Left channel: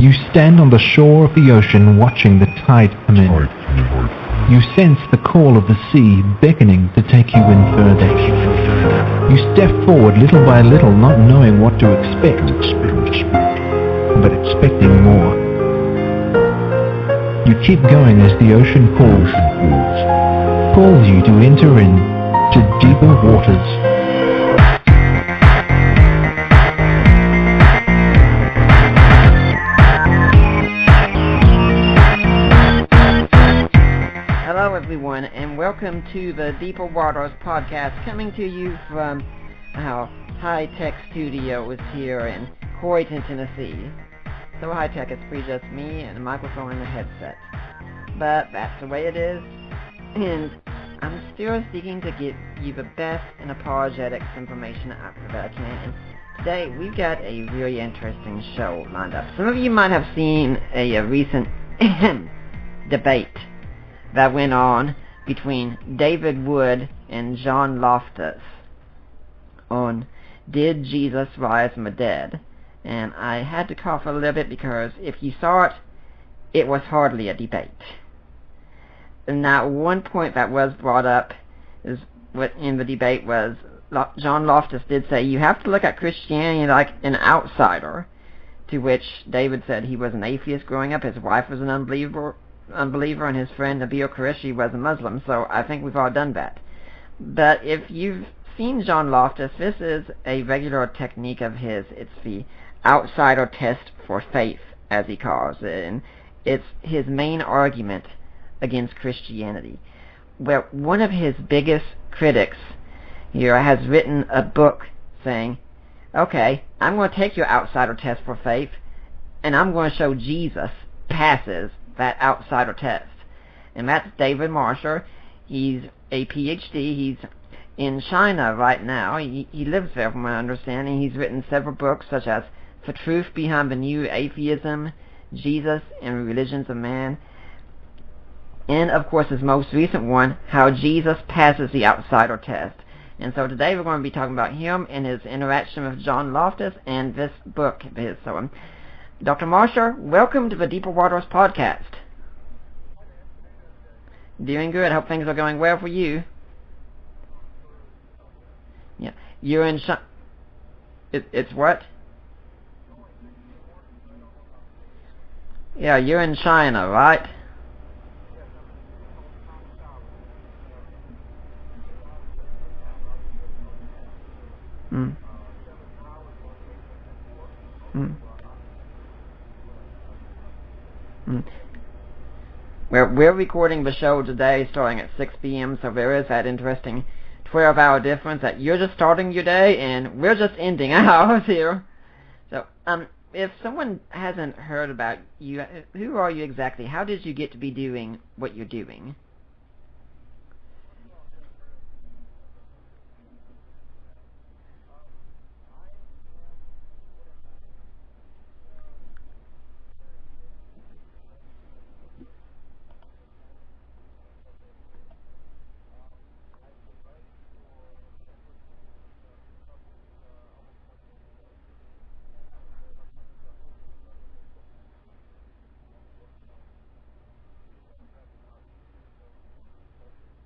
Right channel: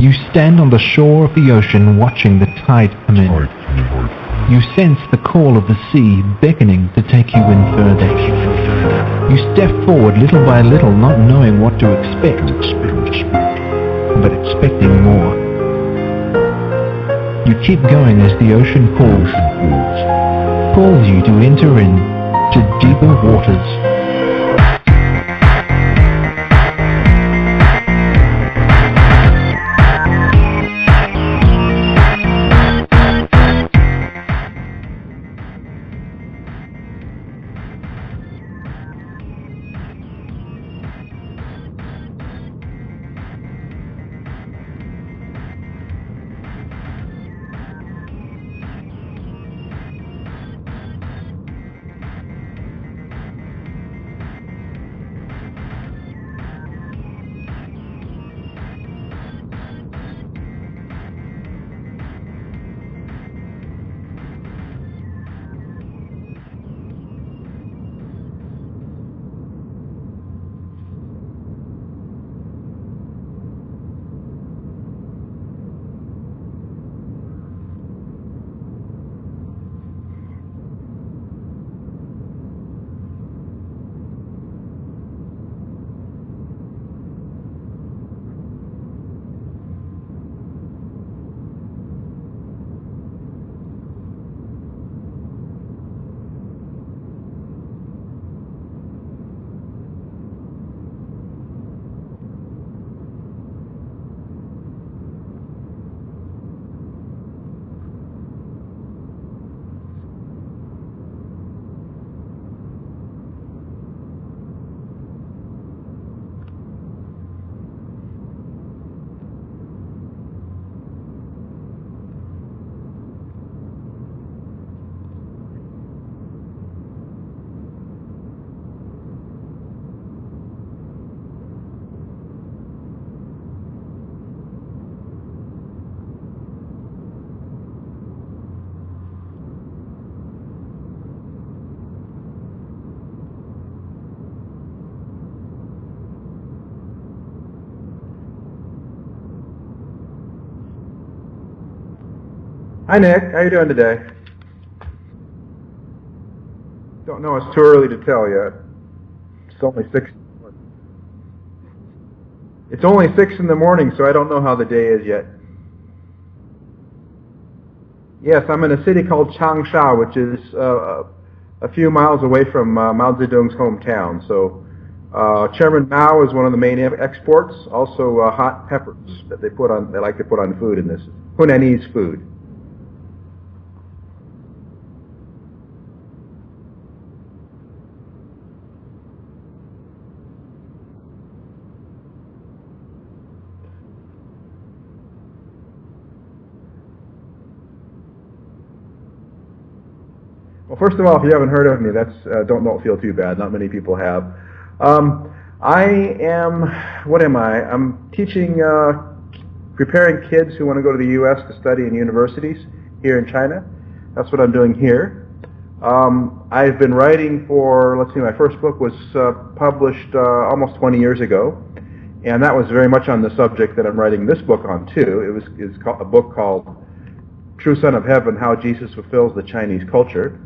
You stand on the shore of the ocean watching the tide come in. You sense the call of the sea beckoning to take you in further. You step forward little by little, not knowing what to expect, but expecting more. You keep going as the ocean calls you to enter into deeper waters. Welcome to the Deeper Waters podcast, coming to you from our high-tech studios here in Croydon, Tennessee. So high-tech, it's really just me and a microphone and a headset. But that's the way it is, and I'm still seeking to give you the best and apologetics information that I can. Today, we've got a really interesting show lined up. Some of you might have seen a recent debate that went on between David Wood and John Loftus on Did Jesus Rise from the Dead? And I had to cough a little bit because if you saw it, it was hardly a debate. And now one point that was brought up is what in the debate was John Loftus did say you have to look at Christianity like an outsider, to which David said he was an atheist growing up, his wife was an unbeliever, and his friend Nabil Qureshi was a Muslim, so I think we've all done that. But if you've seen John Loftus, this is a regular technique of his. It's the outsider test for faith, as he calls it, and it's his main argument against Christianity. Well, one of his biggest critics here has written a book saying, okay, I'm going to take your outsider test for faith, and I'm going to show Jesus passes that outsider test. And that's David Marshall. He's a PhD. He's in China right now. He lives there from my understanding. He's written several books such as The Truth Behind the New Atheism, Jesus and Religions of Man, and of course his most recent one, How Jesus Passes the Outsider Test. And so today we're going to be talking about him and his interaction with John Loftus and this book of his. So Dr. Marshall, welcome to the Deeper Waters podcast. Hi, Nick. How you doing today? Doing good. Hope things are going well for you. Don't know. It's too early to tell yet. Yeah. You're in China. It's what? It's only 6 in the morning, so I don't know how the day is yet. Yeah, you're in China, right? Yes, I'm in a city called Changsha, which is a few miles away from Mao Zedong's hometown. So Chairman Mao is one of the main exports. Also, hot peppers that they like to put on food in this Hunanese food. Well, we're recording the show today starting at 6 p.m., so there is that interesting 12-hour difference that you're just starting your day and we're just ending ours here. So, if someone hasn't heard about you, who are you exactly? How did you get to be doing what you're doing? Well, first of all, if you haven't heard of me, that's don't feel too bad. Not many people have. What am I? I'm teaching, preparing kids who want to go to the U.S. to study in universities here in China. That's what I'm doing here. I've been writing for, my first book was published almost 20 years ago, and that was very much on the subject that I'm writing this book on too. It's a book called True Son of Heaven, How Jesus Fulfills the Chinese Culture.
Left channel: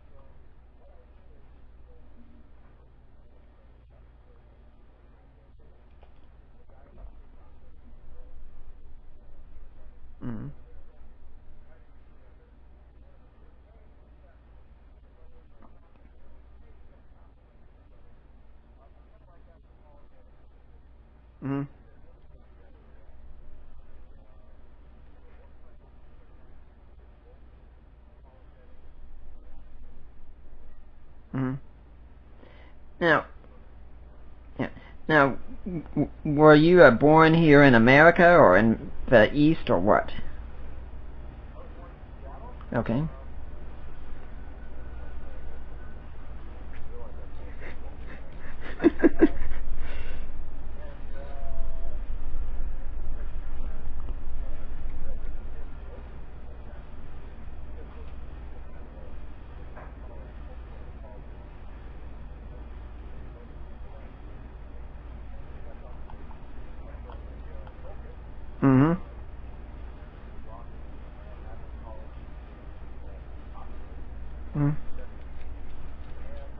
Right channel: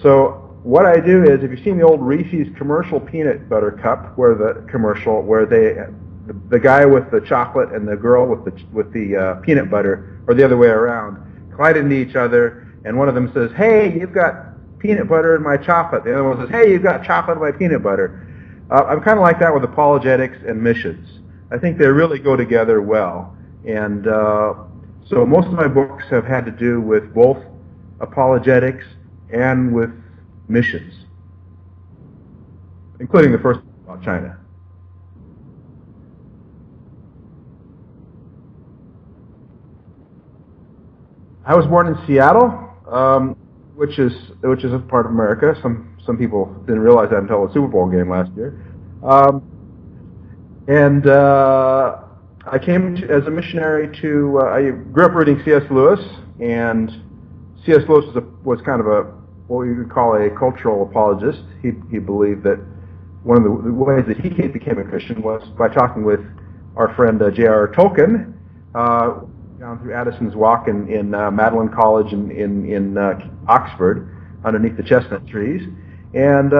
So what I do is, if you've seen the old Reese's commercial peanut butter cup, where the guy with the chocolate and the girl with the peanut butter, or the other way around, collide into each other, and one of them says, "Hey, you've got peanut butter in my chocolate." The other one says, "Hey, you've got chocolate in my peanut butter." I'm kind of like that with apologetics and missions. I think they really go together well, and so most of my books have had to do with both apologetics and with missions, including the first about China. Yeah. Now, were you born here in America or in the East or what? I was born in Seattle, okay. which is a part of America. Some people didn't realize that until the Super Bowl game last year. And I came as a missionary to. I grew up reading C.S. Lewis, and C.S. Lewis was kind of what you could call a cultural apologist. He believed that one of the ways that he became a Christian was by talking with our friend J.R.R. Tolkien, down through Addison's Walk in Magdalen College in Oxford, underneath the chestnut trees. And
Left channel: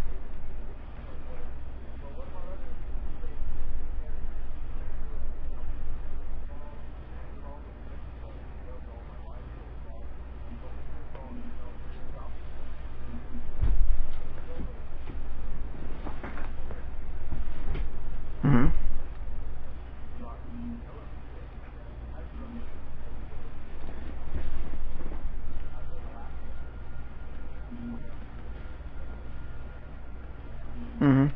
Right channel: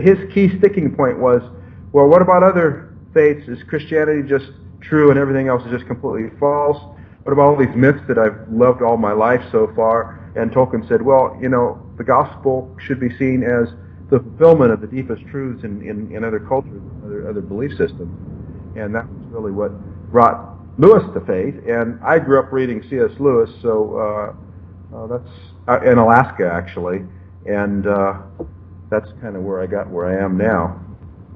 his key sticking point was, well, what about other faiths? Is Christianity just true and everything else is just completely false? What about all these myths that I've loved all my life so far? And Tolkien said, well, the gospel should be seen as the fulfillment of the deepest truths in other cultures, other belief systems. Mm-hmm. And that's really what brought Lewis to faith. And I grew up reading C.S. Lewis, so that's in Alaska, actually. And that's kind of where I got where I am now. Mm-hmm.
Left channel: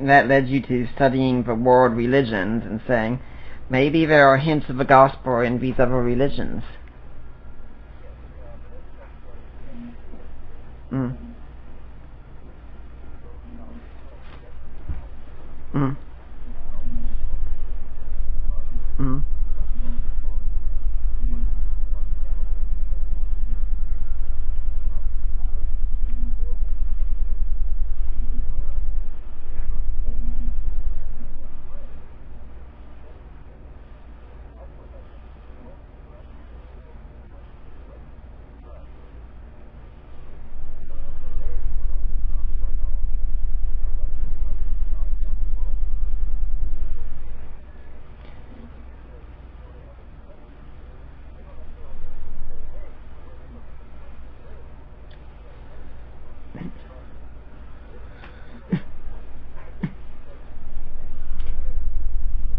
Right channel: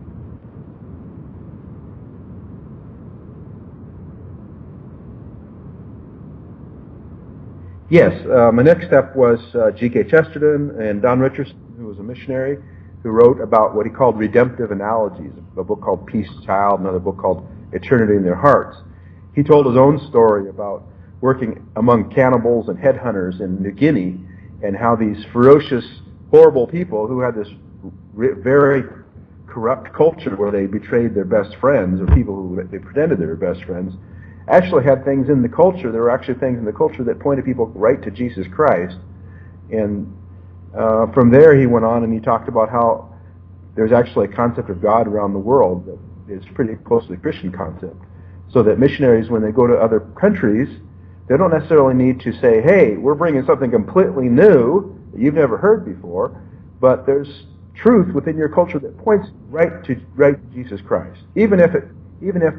And that led you to studying the world religions and saying, maybe there are hints of the gospel in these other religions. Yes. My next step was G.K. Chesterton and Don Richardson, who was a missionary, who wrote about what he called redemptive analogies, a book called Peace Child, another book called Eternity in Their Hearts. He told his own story about working among cannibals and headhunters in New Guinea, and how these ferocious, horrible people who had this very corrupt culture where they betrayed their best friends, or people who they pretended they were best friends, actually had things in the culture. There were actually things in the culture that pointed people right to Jesus Christ. And from there he went on and he talked about how there's actually a concept of God around the world that is pretty close to the Christian concept. So that missionaries, when they go to other countries, they don't necessarily need to say, hey, we're bringing something completely new that you've never heard before, but there's truth within your culture that points right to Jesus Christ. Even if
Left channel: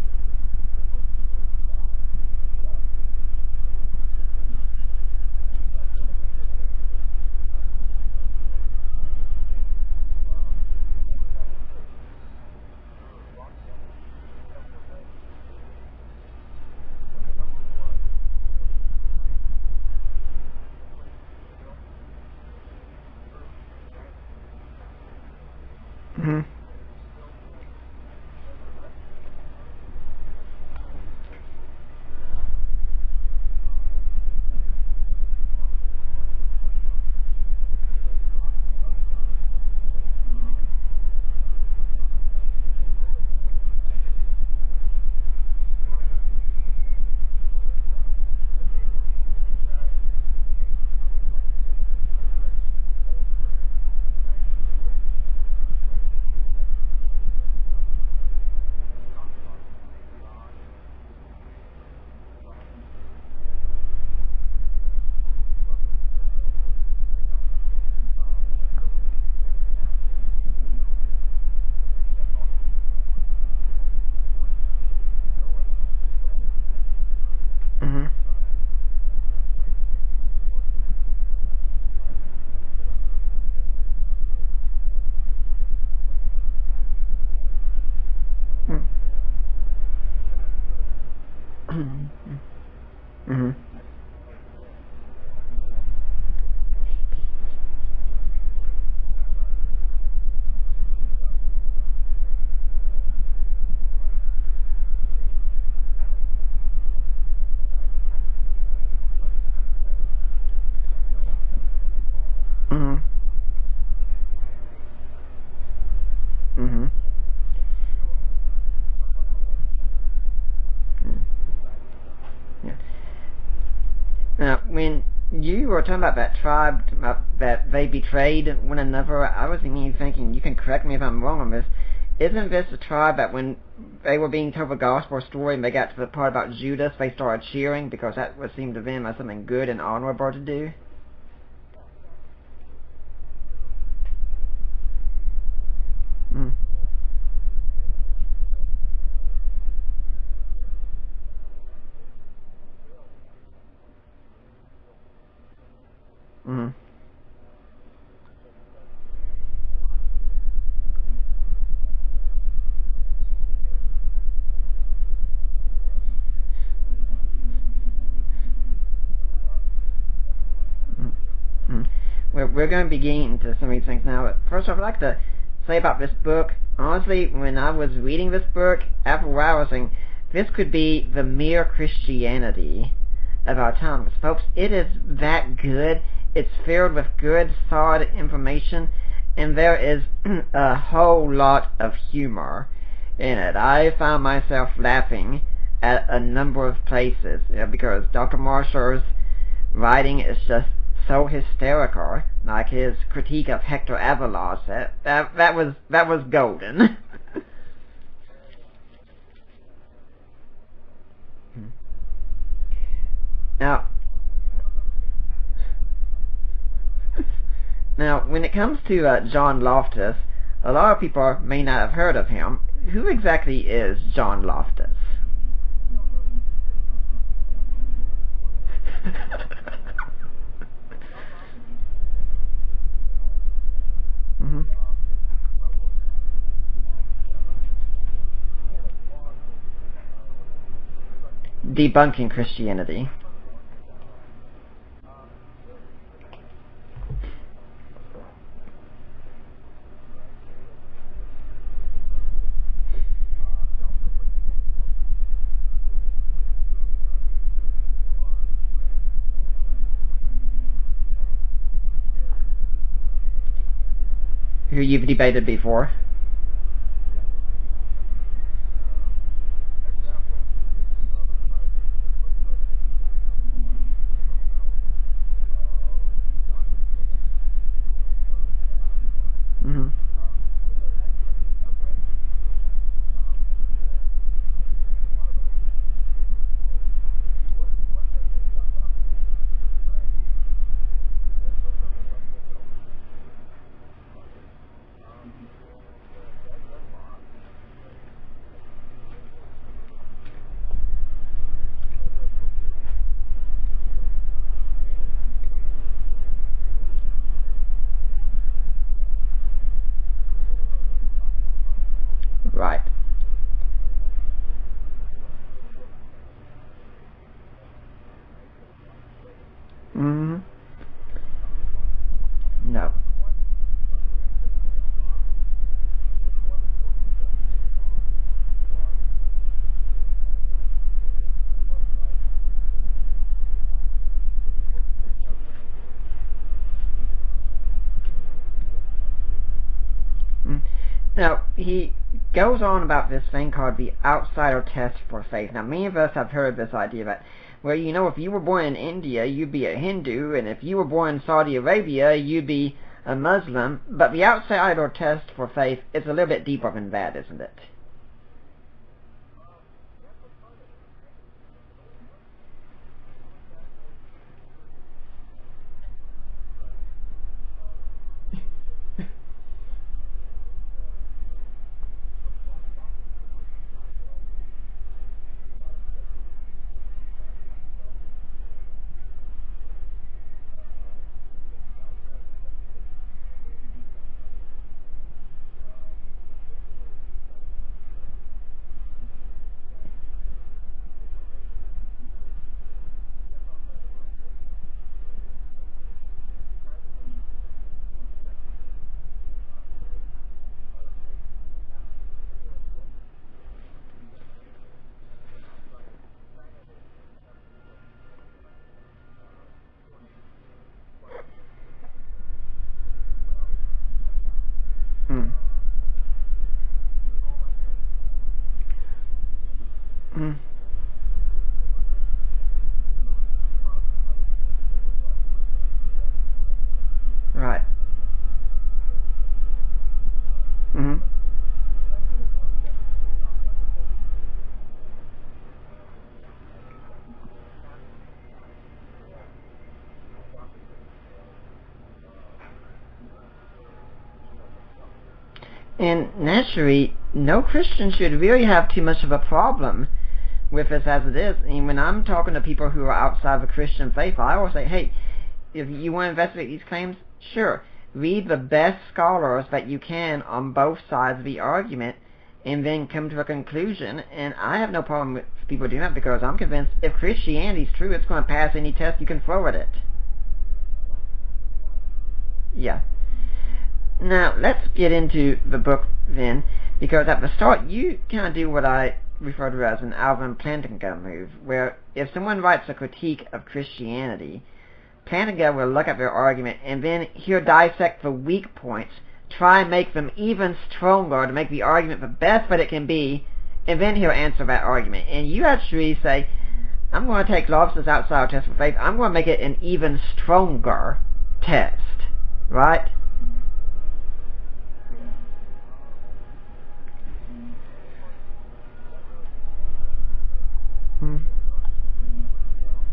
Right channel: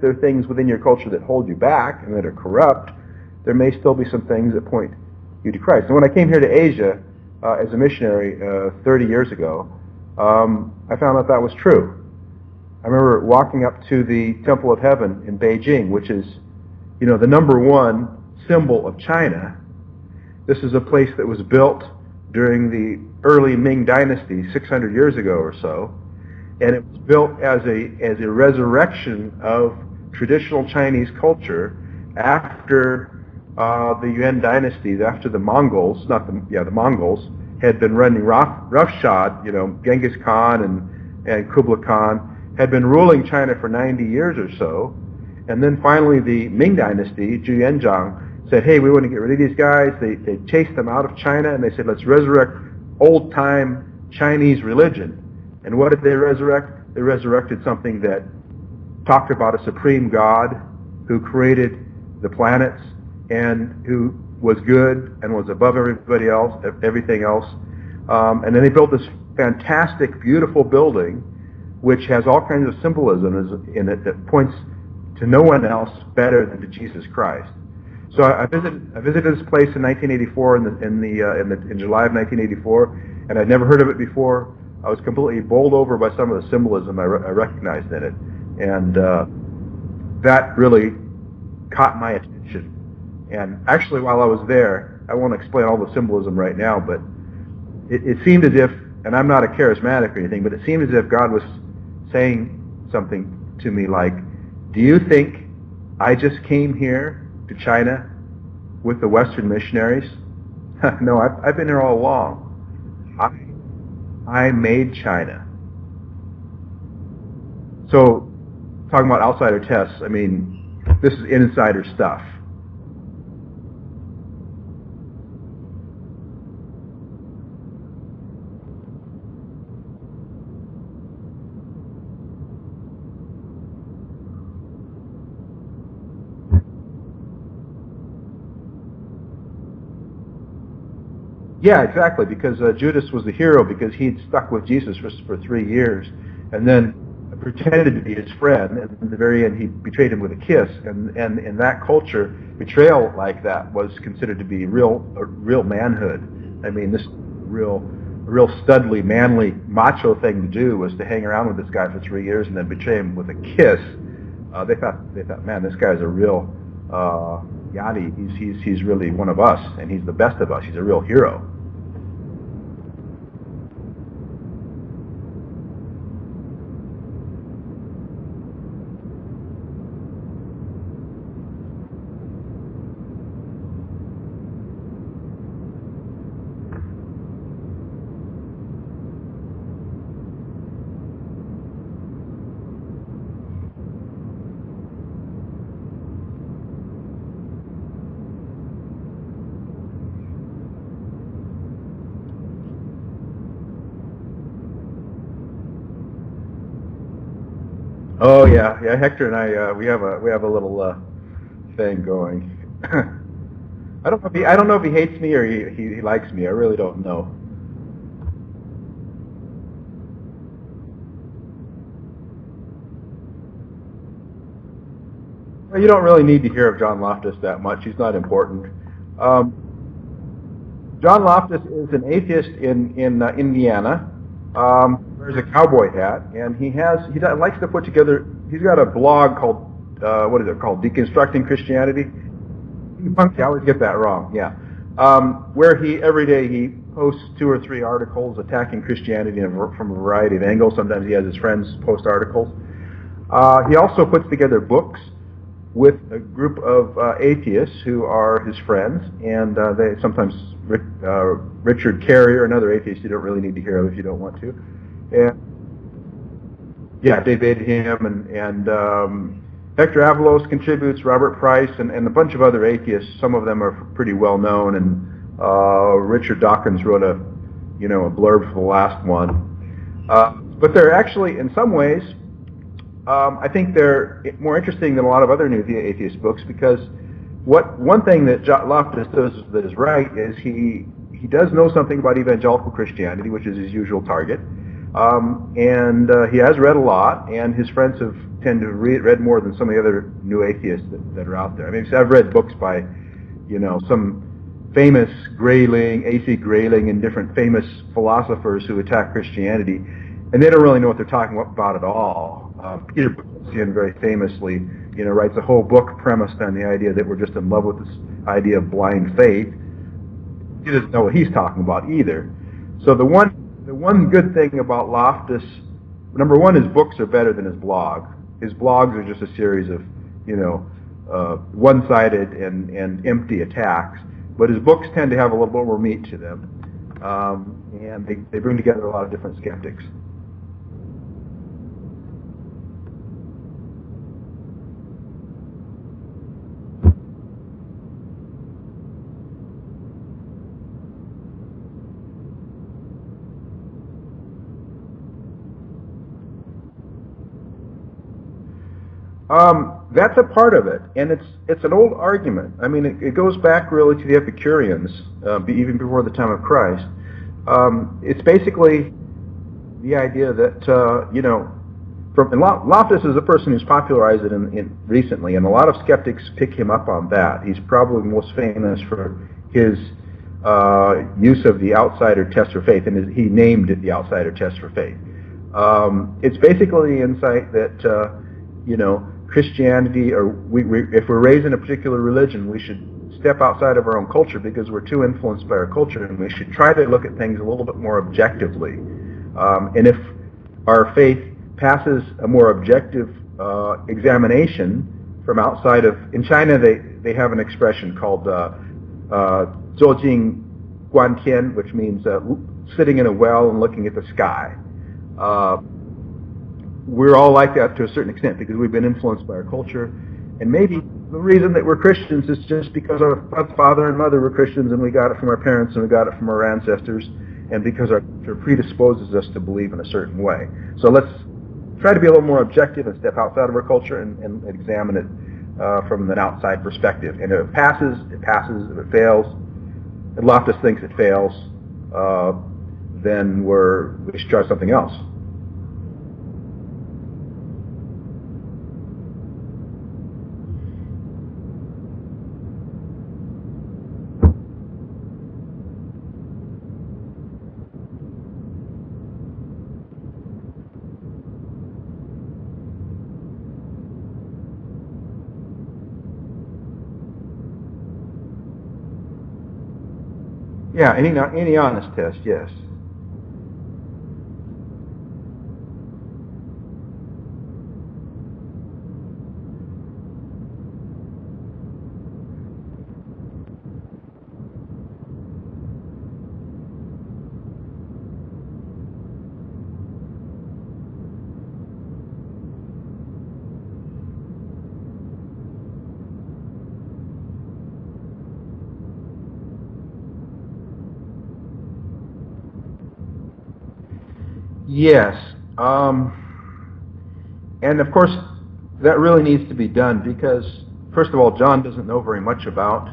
there are things within your culture that hold you back and that are corrupt, there may still be some things that point you to Christ. And when I came here to Asia as a missionary 30 years ago, I found out that was true. I remember walking up to the Temple of Heaven in Beijing, which is, the number one symbol of China. This is a place that was built during the early Ming Dynasty, 600 years ago or so, and it was built as a resurrection of traditional Chinese culture after the Yuan dynasties, after the Mongols, the Mongols had been running roughshod. Genghis Khan and Kublai Khan had been ruling China for 90 years or so, and then finally the Ming Dynasty, Zhu Yanzhang, said, hey, we want to get rid of these guys. They chased them out of China, and they said, let's resurrect old-time Chinese religion. And what did they resurrect? They resurrected something that talked about a supreme God who created the planets and who was good and was above everybody else, everything else. And then they built this fantastic, beautiful building which has all kinds of symbolism in it that points to no one else better than to Jesus Christ. So I visited this place in 1984 in July of 1984, and I'd never heard of it before. I was completely bowled over by some of the symbolism I recognized in it, and that really caught my attention. And actually, while I was there, I won't explain all the symbolism right now, but it seemed as if, and I'm not a charismatic or anything, but it seemed as if God was saying something to me like, do you think I just came here to China with the Western missionaries? No, I've been here all along. I made China. So, talking about outsider tests, I mean, this is insider stuff. Now, when you were talking about that tribe, that they betrayed one another, I was thinking, you can correct me if I'm wrong on this, isn't this a tribe that when they were being told the gospel story and they got to the part about Judas, they started cheering because that would seem to them as something good and honorable to do? Yeah, exactly, because Judas was the hero because he'd stuck with Jesus for 3 years and then pretended to be his friend, and in the very end he betrayed him with a kiss, and in that culture, betrayal like that was considered to be real manhood. I mean, this real studly, manly, macho thing to do was to hang around with this guy for 3 years and then betray him with a kiss. They thought, man, this guy's a real Yadi. He's really one of us, and he's the best of us. He's a real hero. We're going to begin to some of these things now. But first off, I'd like to say about this book. Honestly, when I was reading this book, after a while I was saying, this could be the mere Christianity of our times. Folks, it is that good. It's filled with good, solid information, and there is a whole lot of humor in it. I found myself laughing at a number of places because Dr. Marshall's writing is just so hysterical. Like his critique of Hector Avalos, that was golden. Oh yeah, Hector and I we have a little thing going. Now, I don't know if he hates me or he likes me. I really don't know. Now, when it comes to John Loftus, a lot of people may not have heard of him. Who exactly is John Loftus? Well, you don't really need to hear of John Loftus that much. He's not important. John Loftus is an atheist in Indiana. Wears a cowboy hat, and he likes to put together. He's got a blog called what is it called? Deconstructing Christianity. Debunking Christianity. I always get that wrong. Yeah. Where every day he posts 2 or 3 articles attacking Christianity from a variety of angles. Sometimes he has his friends post articles. He also puts together books with a group of atheists who are his friends, and they sometimes Richard Carrier, another atheist you don't really need to hear of if you don't want to. Who you've debated before. Yeah, debated him, and Hector Avalos contributes, Robert Price, and a bunch of other atheists. Some of them are pretty well known, and Richard Dawkins wrote a blurb for the last one. Mm-hmm. But they're actually, in some ways, I think they're more interesting than a lot of other new atheist books, because one thing that Loftus does that is right is he does know something about evangelical Christianity, which is his usual target, and he has read a lot, and his friends tend to read more than some of the other new atheists that are out there. I mean, I've read books by, some famous Grayling, A.C. Grayling, and different famous philosophers who attack Christianity, and they don't really know what they're talking about at all. Right. Peter Boghossian very famously, writes a whole book premised on the idea that we're just in love with this idea of blind faith. Mm-hmm. He doesn't know what he's talking about either. No. So the one good thing about Loftus, number one, his books are better than his blog. His blogs are just a series of, one-sided and empty attacks. But his books tend to have a little more meat to them, and they bring together a lot of different skeptics. Now, he goes on about this thing called the outsider test for faith. Now, many of us have heard this idea that, well, if you were born in India, you'd be a Hindu, and if you were born in Saudi Arabia, you'd be a Muslim. But the outsider test for faith is a little bit deeper than that, isn't it? That's a part of it, and it's an old argument. I mean, it goes back really to the Epicureans, even before the time of Christ. It's basically the idea that Loftus is a person who's popularized it in recently, and a lot of skeptics pick him up on that. He's probably most famous for his use of the outsider test for faith, and he named it the outsider test for faith. It's basically the insight that Christianity, or if we're raised in a particular religion, we should step outside of our own culture because we're too influenced by our culture, and we should try to look at things a little bit more objectively. And if our faith passes a more objective examination from outside of, in China they have an expression called Zhuojing Guantian, which means sitting in a well and looking at the sky. We're all like that to a certain extent because we've been influenced by our culture, and maybe the reason that we're Christians is just because our father and mother were Christians, and we got it from our parents, and we got it from our ancestors, right. And because our culture predisposes us to believe in a certain way. So let's try to be a little more objective and step outside of our culture and examine it from an outside perspective. And if it passes, it passes. If it fails, and Loftus thinks it fails, then we should try something else. And naturally, no Christian should really have too much of a problem with this as it is. I mean, when I'm talking to people who are outside the Christian faith, I always say, hey, if you want to investigate these claims, sure, read the best scholars that you can on both sides of the argument, and then come to a conclusion. And I have no problem with people doing that because I'm convinced if Christianity is true, it's going to pass any test you can throw at it. Yeah, any honest test, yes. Yeah. Now, let's get into the book then, because at the start you kind of do what I refer to as an Alvin Plantinga move, where if someone writes a critique of Christianity, Plantinga will look at their argument and then he'll dissect the weak points, try and make them even stronger to make the argument the best that it can be, and then he'll answer that argument. And you actually say, I'm going to take Loftus' outsider test for faith. I'm going to make it an even stronger test, right? Yes. And of course, that really needs to be done because, first of all, John doesn't know very much about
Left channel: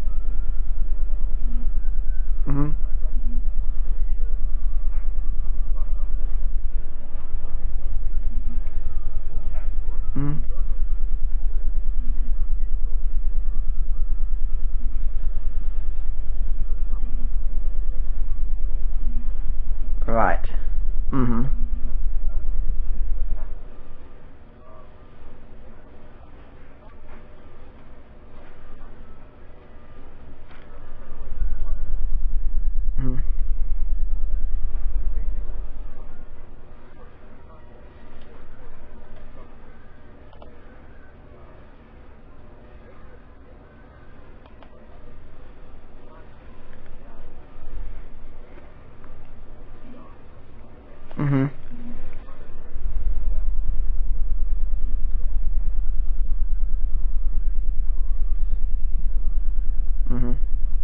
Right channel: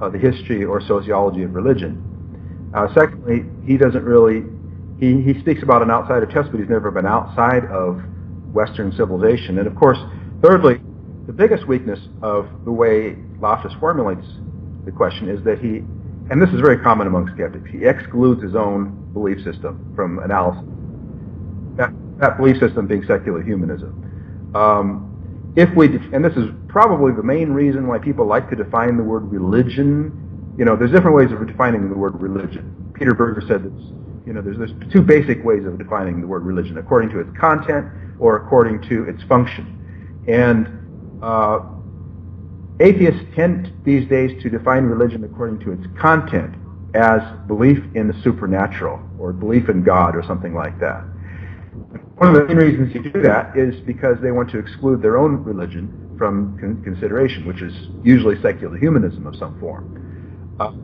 the history or sociology of religion. Mm-hmm. Secondly, he doesn't really, he speaks about an outsider test, but he's never been outside of Western civilization. And of course, thirdly, the biggest weakness of the way Loftus formulates the question is that he, and this is very common among skeptics, he excludes his own belief system from analysis. Mm-hmm. That belief system being secular humanism. And this is probably the main reason why people like to define the word religion. There's different ways of defining the word religion. Peter Berger said that, there's two basic ways of defining the word religion, according to its content or according to its function. And atheists tend these days to define religion according to its content as belief in the supernatural or belief in God or something like that. Mm-hmm. One of the main reasons you do that is because they want to exclude their own religion from consideration, which is usually secular humanism of some form. Mm-hmm.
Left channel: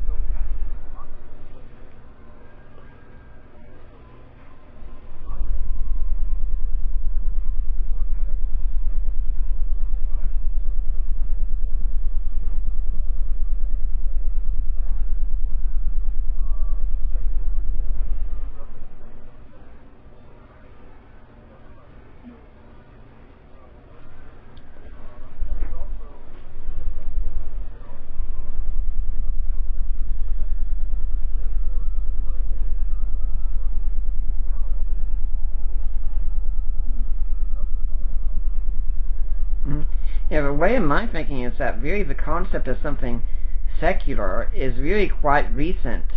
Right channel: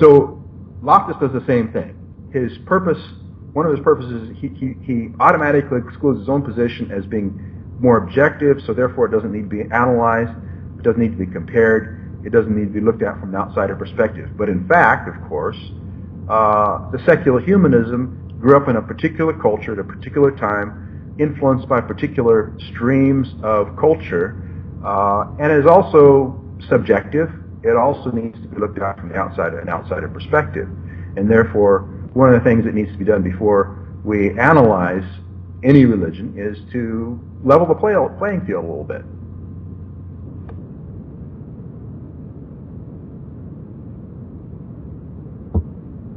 So Loftus does the same thing. One of his purposes, he automatically excludes his own position as being more objective, so therefore it doesn't need to be analyzed, it doesn't need to be compared, it doesn't need to be looked at from an outsider perspective. But in fact, of course, the secular humanism grew up in a particular culture at a particular time, influenced by particular streams of culture, and is also subjective. It also needs to be looked at from an outsider perspective. And therefore, one of the things that needs to be done before we analyze any religion is to level the playing field a little bit. Mm-hmm. Yeah, the way of my thinking is that really the concept of something secular is really quite recent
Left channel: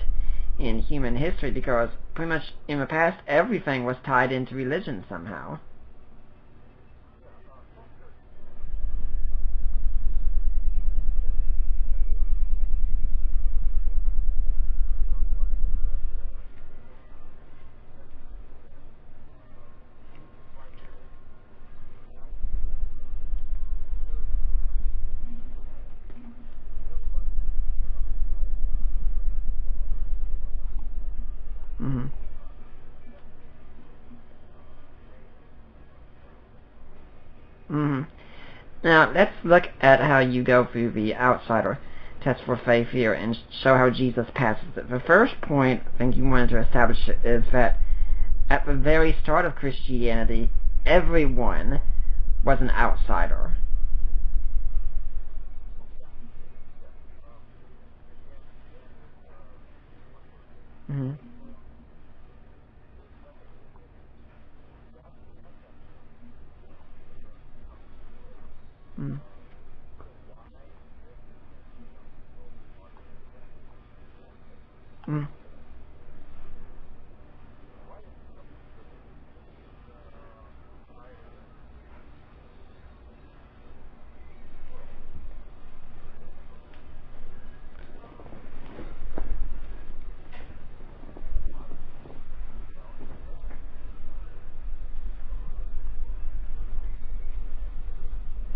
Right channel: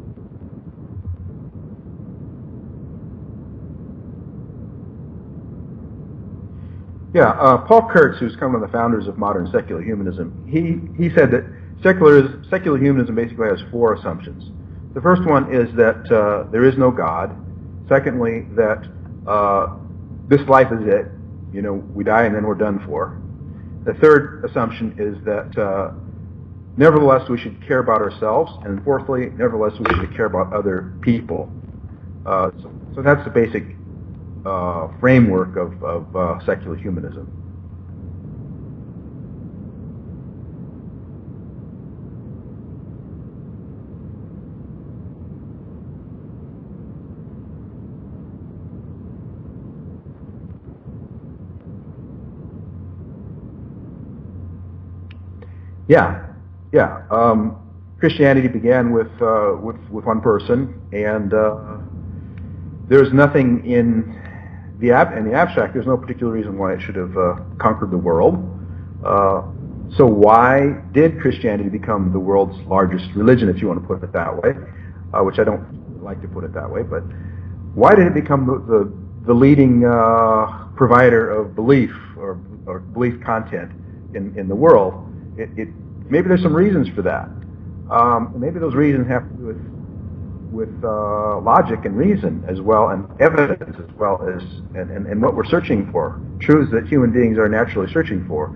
in human history because pretty much in the past everything was tied into religion somehow. Yeah, Paul Kurtz, who's kind of one of the founders of modern secular humanism, he said that secular humanism basically has four assumptions. The first one is that there is no God. Secondly, that this life is it. We die and then we're done for. The third assumption is that nevertheless we should care about ourselves. And fourthly, nevertheless we should care about other people. Mm-hmm. So that's the basic framework of secular humanism. Mm-hmm. Now, let's look at how you go through the outsider test for faith here and show how Jesus passes it. The first point I think you wanted to establish is that at the very start of Christianity, everyone was an outsider. Yeah. Christianity began with one person, and there's nothing in the abstract. There's no particular reason why it should have conquered the world. So why did Christianity become the world's largest religion, if you want to put it that way, which I don't like to put it that way, but why did it become the leading provider of belief or belief content in the world? Maybe there's some reasons for that. Maybe those reasons have to do with logic and reason as well, and evidence as well as and what we're searching for, truths that human beings are naturally searching for,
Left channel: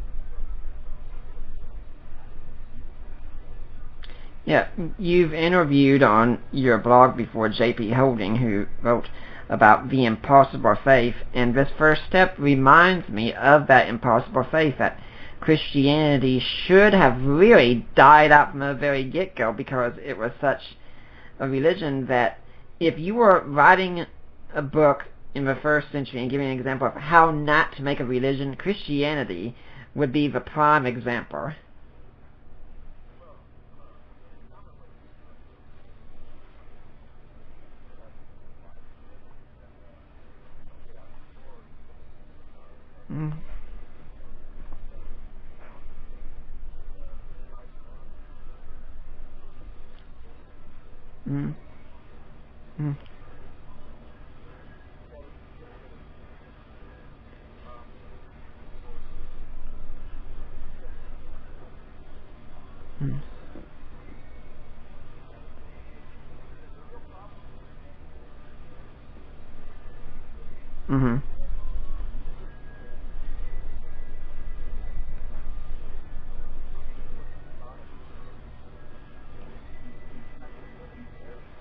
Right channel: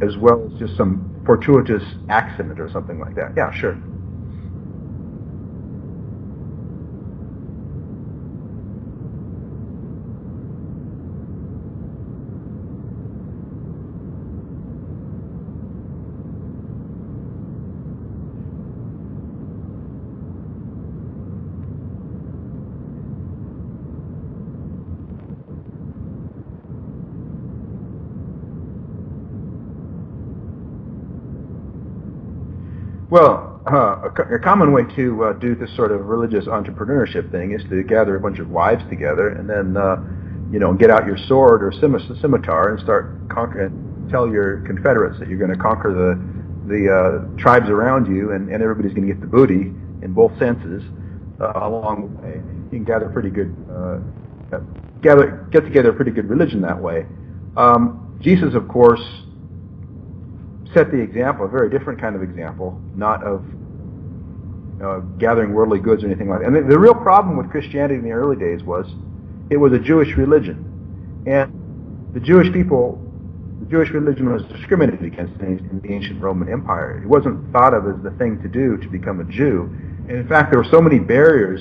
as well as just some fortuitous accident or something like that. Yeah, sure. Yeah, you've interviewed on your blog before J.P. Holding, who wrote about the impossible faith, and this first step reminds me of that impossible faith, that Christianity should have really died out from the very get-go because it was such a religion that if you were writing a book in the first century and giving an example of how not to make a religion, Christianity would be the prime example. Well, a common way to do this sort of religious entrepreneurship thing is to gather a bunch of wives together and then, get out your sword or scimitar and start conquering. Tell your confederates that you're going to conquer the tribes around you, and everybody's going to get the booty in both senses along the way. You can gather pretty good, get together a pretty good religion that way. Jesus, of course, set the example, a very different kind of example, not of gathering worldly goods or anything like that. And the real problem with Christianity in the early days was it was a Jewish religion. Mm-hmm. And the Jewish people, the Jewish religion was discriminated against in the ancient Roman Empire. It wasn't thought of as the thing to do to become a Jew. And in fact, there were so many barriers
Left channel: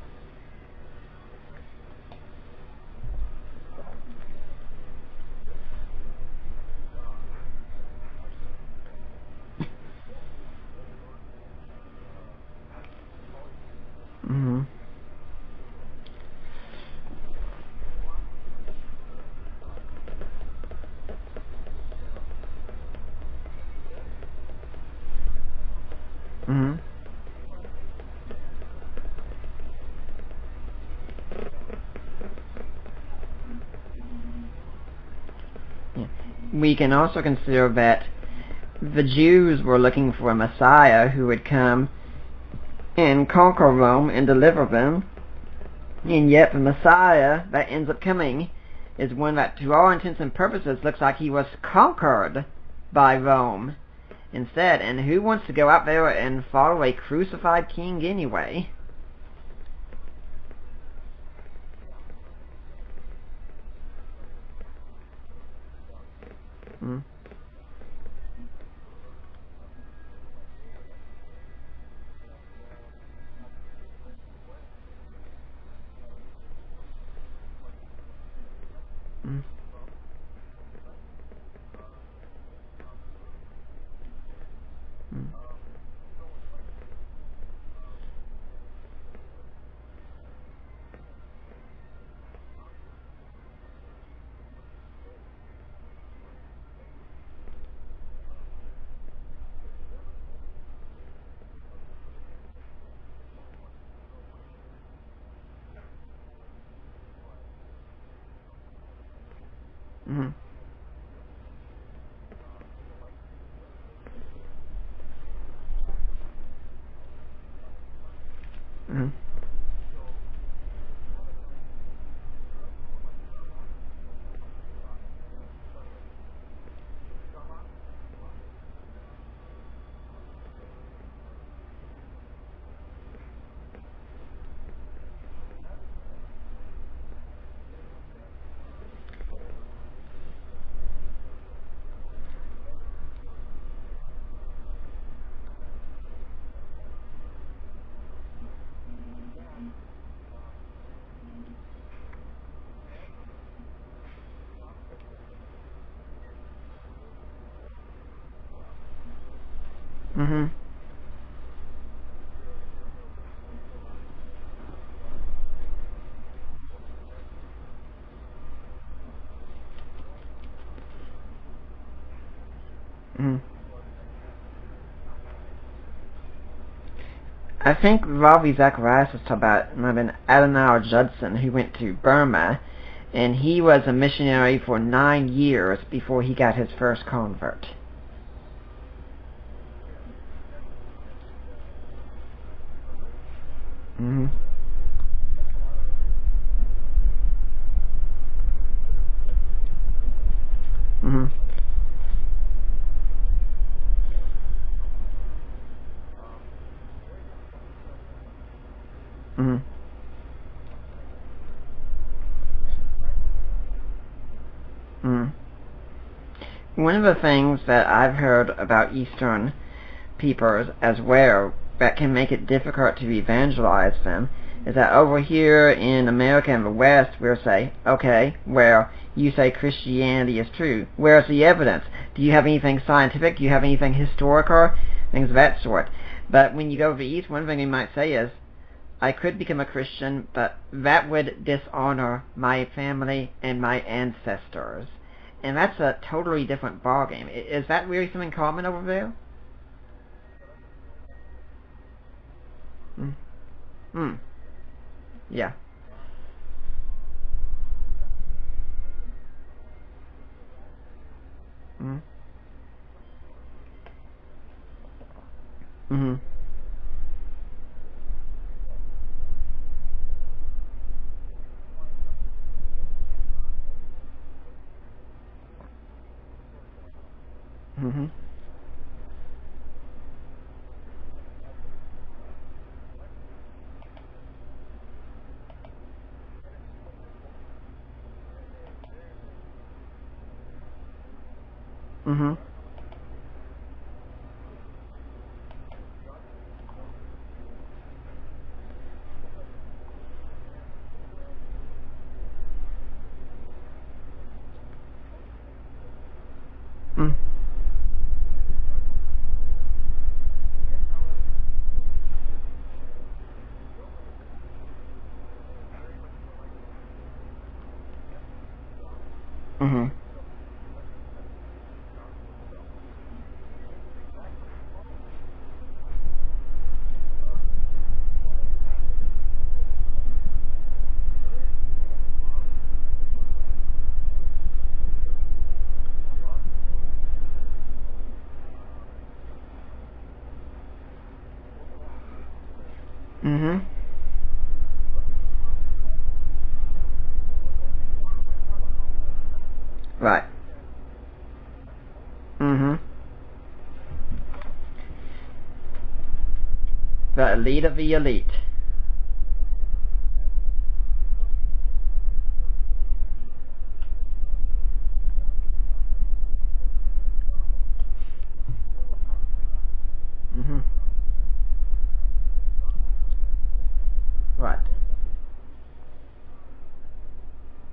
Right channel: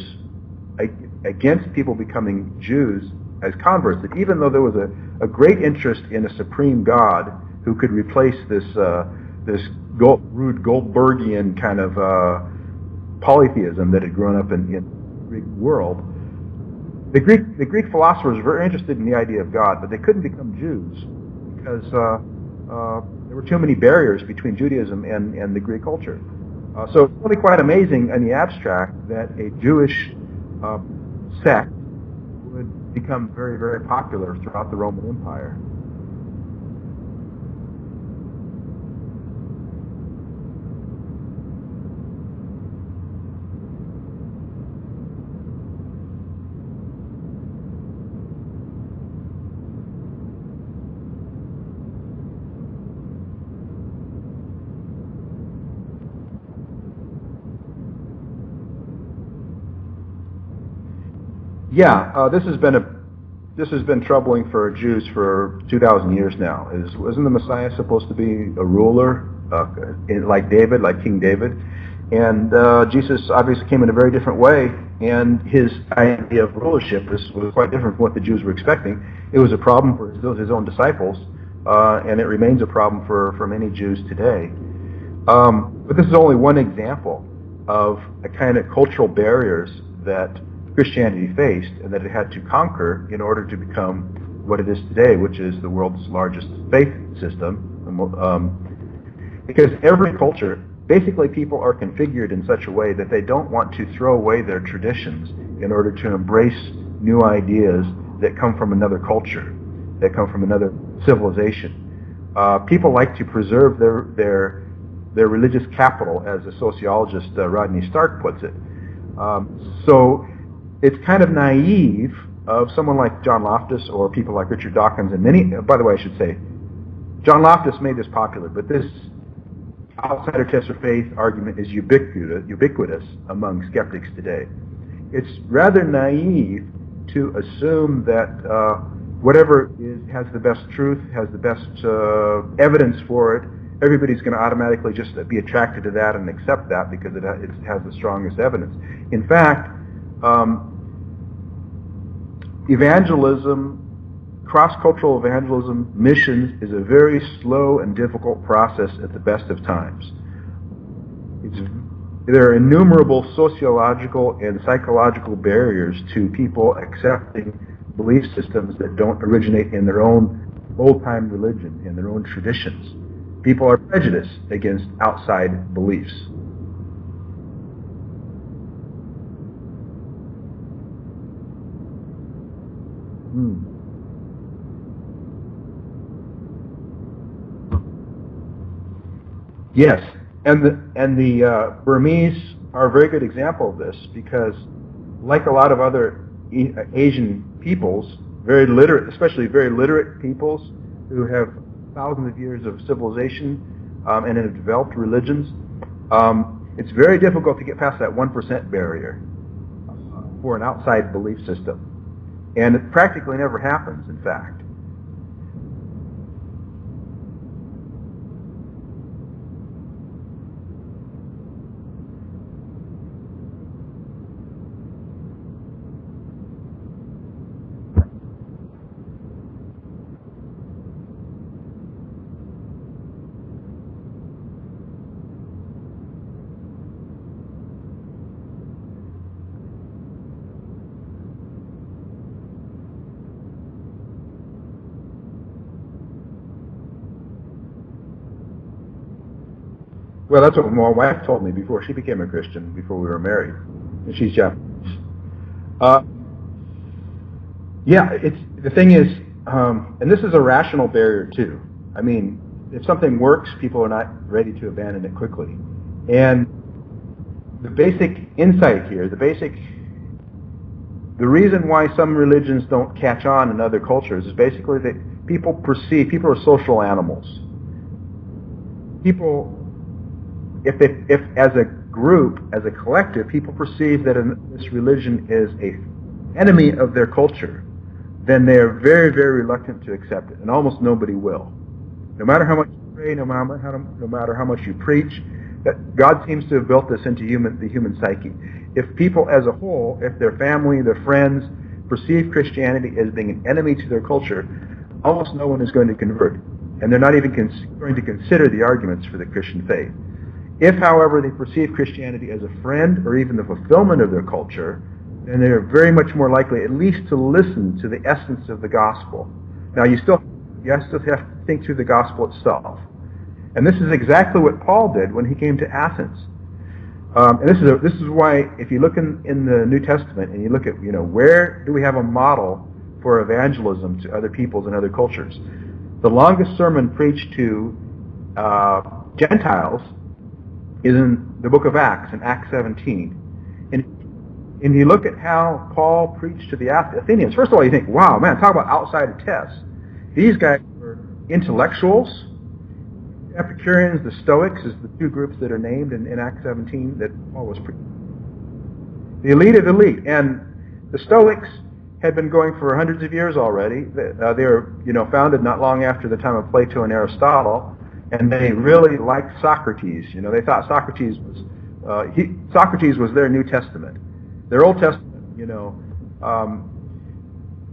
against people becoming Jews as converts that even though there was a great interest in a supreme God who could replace this rude Goldbergian kind of polytheism that had grown up in the Greek world, the Greek philosophers were very interested in the idea of God, but they couldn't become Jews because there were too many barriers between Judaism and the Greek culture. So it's really quite amazing in the abstract that a Jewish sect would become very, very popular throughout the Roman Empire. We can also consider that the Jews were looking for a Messiah who would come and conquer Rome and deliver them, and yet the Messiah that ends up coming is one that, to all intents and purposes, looks like he was conquered by Rome instead. And who wants to go out there and follow a crucified king anyway? Yeah, this has been troubling for Jews for 2,000 years now. Isn't the Messiah supposed to be a ruler like David, like King David? And Jesus obviously came in a very different way, and his idea of rulership was quite different from what the Jews were expecting. It was a problem for his own disciples, and it remains a problem for many Jews today. But this is only one example of a kind of cultural barriers that Christianity faced and that it had to conquer in order to become what it is today, which is the world's largest faith system. Because every culture, basically people are configured in such a way that they don't want to throw away their traditions in order to embrace new ideas that come from another culture, that come from another civilization. People like to preserve their religious capital, as the sociologist Rodney Stark puts it. So it's kind of naive of someone like John Loftus or people like Richard Dawkins and many, by the way, I should say, John Loftus made this popular, but this outsider test for faith argument is ubiquitous among skeptics today. It's rather naive to assume that whatever has the best truth, has the best evidence for it, everybody's going to automatically just be attracted to that and accept that because it has the strongest evidence. In fact, evangelism, cross-cultural evangelism, missions is a very slow and difficult process at the best of times. There are innumerable sociological and psychological barriers to people accepting belief systems that don't originate in their own old-time religion, in their own traditions. People are prejudiced against outside beliefs. I think Ravi Zacharias was talking about, might have been Adoniram Judson, who went to Burma, and he was a missionary for 9 years before he got his first convert. Yes, and the Burmese are a very good example of this because, like a lot of other Asian peoples, very literate, especially very literate peoples who have thousands of years of civilization and have developed religions, it's very difficult to get past that 1% barrier for an outside belief system. And it practically never happens, in fact. One of the things that I've heard about Eastern peoples as well that can make it difficult to evangelize them is that over here in America and the West, we'll say, okay, well, you say Christianity is true. Where's the evidence? Do you have anything scientific? Do you have anything historical? Things of that sort. But when you go to the East, one thing you might say is, I could become a Christian, but that would dishonor my family and my ancestors. And that's a totally different ballgame. Is that really something common over there? Well, that's what my wife told me before she became a Christian, before we were married. She's Japanese. Yeah. The thing is, and this is a rational barrier too. I mean, if something works, people are not ready to abandon it quickly. And the basic insight here, the reason why some religions don't catch on in other cultures is basically that people are social animals. People, if as a group, as a collective, people perceive that this religion is a enemy of their culture, then they are very, very reluctant to accept it, and almost nobody will. Mm-hmm. No matter how much you pray, no matter how much you preach, that God seems to have built this into the human psyche. If people as a whole, if their family, their friends, perceive Christianity as being an enemy to their culture, almost no one is going to convert, and they're not even going to consider the arguments for the Christian faith. If, however, they perceive Christianity as a friend or even the fulfillment of their culture, then they're very much more likely at least to listen to the essence of the gospel. Mm-hmm. Now, you still have to think through the gospel itself. And this is exactly what Paul did when he came to Athens. And this is why, if you look in the New Testament and you look at, where do we have a model for evangelism to other peoples and other cultures? The longest sermon preached to Gentiles is in the book of Acts, in Acts 17. Mm-hmm. And you look at how Paul preached to the Athenians. First of all, you think, wow, man, talk about outside of tests. Right. These guys were intellectuals. Mm-hmm. The Epicureans, the Stoics, is the two groups that are named in Acts 17. The elite of the elite. The elite of the elite. And the Stoics had been going for hundreds of years already. They were, founded not long after the time of Plato and Aristotle, and they really liked Socrates. They thought Socrates was their New Testament. Right. Their Old Testament,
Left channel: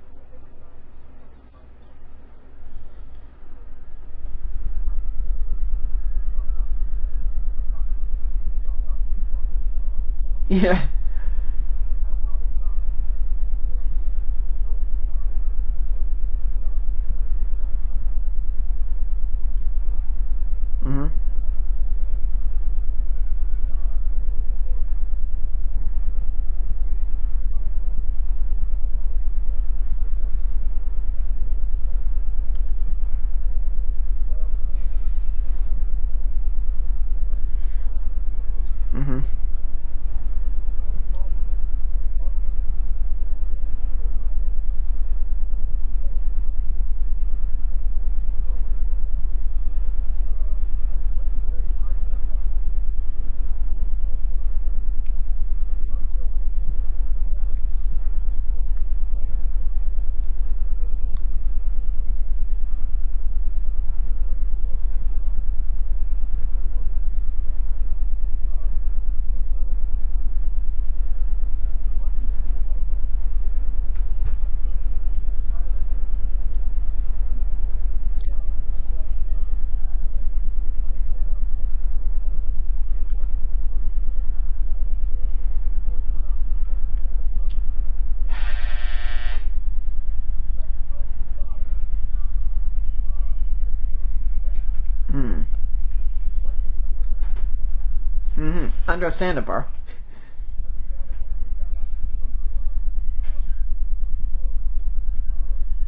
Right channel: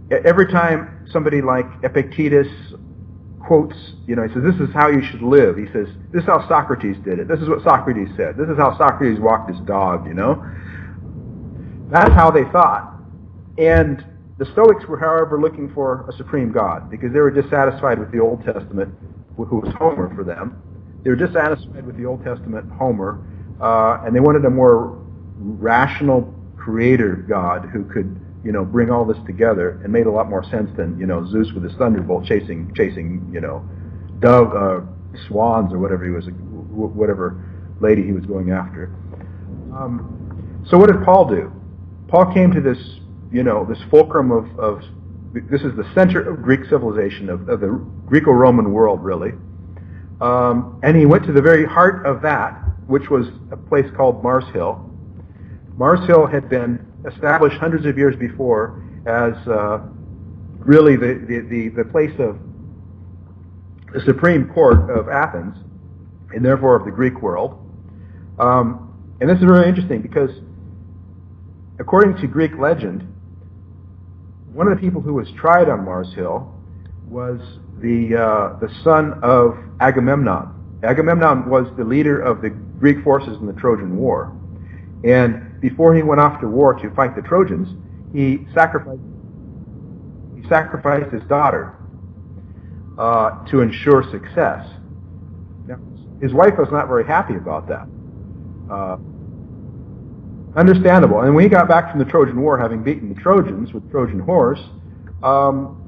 every time somebody like Epictetus quotes, he says, this is how you should live. He says, this is how Socrates did it. This is what Socrates said. This is how Socrates walked his dog, Yeah. That's how they thought. And the Stoics were, however, looking for a supreme God because they were dissatisfied with the Old Testament, who was Homer for them. Mm-hmm. They were dissatisfied with the Old Testament Homer, and they wanted a more rational creator God who could, bring all this together and made a lot more sense than, Zeus with his thunderbolt chasing, swans or whatever lady he was going after. Mm-hmm. So what did Paul do? Paul came to this, this fulcrum of this is the center of Greek civilization, of the Greco-Roman world, really. And he went to the very heart of that, which was a place called Mars Hill. Mars Hill had been established hundreds of years before as really the place of the Supreme Court of Athens, and therefore of the Greek world. And this is very interesting because, according to Greek legend, one of the people who was tried on Mars Hill was the son of Agamemnon. Agamemnon was the leader of the Greek forces in the Trojan War. And before he went off to war to fight the Trojans, he sacrificed his daughter to ensure success. Mm. Now, his wife was not very happy about that. Mm-hmm. Understandable. And when he got back from the Trojan War, having beaten the Trojans with Trojan horse,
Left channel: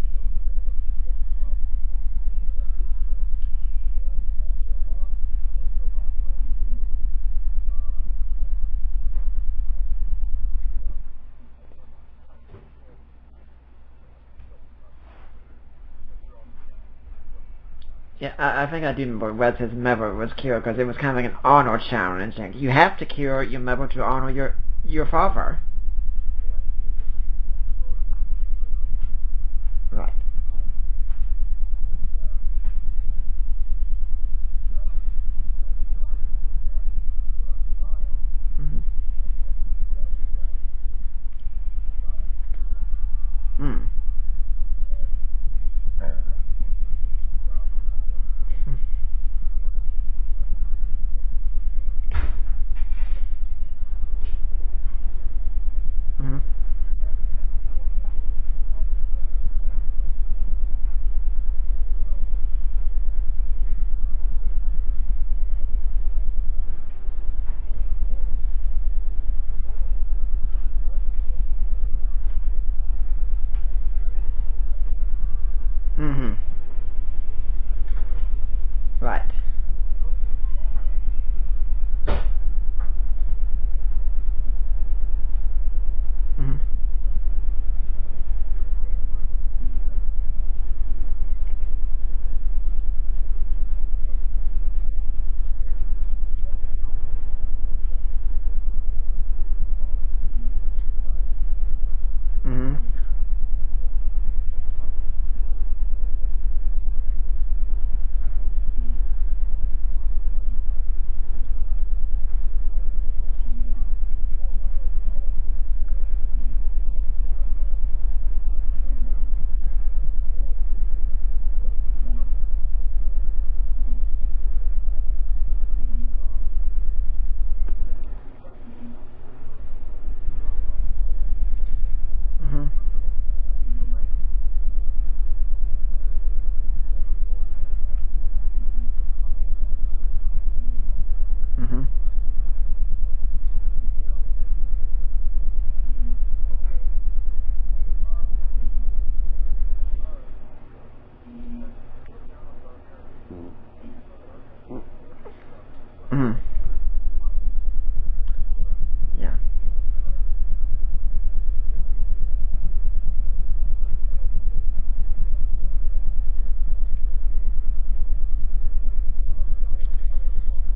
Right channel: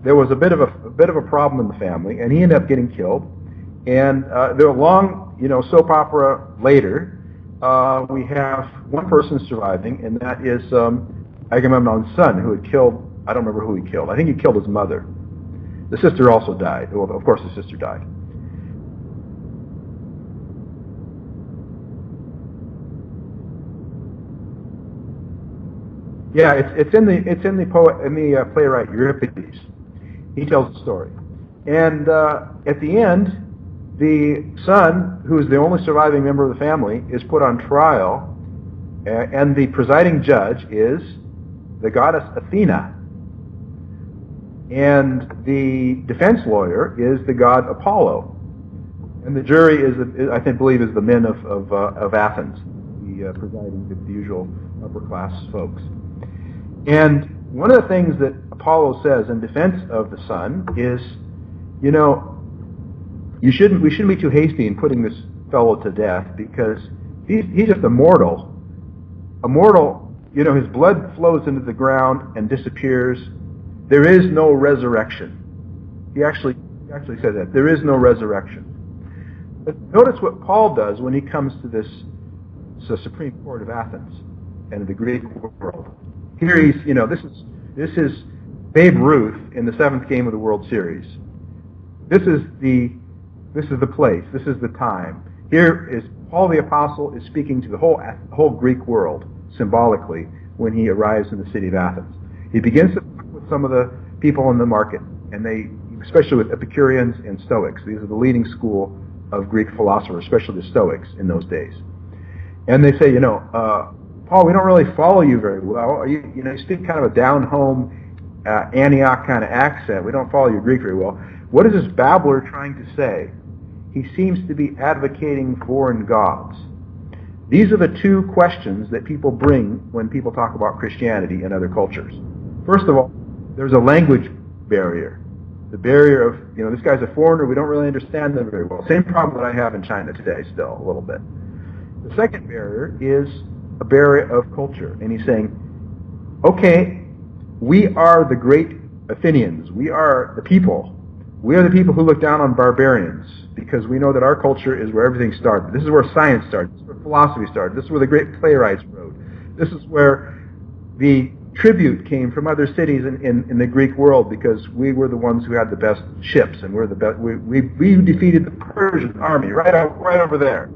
there was a bit of a problem in the family, and he ended up getting killed. And there were long, soap opera later. We have one person surviving, and that is Agamemnon's son, who had killed, I don't remember who he killed. I think he killed his mother. The sister also died. Well, of course the sister died. Yeah, I think I do remember whether his mother was killed, because it was kind of like an honor challenge. Like, you have to kill your mother to honor your father. Yeah, it's in the playwright Euripides. Right. He tells the story, and at the end, the son, who is the only surviving member of the family, is put on trial, and the presiding judge is the goddess Athena. Mm. And the defense lawyer is the god Apollo, and the jury is I believe is the men of Athens, the usual upper class folks. Mm-hmm. And one of the things that Apollo says in defense of the son is, we shouldn't be too hasty in putting this fellow to death because he's just a mortal. A mortal, his blood flows into the ground and disappears. There is no resurrection. Mm-hmm. He actually said that. There is no resurrection. Right. But notice what Paul does when he comes to the Supreme Court of Athens and the Greek world. Here he's, this is Babe Ruth in the 7th game of the World Series. This is the place. This is the time. Here is Paul the Apostle is speaking to the whole Greek world symbolically when he arrives in the city of Athens. Mm-hmm. He begins to talk with some of the people in the market, and they, especially with Epicureans and Stoics, these are the leading school of Greek philosophers, especially the Stoics in those days. And they say, Paul, we don't really follow you very well. You speak kind of a down-home Antioch kind of accent. We don't follow your Greek very well. What is this babbler trying to say? He seems to be advocating foreign gods. These are the two questions that people bring when people talk about Christianity and other cultures. First of all, there's a language barrier. The barrier of, this guy's a foreigner, we don't really understand them very well. Same problem that I have in China today still, a little bit. The second barrier is a barrier of culture. And he's saying, okay, we are the great Athenians. We are the people. We are the people who look down on barbarians because we know that our culture is where everything started. This is where science started. This is where philosophy started. This is where the great playwrights wrote. Yeah. This is where the tribute came from other cities in the Greek world because we were the ones who had the best ships and we're the best. We defeated the Persian army right over there,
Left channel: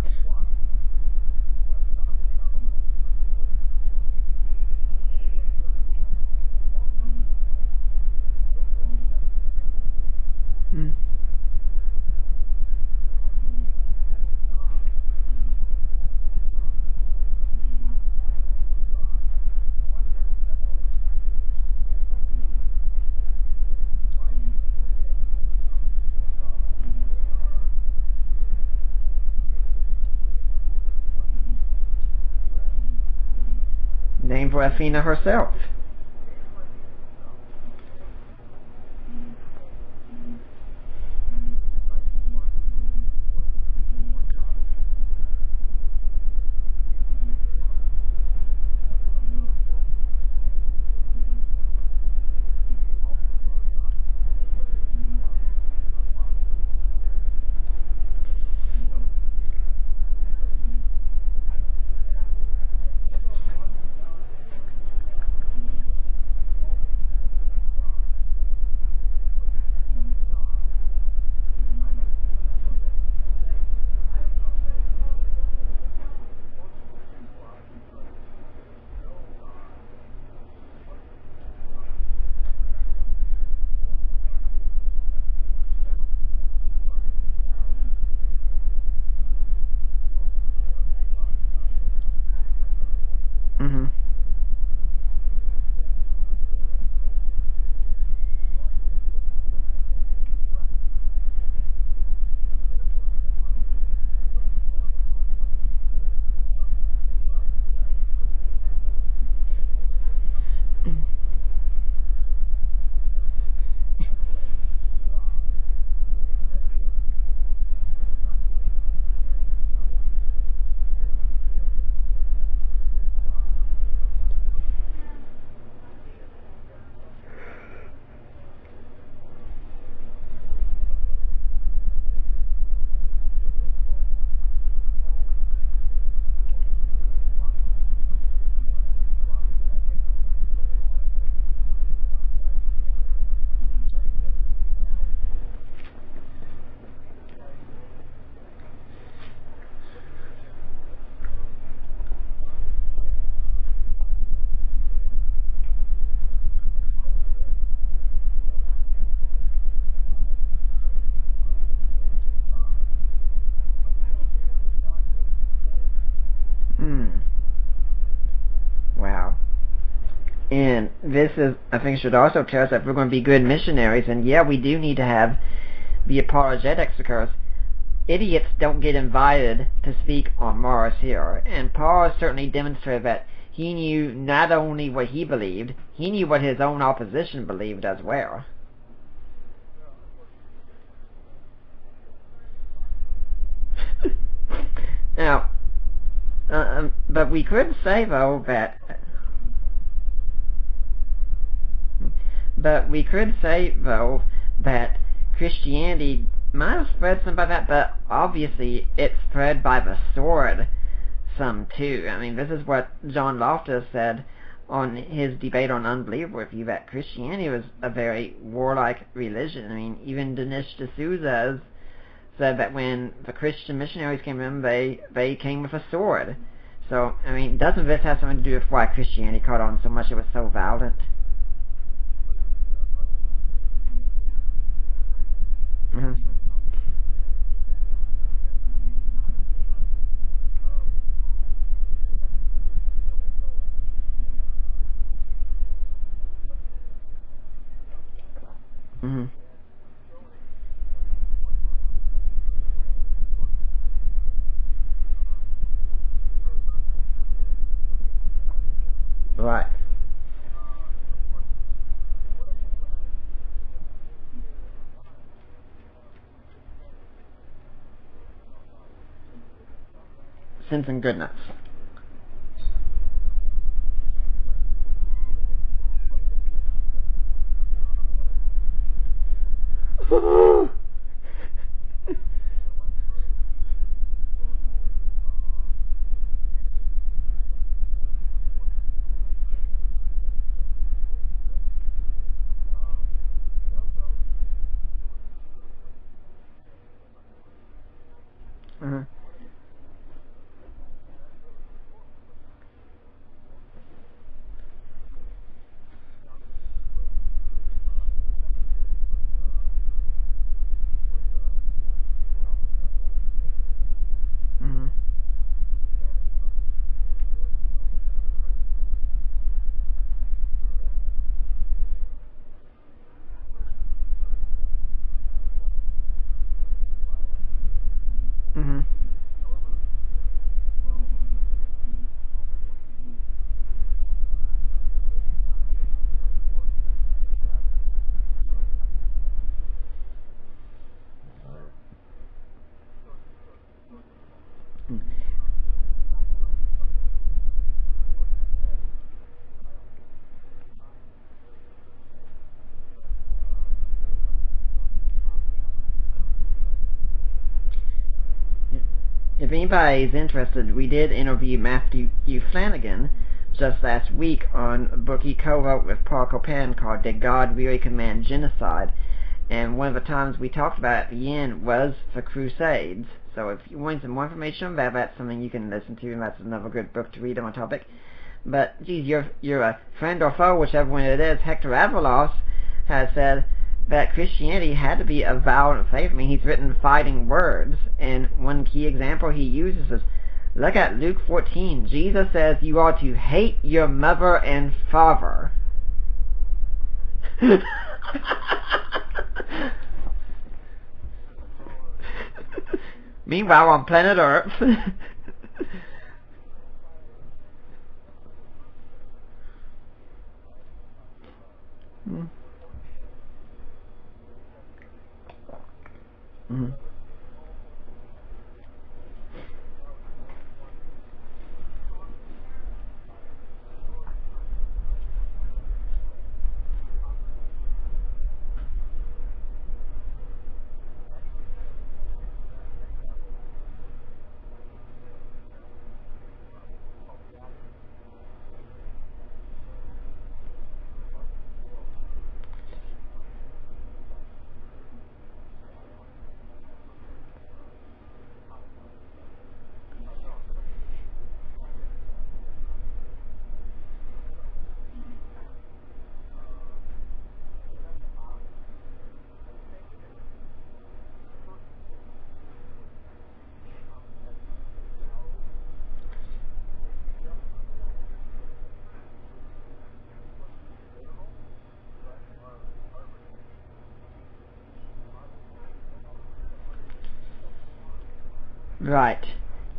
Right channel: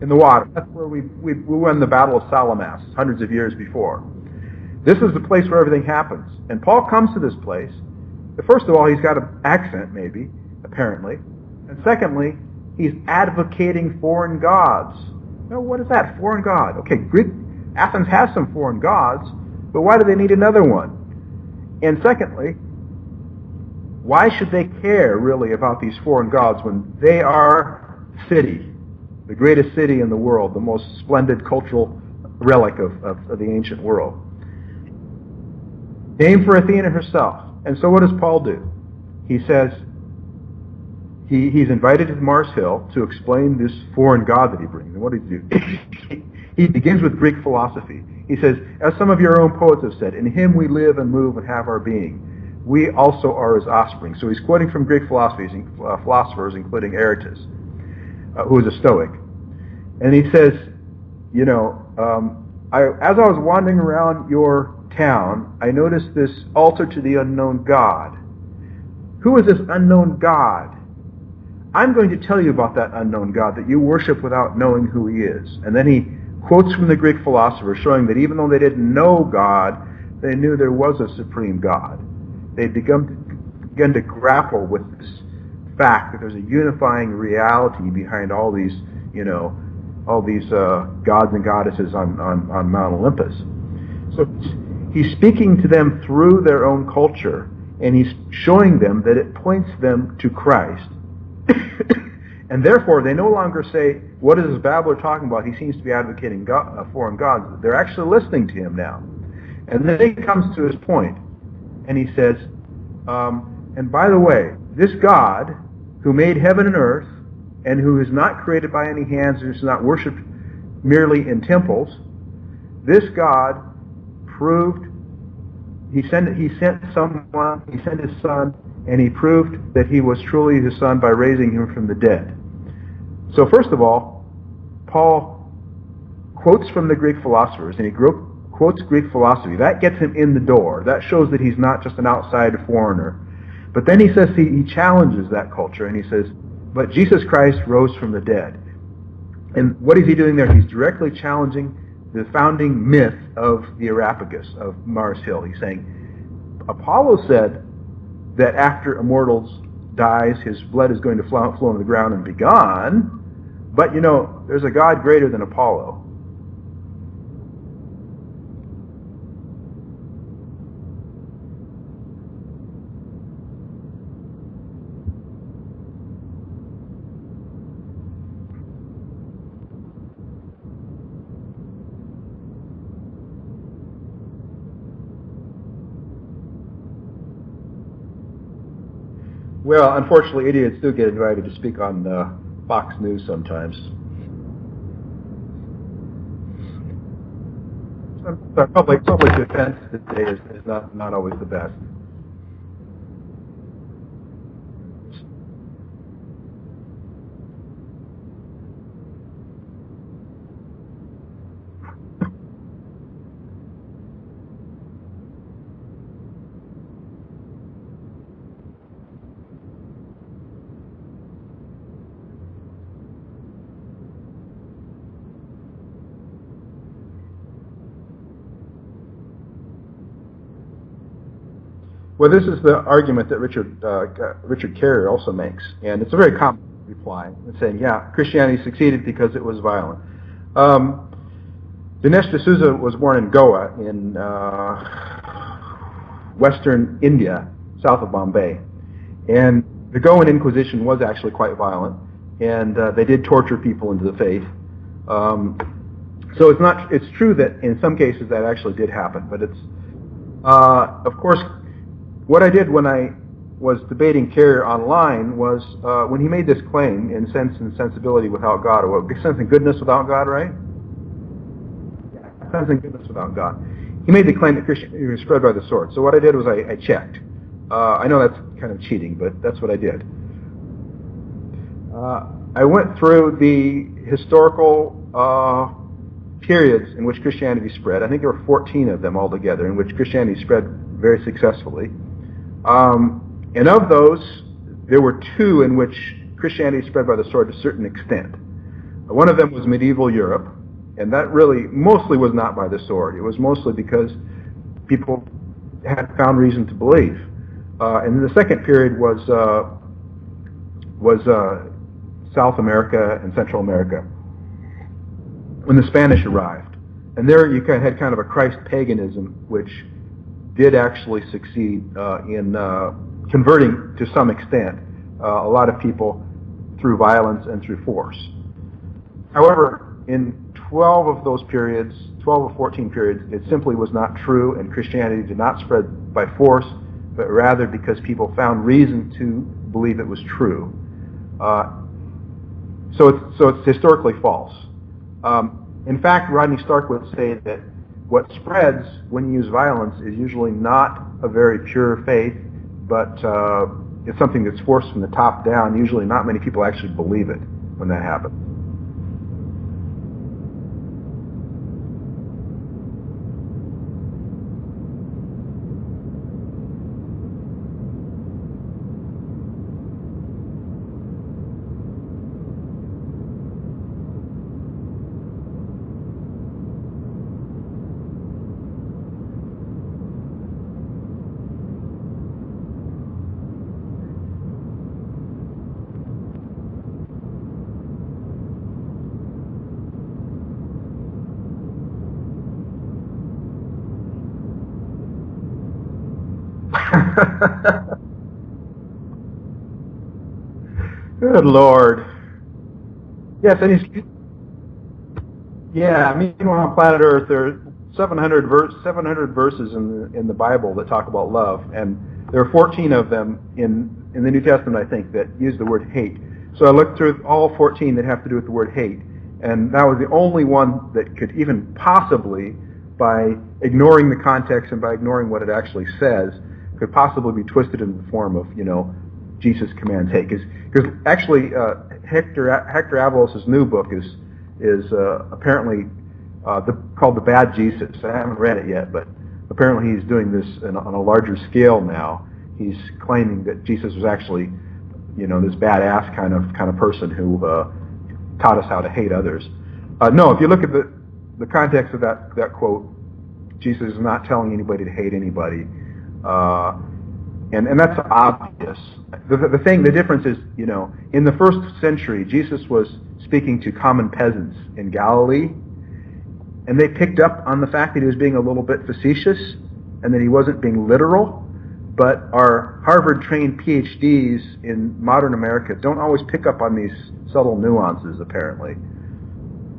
in the water. That's where we won the Battle of Salamis hundreds of years before. This is the place where everything happens. And Paul comes to this place. First of all, he's got an accent, maybe, apparently. And secondly, he's advocating foreign gods. Now, what is that? Foreign god. Okay, Athens has some foreign gods, but why do they need another one? And secondly, why should they care, really, about these foreign gods when they are city, the greatest city in the world, the most splendid cultural relic of the ancient world? Named for Athena herself. Named for Athena herself. And so what does Paul do? He says, he's invited to Mars Hill to explain this foreign god that he brings. And what does he do? He begins with Greek philosophy. He says, as some of your own poets have said, in him we live and move and have our being. We also are his offspring. So he's quoting from Greek philosophers, including Aratus, who is a Stoic. And he says, as I was wandering around your town, I noticed this altar to the unknown God. Who is this unknown God? I'm going to tell you about that unknown God that you worship without knowing who he is. And then he quotes from the Greek philosophers showing that even though they didn't know God, they knew there was a supreme God. They'd begun to grapple with this fact that there's a unifying reality behind all these, gods and goddesses on Mount Olympus. So he's speaking to them through their own culture, and he's showing them that it points them to Christ. And therefore, they no longer say, what is this babbler talking about? He seems to be advocating foreign gods. They're actually listening to him now. And then he comes to his point, and he says, and by the way, this God who made heaven and earth, and who is not created by any hands, and is not worshipped merely in temples, this God proved, he sent someone, he sent his son, and he proved that he was truly his son by raising him from the dead. So first of all, Paul quotes from the Greek philosophers, and he quotes Greek philosophy. That gets him in the door. That shows that he's not just an outside foreigner. But then he says he challenges that culture, and he says, but Jesus Christ rose from the dead. And what is he doing there? He's directly challenging the founding myth of the Areopagus, of Mars Hill. He's saying, Apollo said that after a mortal dies, his blood is going to flow on the ground and be gone, but there's a God greater than Apollo. Wow. And this is, I think, should also tell us that we're going to be good missionaries, and yeah, we do need to have the apologetics, because idiots don't get invited to speak on Mars Hill. And Paul certainly demonstrated that he knew not only what he believed, he knew what his own opposition believed as well. Well, unfortunately, idiots do get invited to speak on Fox News sometimes. Now, but we could say, though, that public defense today is not always the best. But we could say, though, that Christianity might have spread some by that, but obviously it spread by the sword some too. I mean, this is what John Loftus said on his debate on Unbelief Review, that Christianity was a very warlike religion. I mean, even Dinesh D'Souza said that when the Christian missionaries came in, they came with a sword. So, I mean, doesn't this have something to do with why Christianity caught on so much? It was so violent? Well, this is the argument that Richard Carrier also makes, and it's a very common reply, saying, yeah, Christianity succeeded because it was violent. Dinesh D'Souza was born in Goa in western India, south of Bombay, and the Goan Inquisition was actually quite violent, and they did torture people into the faith. So it's true that in some cases that actually did happen, but right. Of course, what I did when I was debating Carrier online was when he made this claim in Sense and Sensibility Without God, or Sense and Goodness Without God, right? Sense and Goodness. Yeah, Sense and Goodness Without God. He made the claim that Christianity was spread by the sword. So what I did was I checked. I know that's kind of cheating, but that's what I did. I went through the historical periods in which Christianity spread. I think there were 14 of them altogether in which Christianity spread very successfully. And of those, there were 2 in which Christianity spread by the sword to a certain extent. One of them was medieval Europe, and that really mostly was not by the sword. It was mostly because people had found reason to believe. And then the second period was South America and Central America, when the Spanish arrived. And there you had kind of a Christ paganism, which did actually succeed in converting, to some extent, a lot of people through violence and through force. However, in 12 of those periods, 12 or 14 periods, it simply was not true, and Christianity did not spread by force, but rather because people found reason to believe it was true. So it's historically false. In fact, Rodney Stark would say that what spreads when you use violence is usually not a very pure faith, but it's something that's forced from the top down. Usually not many people actually believe it when that happens. If anybody is interested, we did interview Matthew Flanagan just last week on a book he co-wrote with Paul Copan called Did God Really Command Genocide? And one of the times we talked about at the end was the Crusades. So if you want some more information about that, something you can listen to, and that's another good book to read on the topic. But, geez, you're a friend or foe, whichever one it is. Hector Avalos has said that Christianity had to be a violent faith. I mean, he's written fighting words, and one key example he uses is, look at Luke 14. Jesus says you are to hate your mother and father. Good Lord. Meanwhile, on planet Earth. Meanwhile on planet Earth, there are 700 verses in the Bible that talk about love, and there are 14 of them in the New Testament, I think, that use the word hate. So I looked through all 14 that have to do with the word hate, and that was the only one that could even possibly, by ignoring the context and by ignoring what it actually says, could possibly be twisted in the form of, Jesus commands hate. Because actually, Hector Avalos' new book is apparently called The Bad Jesus. I haven't read it yet, but apparently he's doing this on a larger scale now. He's claiming that Jesus was actually, this badass kind of person who taught us how to hate others. No, if you look at the context of that quote, Jesus is not telling anybody to hate anybody, and that's obvious. The difference is, in the first century, Jesus was speaking to common peasants in Galilee, and they picked up on the fact that he was being a little bit facetious and that he wasn't being literal. But our Harvard-trained PhDs in modern America don't always pick up on these subtle nuances, apparently. Right.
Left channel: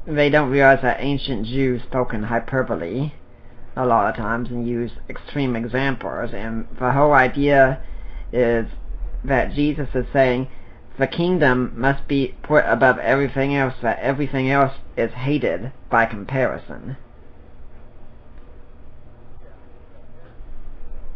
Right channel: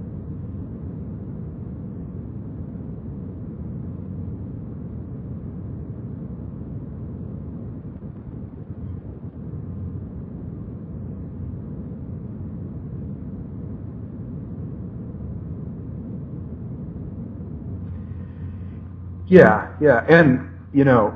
They don't realize that ancient Jews spoke in hyperbole a lot of times and use extreme examples, and the whole idea is that Jesus is saying the kingdom must be put above everything else, that everything else is hated by comparison. Yeah, and,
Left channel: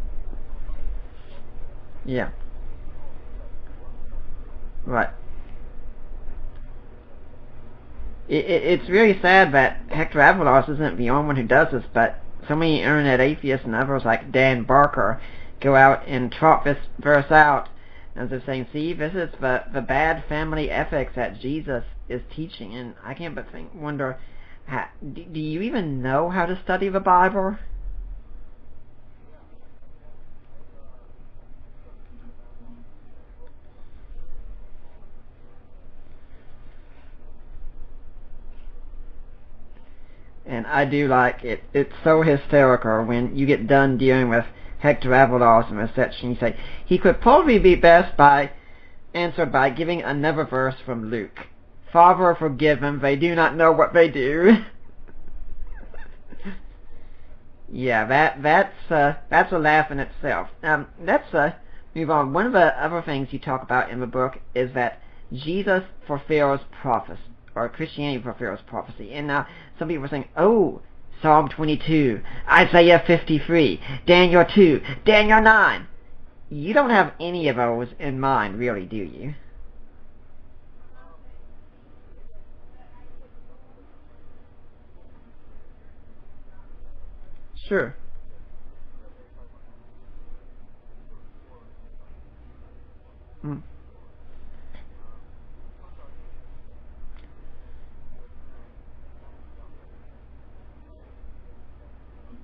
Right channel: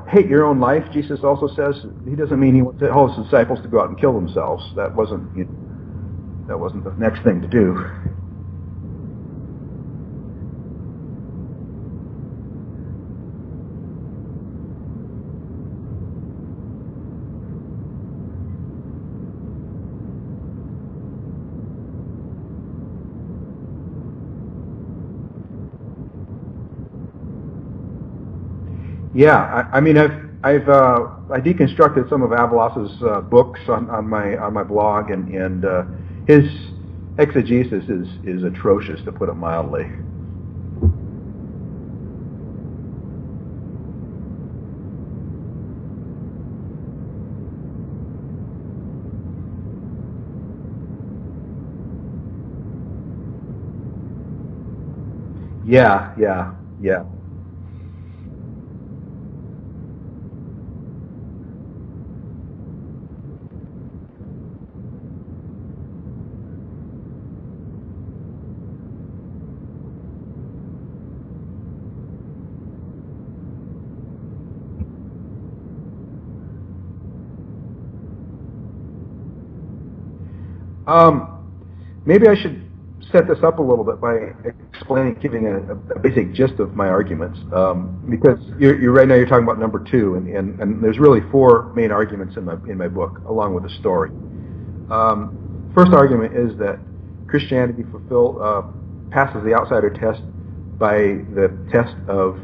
hate your own life, Jesus also says. He doesn't mean he wants all his disciples to go out and kill themselves. That wasn't the next thing to do. It's really sad that Hector Avalos isn't the only one who does this, but so many internet atheists and others like Dan Barker go out and trot this verse out, and they're saying, see, this is the bad family ethics that Jesus is teaching. And I can't but wonder, do you even know how to study the Bible? Yeah, I mean, I deconstructed some of Avalas's books on my blog, and his exegesis is atrocious, to put it mildly. And I do like it. It's so hysterical when you get done dealing with Hector Avalos in a section. You say he could probably be best answered by giving another verse from Luke. Father, forgive them; they do not know what they do. Yeah. Yeah, that's a laugh in itself. Let's move on. One of the other things you talk about in the book is that Jesus fulfills prophecy, or Christianity fulfills prophecy. And now some people are saying, oh, Psalm 22, Isaiah 53, Daniel 2, Daniel 9. You don't have any of those in mind, really, do you? Maybe I should set this up a little bit by giving a basic gist of my arguments. Sure. Because you're right now you're talking about number 2, and there's really 4 main arguments in my book, along with a story. First argument is that Christianity passes the outsider test by the test of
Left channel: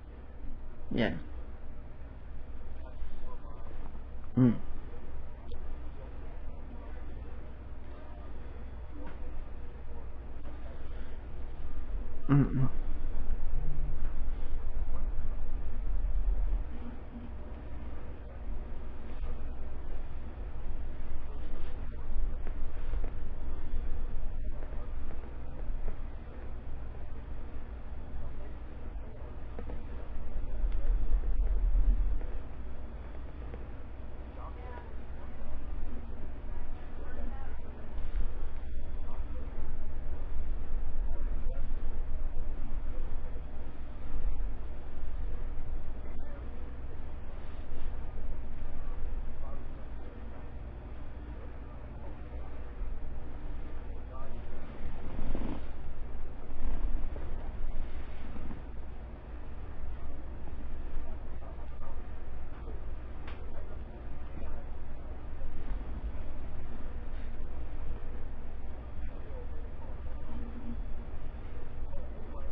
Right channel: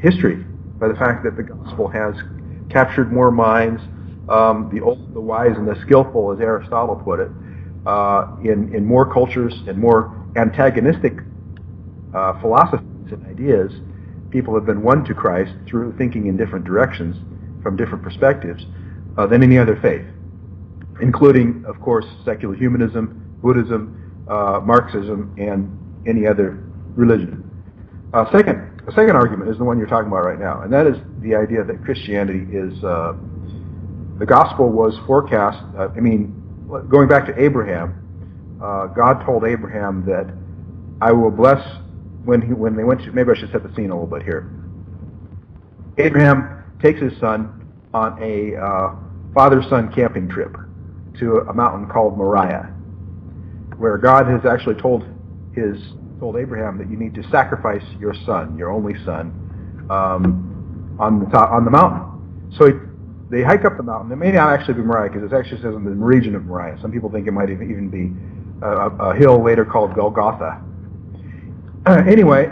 history, by the fact that the gospel has captured more minds, the old, the wise, and the skillful, as Aristotle put it, in more cultures and more antagonistic philosophies and ideas. People have been won to Christ through thinking in different directions, from different perspectives, than any other faith, including, of course, secular humanism, Buddhism, Marxism, and any other religion. The second argument is the one you're talking about right now, and that is the idea that Christianity is, the gospel was forecast, going back to Abraham, God told Abraham that I will bless, when they went to, maybe I should set the scene a little bit here. Abraham takes his son on a father-son camping trip to a mountain called Moriah, where God has actually told Abraham that you need to sacrifice your son, your only son, on the mountain. So they hike up the mountain. It may not actually be Moriah, because it actually says in the region of Moriah. Some people think it might even be a hill later called Golgotha. Anyway,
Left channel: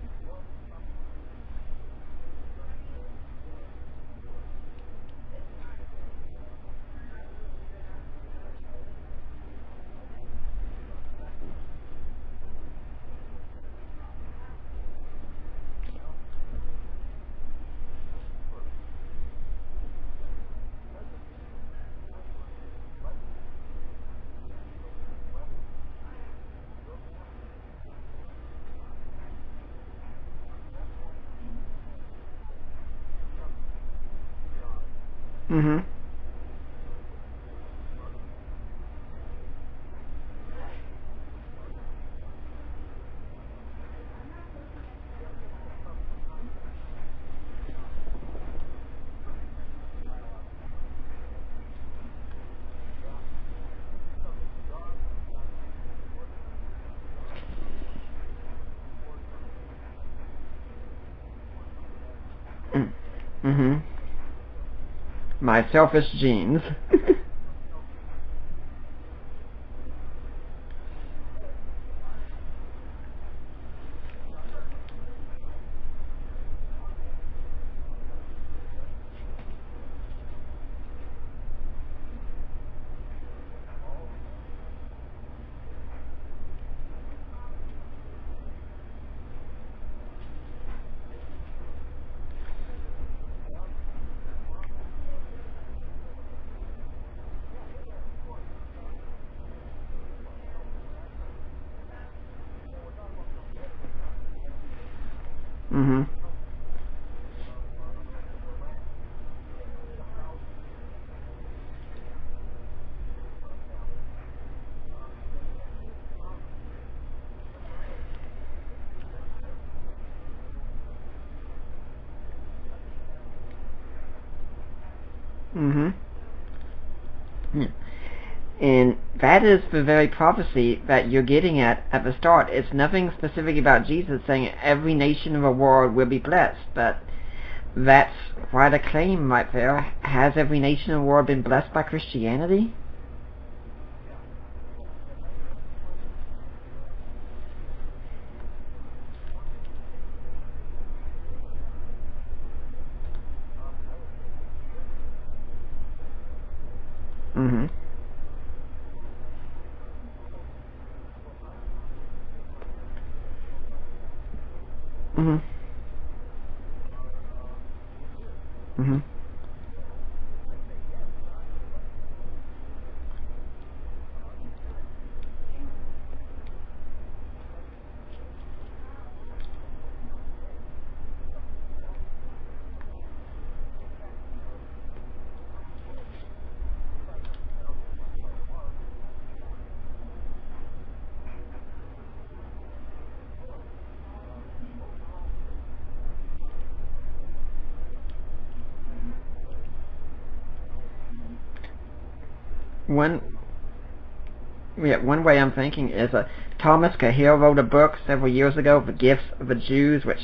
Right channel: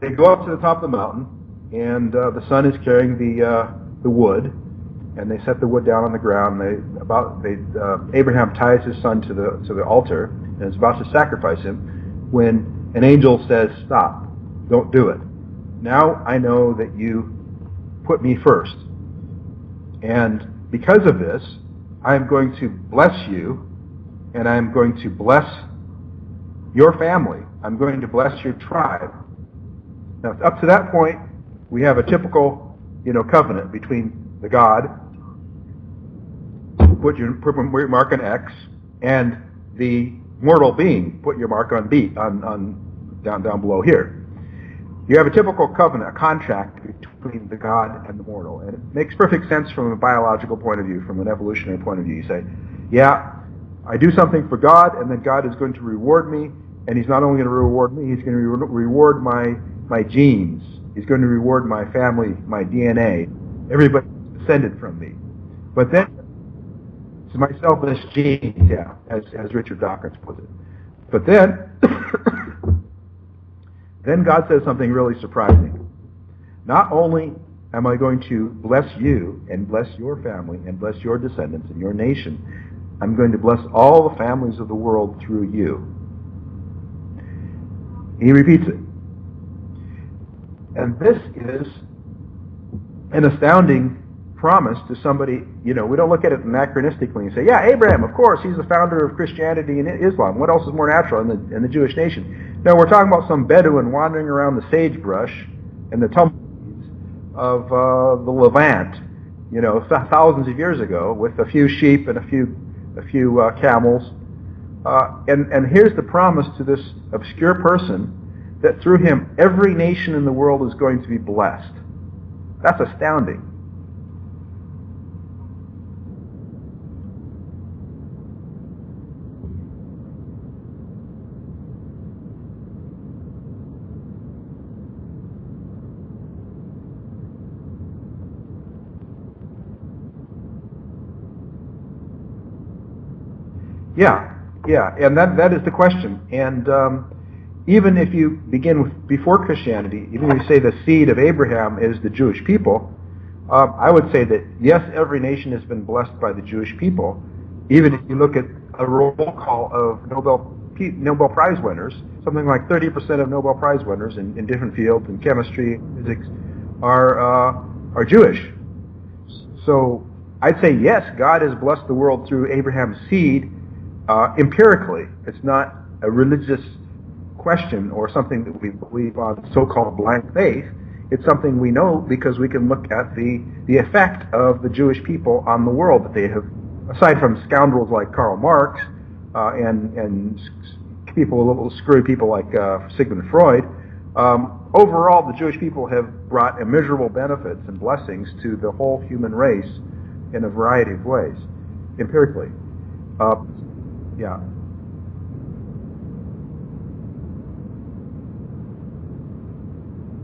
they go up to the top of the mountain, and the son is carrying the wood, and they set the wood down on the ground. Abraham ties his son to the altar and is about to sacrifice him, when an angel says, "Stop! Don't do it. Now I know that you put me first, and because of this, I am going to bless you, and I am going to bless your family. I'm going to bless your tribe." Now, up to that point, we have a typical, covenant between the God, put your mark on X, and the mortal being, put your mark on B, on down below here. You have a typical covenant, a contract between the God and the mortal, and it makes perfect sense from a biological point of view, from an evolutionary point of view. You say, yeah, I do something for God, and then God is going to reward me, and He's not only going to reward me, He's going to reward my genes. He's going to reward my family, my DNA, everybody descended from me. My selfish genes. My selfish genes, yeah, as Richard Dawkins put it. But then God says something really surprising. Not only am I going to bless you and bless your family and bless your descendants and your nation, I'm going to bless all the families of the world through you. He repeats it. And this is an astounding promise to somebody. We don't look at it anachronistically and say, yeah, Abraham, of course, he's the founder of Christianity and Islam. What else is more natural in the Jewish nation? No, we're talking about some Bedouin wandering around the sagebrush and the tumbleweeds of the Levant, thousands of years ago, with a few sheep and a few camels. And here's the promise to this obscure person, that through him every nation in the world is going to be blessed. That's astounding. And that is the very prophecy that you're getting at the start. It's nothing specific about Jesus saying every nation in the world will be blessed, but that's why the claim right there, has every nation in the world been blessed by Christianity? Yeah, and that is the question. And even if you begin with before Christianity, even if you say the seed of Abraham is the Jewish people, I would say that, yes, every nation has been blessed by the Jewish people. Mm-hmm. Even if you look at a roll call of Nobel Prize winners, something like 30% of Nobel Prize winners in different fields, in chemistry, physics, are Jewish. Mm-hmm. So I'd say, yes, God has blessed the world through Abraham's seed empirically. It's not a religious question or something that we believe on so-called blind faith. It's something we know because we can look at the effect of the Jewish people on the world that they have, aside from scoundrels like Karl Marx and little screwy people like Sigmund Freud. Overall, the Jewish people have brought immeasurable benefits and blessings to the whole human race in a variety of ways, empirically. One way I'm thinking is Thomas Cahill wrote a book several years ago, The Gifts of the Jews, which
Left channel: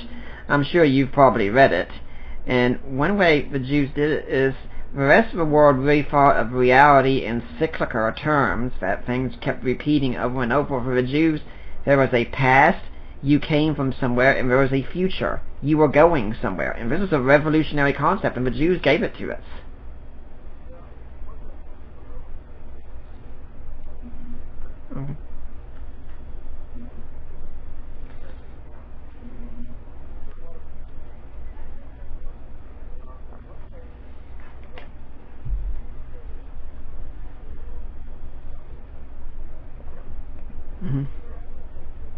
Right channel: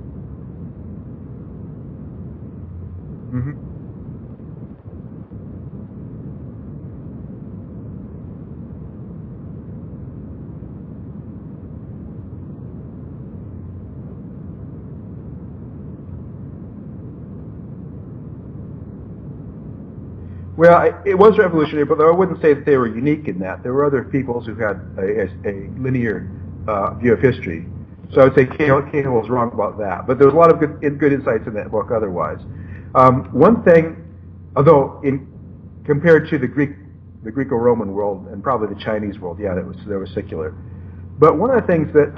I'm sure you've probably read it. And one way the Jews did it is the rest of the world really thought of reality in cyclical terms, that things kept repeating over and over. For the Jews, there was a past, you came from somewhere, and there was a future, you were going somewhere. And this is a revolutionary concept, and the Jews gave it to us. Well, it was revolutionary, but I wouldn't say that they were unique in that. There were other peoples who had a linear view of history. So I would say Cahill was wrong about that. But there was a lot of good insights in that book otherwise. One thing, although compared to the Greco-Roman world and probably the Chinese world, yeah, they were secular. Mm-hmm. But one of the things that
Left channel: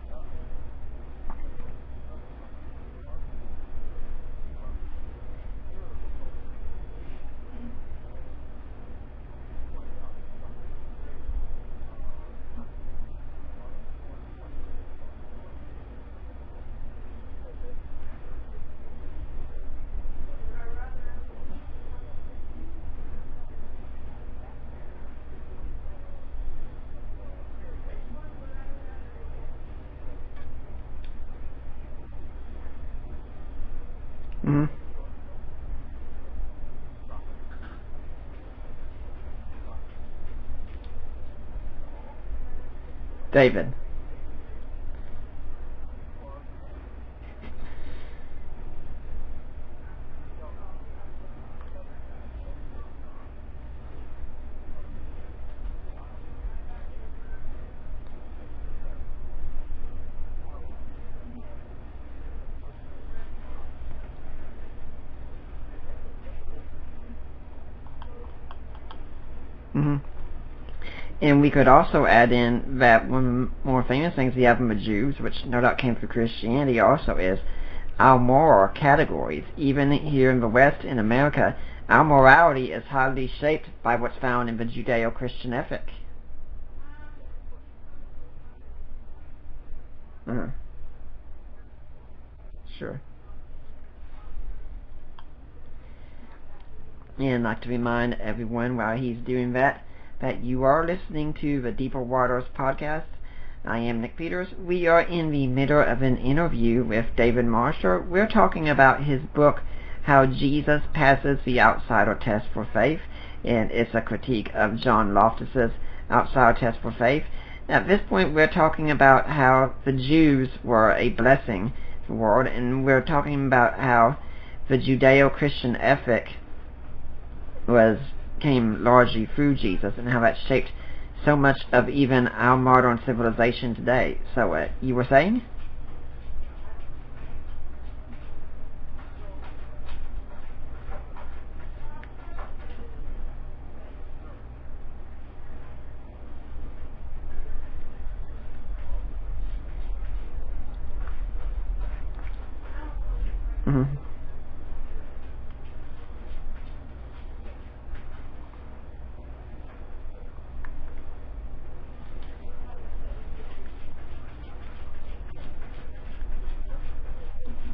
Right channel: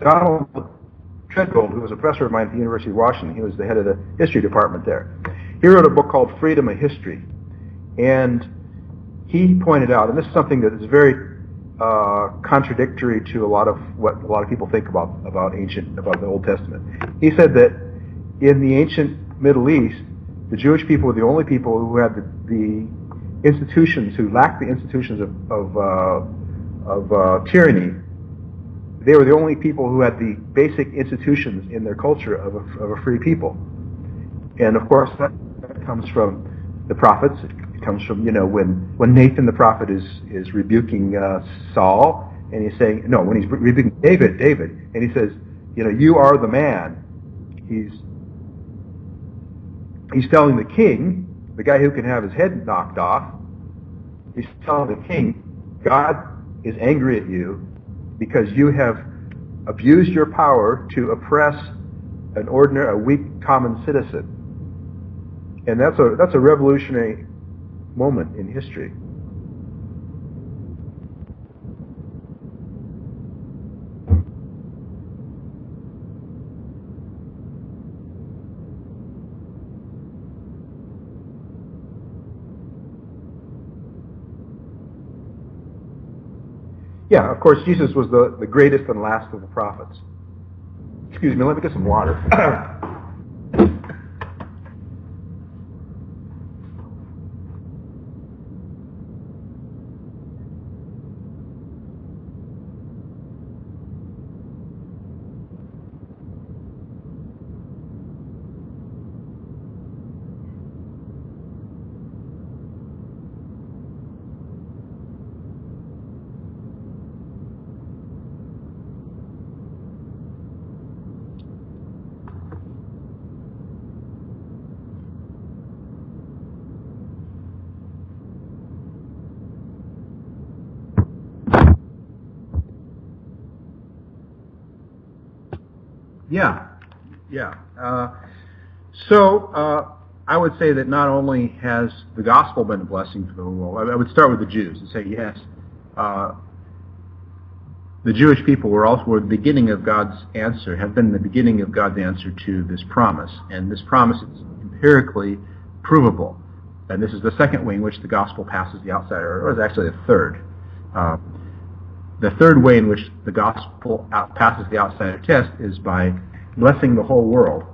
Donald Treadgold, who was a professor of mine at the University of Washington, he was the head of the history department there. He wrote a book called Freedom of History, and he pointed out, and this is something that is very contradictory to a lot of what a lot of people think about the Old Testament. He said that in the ancient Middle East, the Jewish people were the only people who had the institutions, who lacked the institutions of tyranny. They were the only people who had the basic institutions in their culture of a free people. Mm-hmm. And of course, that comes from the prophets. It comes from, when Nathan the prophet is rebuking Saul, and he's saying, when he's rebuking David, and he says, you are the man. He's telling the king, the guy who can have his head knocked off, he's telling the king, God is angry at you because you have abused your power to oppress a weak common citizen. And that's a revolutionary moment in history. Mm-hmm. And we could also add in that one of the more famous things we have in the Jews, which no doubt came through Christianity also, is our moral categories. Even here in the West, in America, our morality is highly shaped by what's found in the Judeo-Christian ethic. Yeah, of course, Jesus was the greatest and last of the prophets. Uh-huh. Excuse me, let me get some water. And I'd like to remind everyone while he's doing that you are listening to the Deeper Waters podcast. I am Nick Peters. We are in the middle of an interview with David Marshall. We're talking about his book, How Jesus Passes the Outsider Test for Faith, and it's a critique of John Loftus's Outsider Test for Faith. Now, at this point, we're talking about how the Jews were a blessing to the world, and we're talking about how the Judeo-Christian ethic came largely through Jesus, and how that shaped so much of even our modern civilization today. So, you were saying? Yeah. So, I would say that not only has the gospel been a blessing for the world, I would start with the Jews and say, yes, the Jewish people were the beginning of God's answer, have been the beginning of God's answer to this promise. And this promise is empirically provable. And this is the second way in which the gospel passes the outsider, or it's actually the third. The third way in which the gospel passes the outsider test is by blessing the whole world,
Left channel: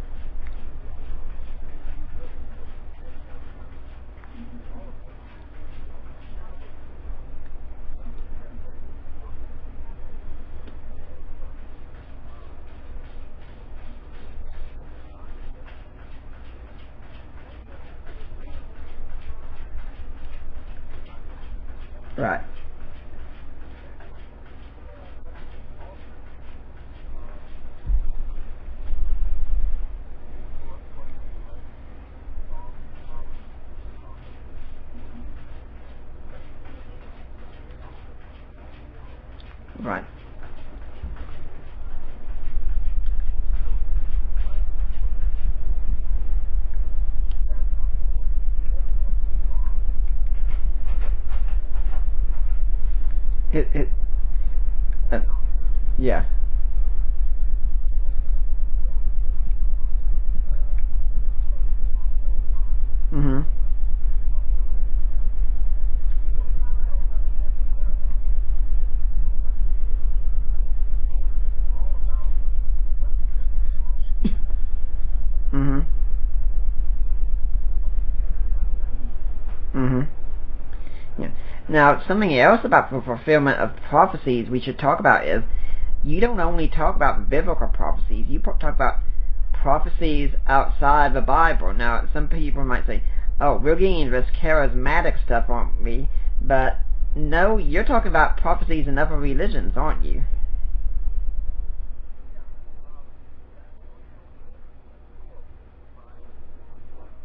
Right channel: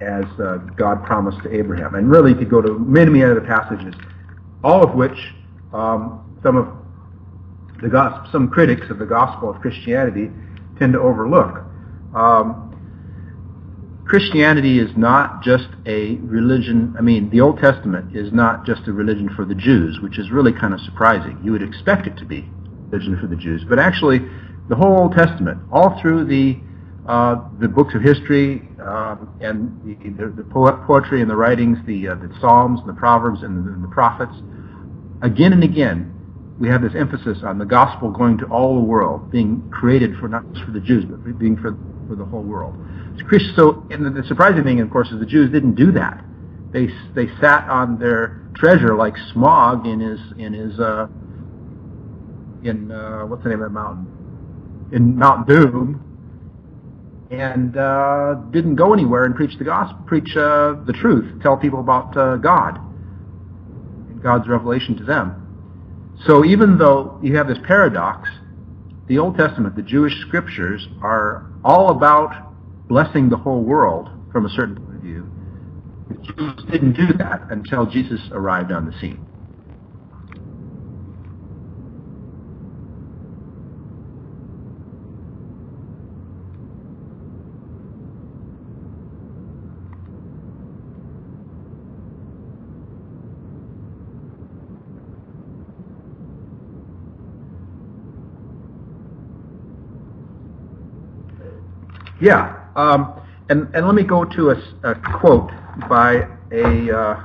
as God promised to Abraham. And really, to go to many other passages, all of which some critics of the gospel of Christianity tend to overlook. Christianity is not just a religion. I mean, the Old Testament is not just a religion for the Jews, which is really kind of surprising. You would expect it to be a religion for the Jews. But actually, the whole Old Testament, all through the the books of history and the poetry and the writings, the Psalms, the Proverbs, and the prophets. Again and again, we have this emphasis on the gospel going to all the world, being created for not just for the Jews, but being for the whole world. So, and the surprising thing, of course, is the Jews didn't do that. They sat on their treasure like Smog in what's the name of the mountain? In Mount Doom. Yeah. And didn't go anywhere and preach the gospel, preach the truth, tell people about God, Mm-hmm. God's revelation to them. So even though you have this paradox, the Old Testament, the Jewish scriptures, are all about blessing the whole world from a certain point of view. Mm-hmm. The Jews didn't do that until Jesus arrived on the scene. Mm-hmm. Yeah. Now, something else about the fulfillment of prophecies we should talk about is you don't only talk about biblical prophecies, you talk about prophecies outside the Bible. Now, some people might say, oh, we're getting into this charismatic stuff, aren't we? But no, you're talking about prophecies in other religions, aren't you? Yeah. And let me go to a quote by a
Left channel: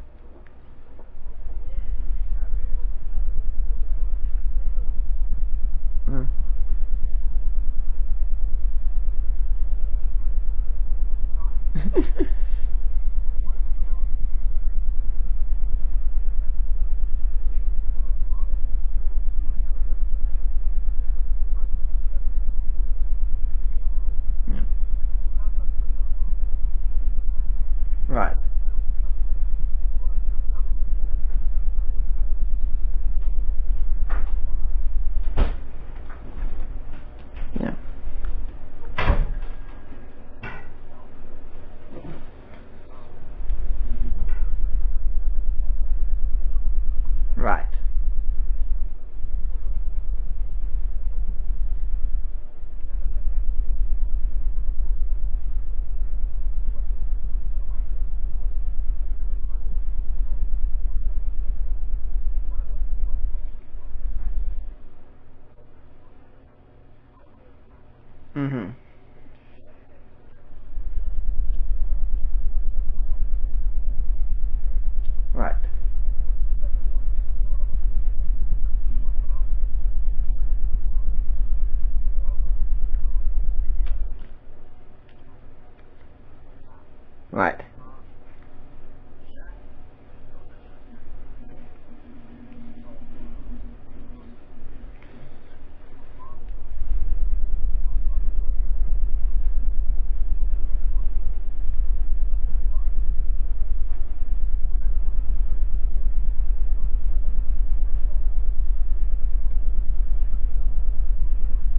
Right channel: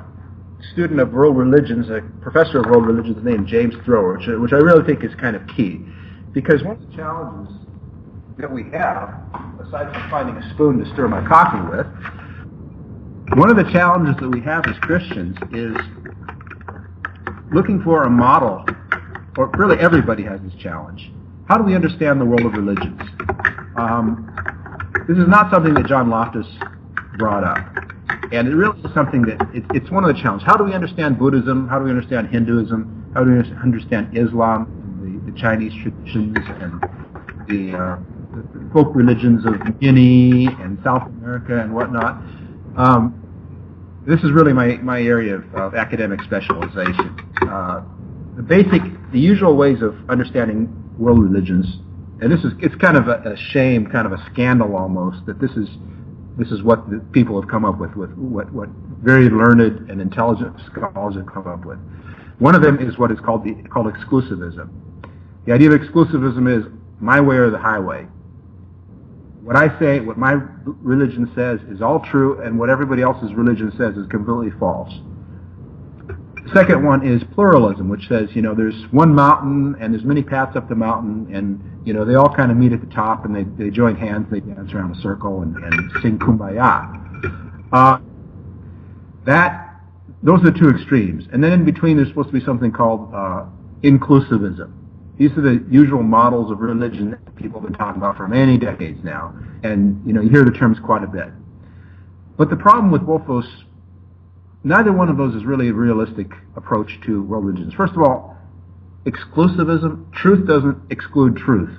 student of world religions, a professor of world religions named James Thrower, which I really think is kind of key. Mm-hmm. Because one of the challenges that we have, aside from finding a spoon to stir my coffee with, one of the challenges that we have as Christians is looking for a model, or really everybody has this challenge. How do we understand the world of religions? This is not something that John Loftus brought up. Right. And it really is something that, it's one of the challenges. How do we understand Buddhism? How do we understand Hinduism? How do we understand Islam, the Chinese traditions, and the folk religions of Guinea and South America and whatnot? This is really my area of academic specialization. The usual ways of understanding world religions, and it's kind of a shame, kind of a scandal almost, that this is what the people have come up with what very learned and intelligent scholars have come up with. One of them is what is called exclusivism. The idea of exclusivism is my way or the highway. Mm-hmm. What I say, what my religion says is all true, and what everybody else's religion says is completely false. Right. The second one is pluralism, which says, there's one mountain and there's many paths up the mountain, and they all kind of meet at the top and they join hands, they dance around a circle and sing Kumbaya. Right. Those are the two extremes. And then in between there's supposed to be something called inclusivism. These are the usual models of religion that people have been talking about for many decades now. And, you hear the terms quite a bit. But the problem with both those, neither one of those is really a realistic approach to world religions. First of all, exclusivism, truth doesn't exclude truth.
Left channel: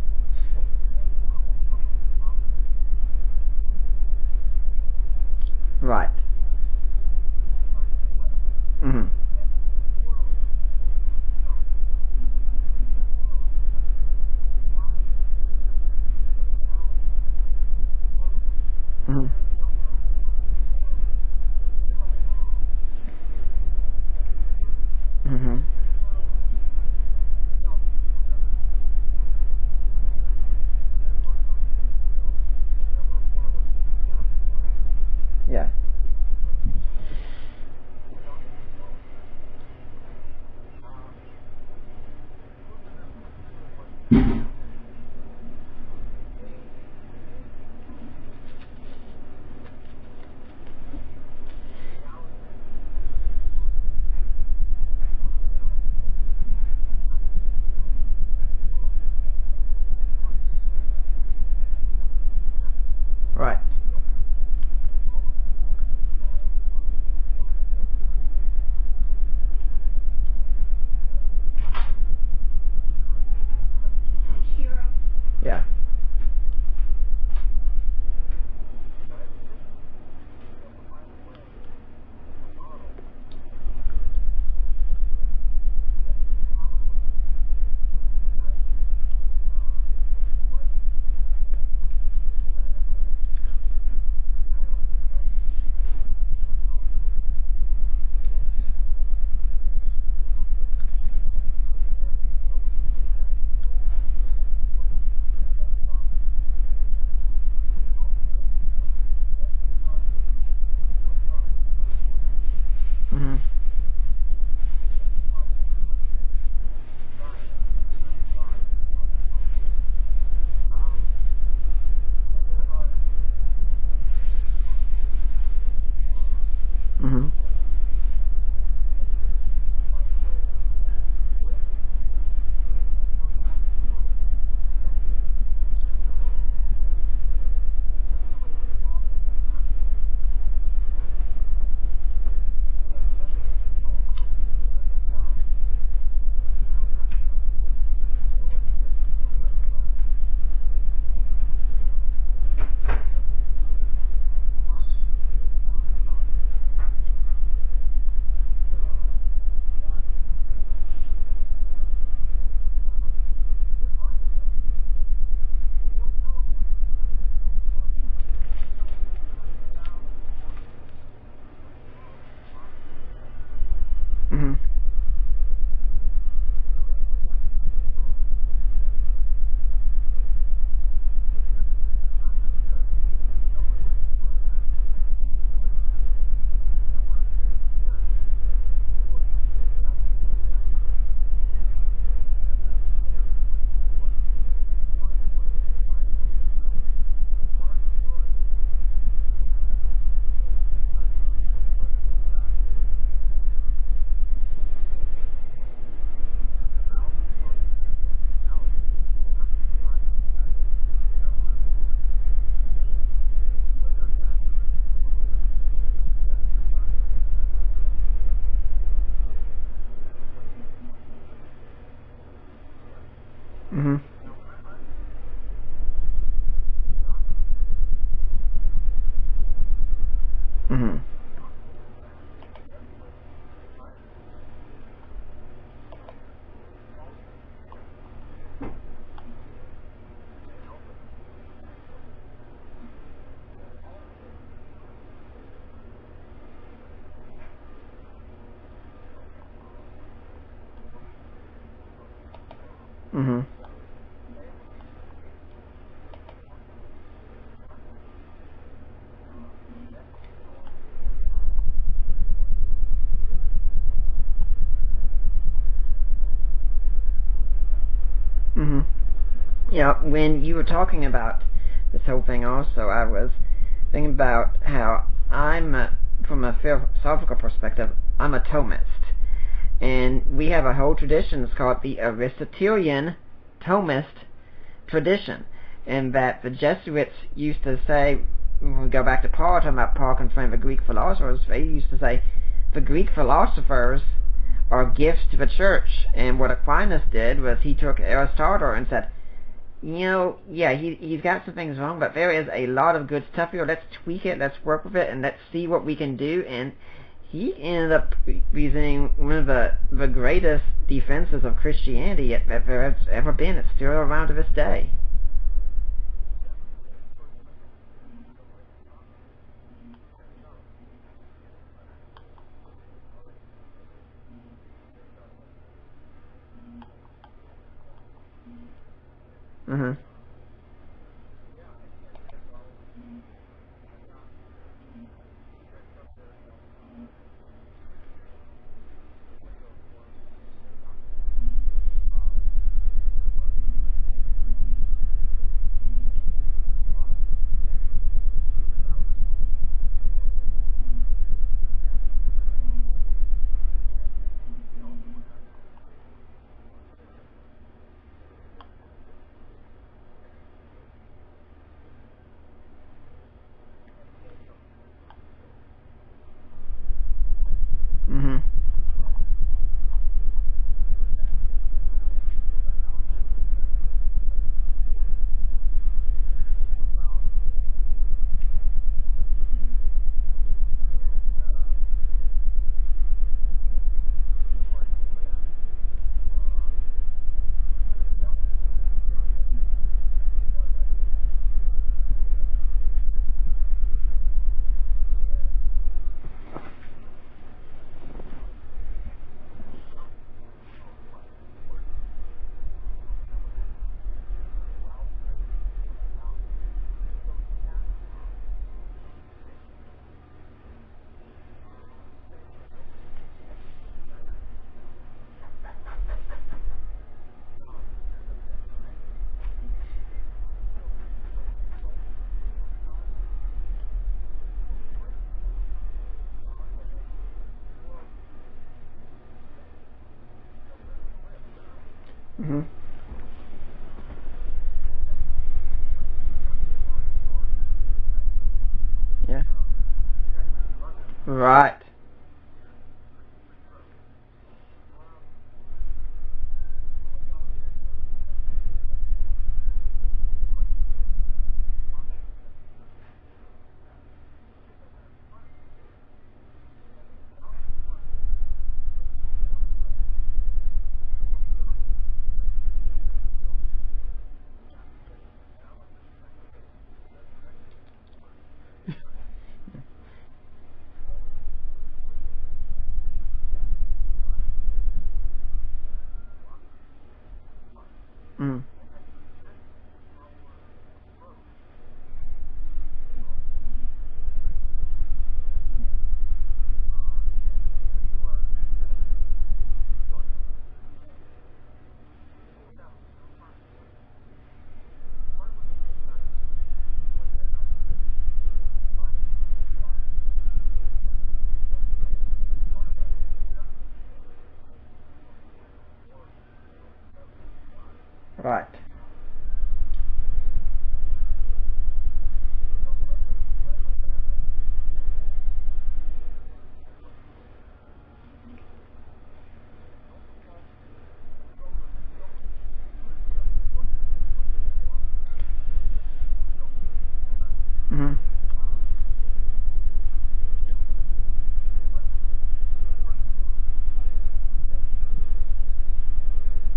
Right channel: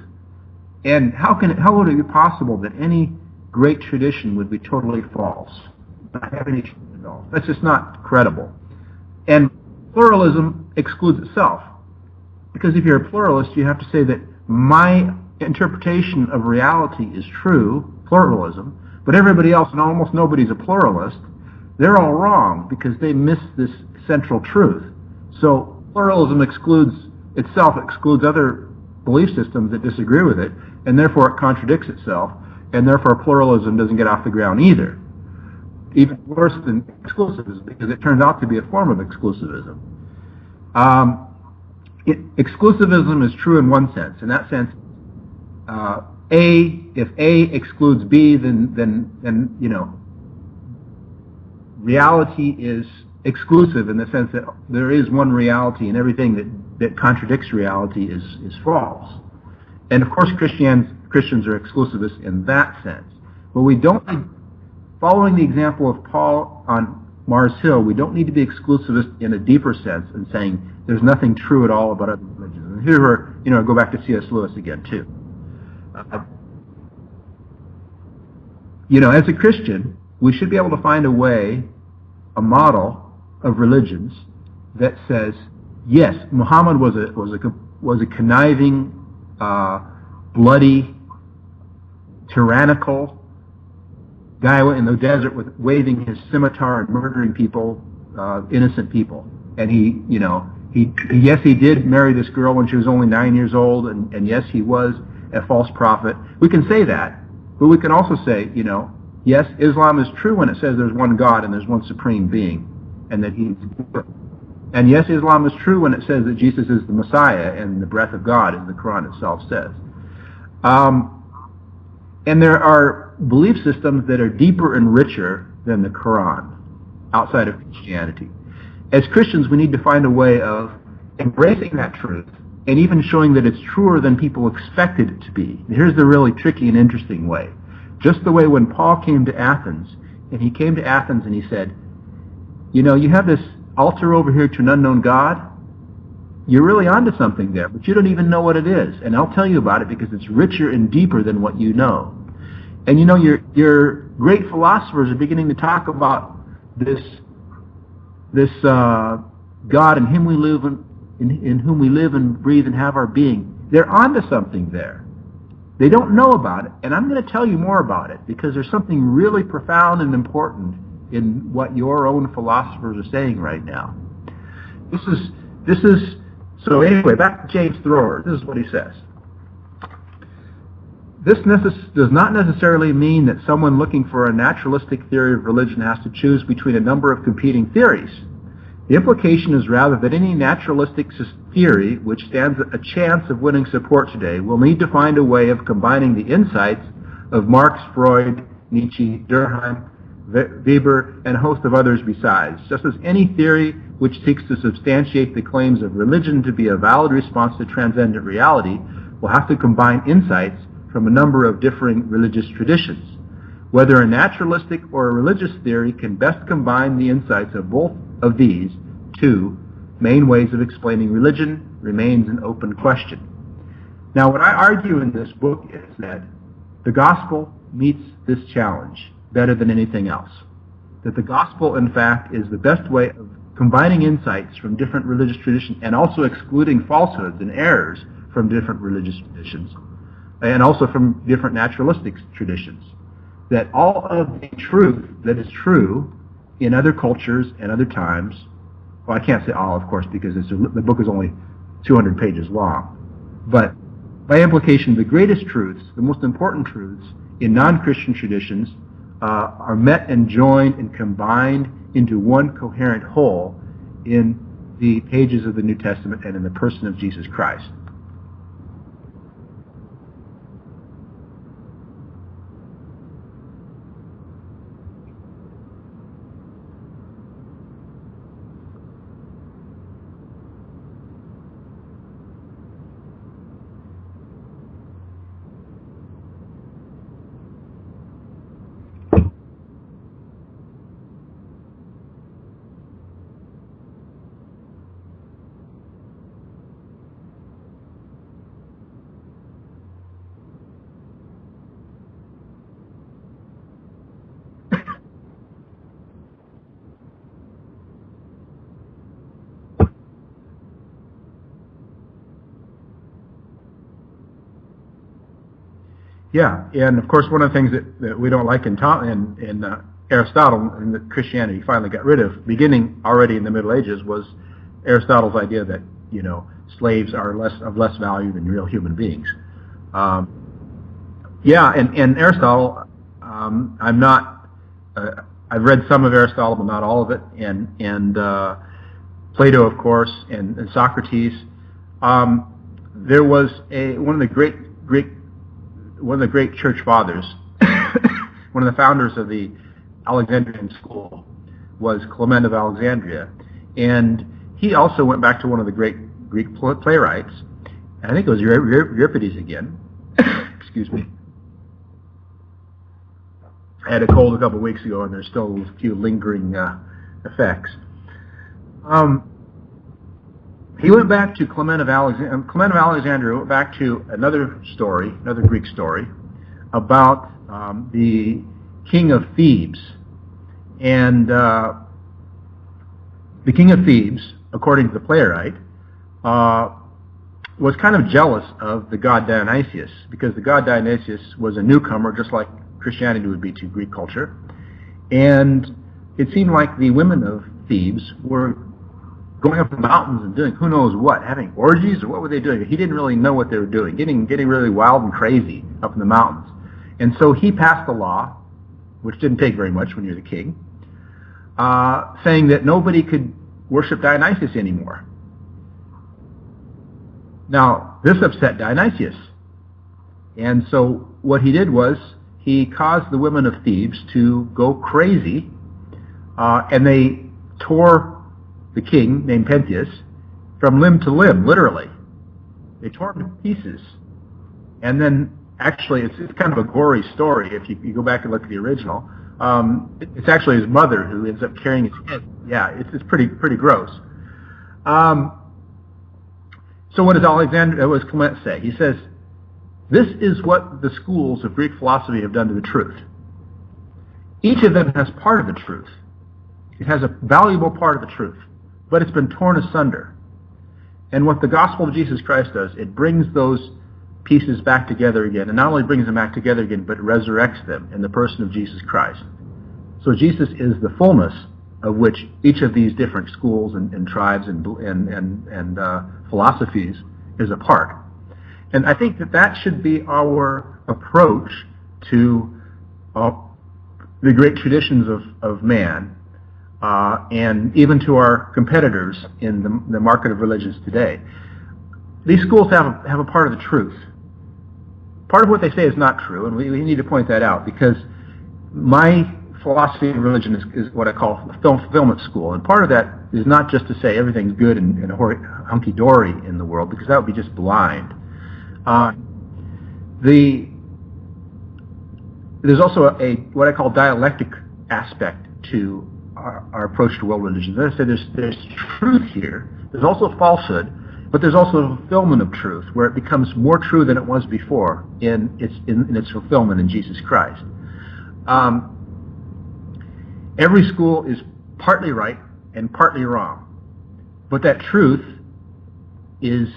And how would it be possible that any great tradition would be totally false? Right. Not have any truth at all. That's just not credible. Mm-hmm. And pluralism excludes itself. Because if you're a pluralist, you have to say that my interpretation of reality is true, pluralism, but everybody else, and almost nobody's a pluralist, they're all wrong because they miss this central truth. Mm-hmm. So pluralism excludes other belief systems that disagree with it, and therefore it contradicts itself, and therefore pluralism doesn't get off the ground either. Yeah. Even worse than exclusivism, because it turns out to be a form of exclusivism. Exclusivism is true in one sense. In that sense, if A excludes B, then reality is exclusive in the sense that there is one reality, and everything that contradicts reality is false. And of course, Christians are exclusivists in that sense. Right. But we don't. Following the example of Paul on Mars Hill, we don't need to be exclusivist in a deeper sense and saying there's nothing true at all about other religions. And here I go back to C.S. Lewis again too. Yeah. As a Christian, we should be able to find a model of religions that says, yes, Muhammad was a conniving, bloody, tyrannical guy in the desert waving his scimitar and murdering people, innocent people. And he did marry this girl when she was only 9 years old, and yes, he was a false prophet. We can say that, But we can also say, yes, Islam is true when it says there's one God and there's one supreme being, and that He's good. And yes, Islam is true when it says that Jesus is the Messiah and the breath of God, as the Quran itself says. And there are belief systems that are deeper and richer than the Quran, outside of Christianity. As Christians, we need to find a way of embracing that truth and even showing that it's truer than people expected it to be. Here's the really tricky and interesting way. Just the way when Paul came to Athens, and he came to Athens and he said, you have this altar over here to an unknown God. You're really onto something there, but you don't even know what it is. And I'll tell you about it because it's richer and deeper than what you know. And your great philosophers are beginning to talk about this God in Him we live, in whom we live and breathe and have our being. They're onto something there. They don't know about it, and I'm going to tell you more about it because there's something really profound and important in what your own philosophers are saying right now. This is so. Anyway, back to James Thrower. This is what he says. This does not necessarily mean that someone looking for a naturalistic theory of religion has to choose between a number of competing theories. The implication is rather that any naturalistic theory which stands a chance of winning support today will need to find a way of combining the insights of Marx, Freud, Nietzsche, Durkheim, Weber, and a host of others besides. Just as any theory which seeks to substantiate the claims of religion to be a valid response to transcendent reality will have to combine insights from a number of differing religious traditions. Whether a naturalistic or a religious theory can best combine the insights of both of these two main ways of explaining religion remains an open question. Now, what I argue in this book is that the gospel meets this challenge better than anything else. That the gospel, in fact, is the best way of combining insights from different religious traditions and also excluding falsehoods and errors from different religious traditions and also from different naturalistic traditions. That all of the truth that is true in other cultures and other times, well, I can't say all, of course, because the book is only 200 pages long, but by implication, the greatest truths, the most important truths in non-Christian traditions are met and joined and combined into one coherent whole in the pages of the New Testament and in the person of Jesus Christ. Yeah, when you were talking about this whole thing also, I was thinking about how from a philosophical perspective, I'm a Thomist. And we have a whole tradition, it's called the Aristotelian Thomist tradition. And that the Jesuits used to say, when we go back to Paul, talking about Paul confirming the Greek philosophers, they used to say, the Greek philosophers are gifts to the church. And what Aquinas did was he took Aristotle and said, he's got some things wrong, but there is a lot of good stuff here. Let's tweak it, let's work with it, and let's see what we can do. And he ended up using one of the greatest defenses of Christianity that there has ever been. It's still around to this day. Yeah, and of course one of the things that we don't like in Aristotle and that Christianity finally got rid of, beginning already in the Middle Ages, was Aristotle's idea that slaves are of less value than real human beings. And Aristotle, I'm not. I've read some of Aristotle, but not all of it, and Plato, of course, and Socrates. There was one of the great church fathers, one of the founders of the Alexandrian school, was Clement of Alexandria, and he also went back to one of the great Greek playwrights. I think it was Euripides again. Excuse me. I had a cold a couple of weeks ago, and there's still a few lingering effects. He went back to Clement of Alexandria. Clement of Alexandria went back to another Greek story, about the king of Thebes. And the king of Thebes, according to the playwright, was kind of jealous of the god Dionysius, because the god Dionysius was a newcomer, just like Christianity would be to Greek culture. And it seemed like the women of Thebes were going up the mountains and doing who knows what, having orgies, or what were they doing? He didn't really know what they were doing, getting really wild and crazy up in the mountains. And so he passed a law, which didn't take very much when you're the king, saying that nobody could worship Dionysus anymore. Now, this upset Dionysius. And so what he did was he caused the women of Thebes to go crazy, and they tore the king, named Pentheus, from limb to limb, literally. Mm-hmm. They tore him to pieces. And then, actually, it's kind of a gory story if you go back and look at the original. Yeah. It's actually his mother who ends Right. up carrying his head. Yeah, it's pretty gross. So what does Clement say? He says, this is what the schools of Greek philosophy have done to the truth. Each of them has part of the truth. It has a valuable part of the truth, but it's been torn asunder. And what the gospel of Jesus Christ does, it brings those pieces back together again, and not only brings them back together again, but resurrects them in the person of Jesus Christ. So Jesus is the fullness of which each of these different schools and tribes and philosophies is a part. Mm. And I think that should be our approach to the great traditions of man, and even to our competitors in the market of religions today. These schools have a part of the truth. Part of what they say is not true, and we need to point that out, because my philosophy of religion is what I call a fulfillment school, and part of that is not just to say everything's good and hunky-dory in the world, because that would be just blind. Right. There's also what I call dialectic aspect to our approach to world religions. As I said, there's truth here. There's also falsehood, but there's also a fulfillment of truth, where it becomes more true than it was before in its fulfillment in Jesus Christ. Mm-hmm. Every school is partly right and partly wrong, but that truth is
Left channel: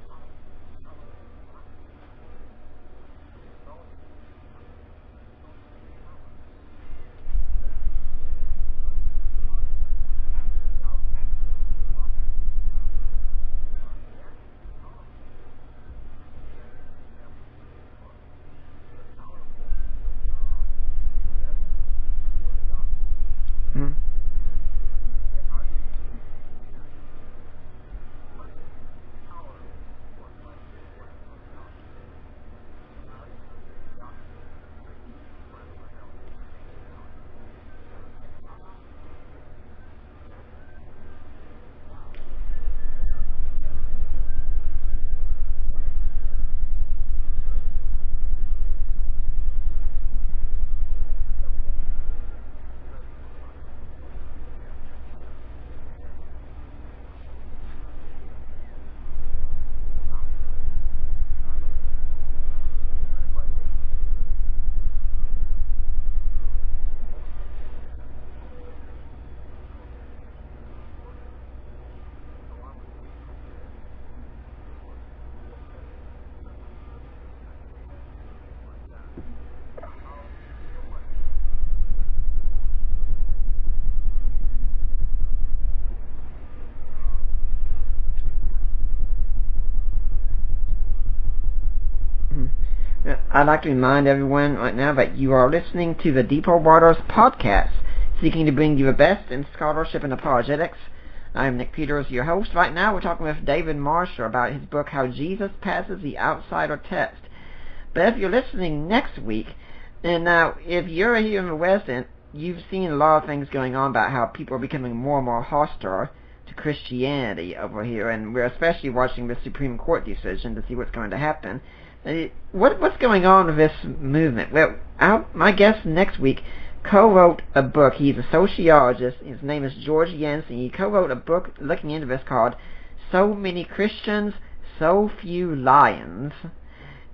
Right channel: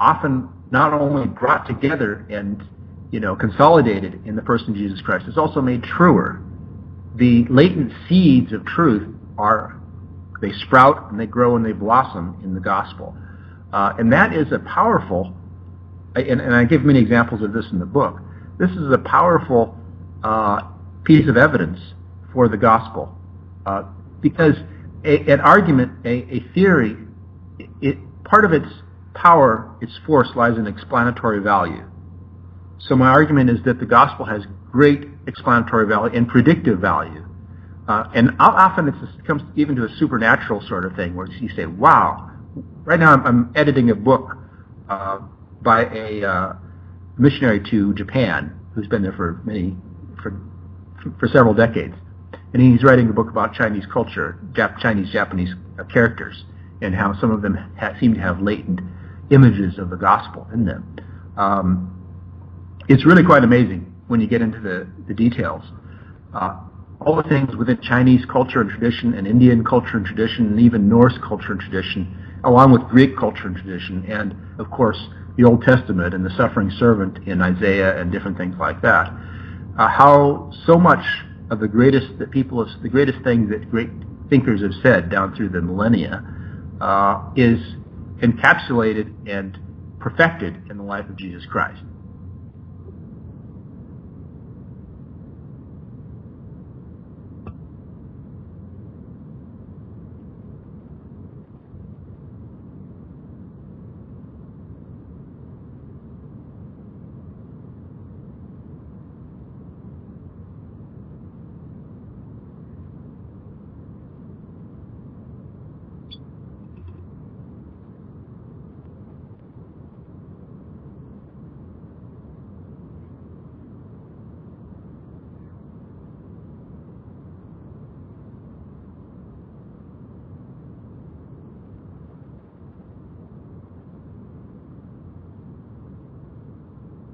often not only brought together and consolidated in the person of Jesus Christ, it's also made truer. The latent seeds of truth they sprout and they grow and they blossom in the gospel. And that is a powerful, and I give many examples of this in the book, this is a powerful piece of evidence for the gospel. Because an argument, a theory, part of its power, its force, lies in explanatory value. So my argument is that the gospel has great explanatory value and predictive value. And often it comes even to a supernatural sort of thing, where you say, wow. Right now I'm editing a book by a missionary to Japan who's been there for several decades. And he's writing a book about Chinese culture, Chinese-Japanese characters, and how some of them seem to have latent images of the gospel in them. It's really quite amazing when you get into the details. All the things within Chinese culture and tradition, and Indian culture and tradition, and even Norse culture and tradition, along with Greek culture and tradition, and of course the Old Testament and the suffering servant in Isaiah and different things like that. How so much of the greatest thing that great thinkers have said down through the millennia is encapsulated and perfected in the life of Jesus Christ. Mm-hmm. I'd like to remind everyone right now that you are listening to the Deeper Waters podcast, seeking to bring you the best in scholarship and apologetics. I'm Nick Peters, your host. Right now we're talking with David Marshall about his book, How Jesus Passes the Outsider Test. But if you're listening next week, and now if you're here in the West and you've seen a lot of things going on about how people are becoming more and more hostile to Christianity over here, and we're especially watching the Supreme Court decision to see what's going to happen. What's going on with this movement? Well, my guest next week co-wrote a book. He's a sociologist. His name is George Yancey. He co-wrote a book looking into this called So Many Christians, So Few Lions.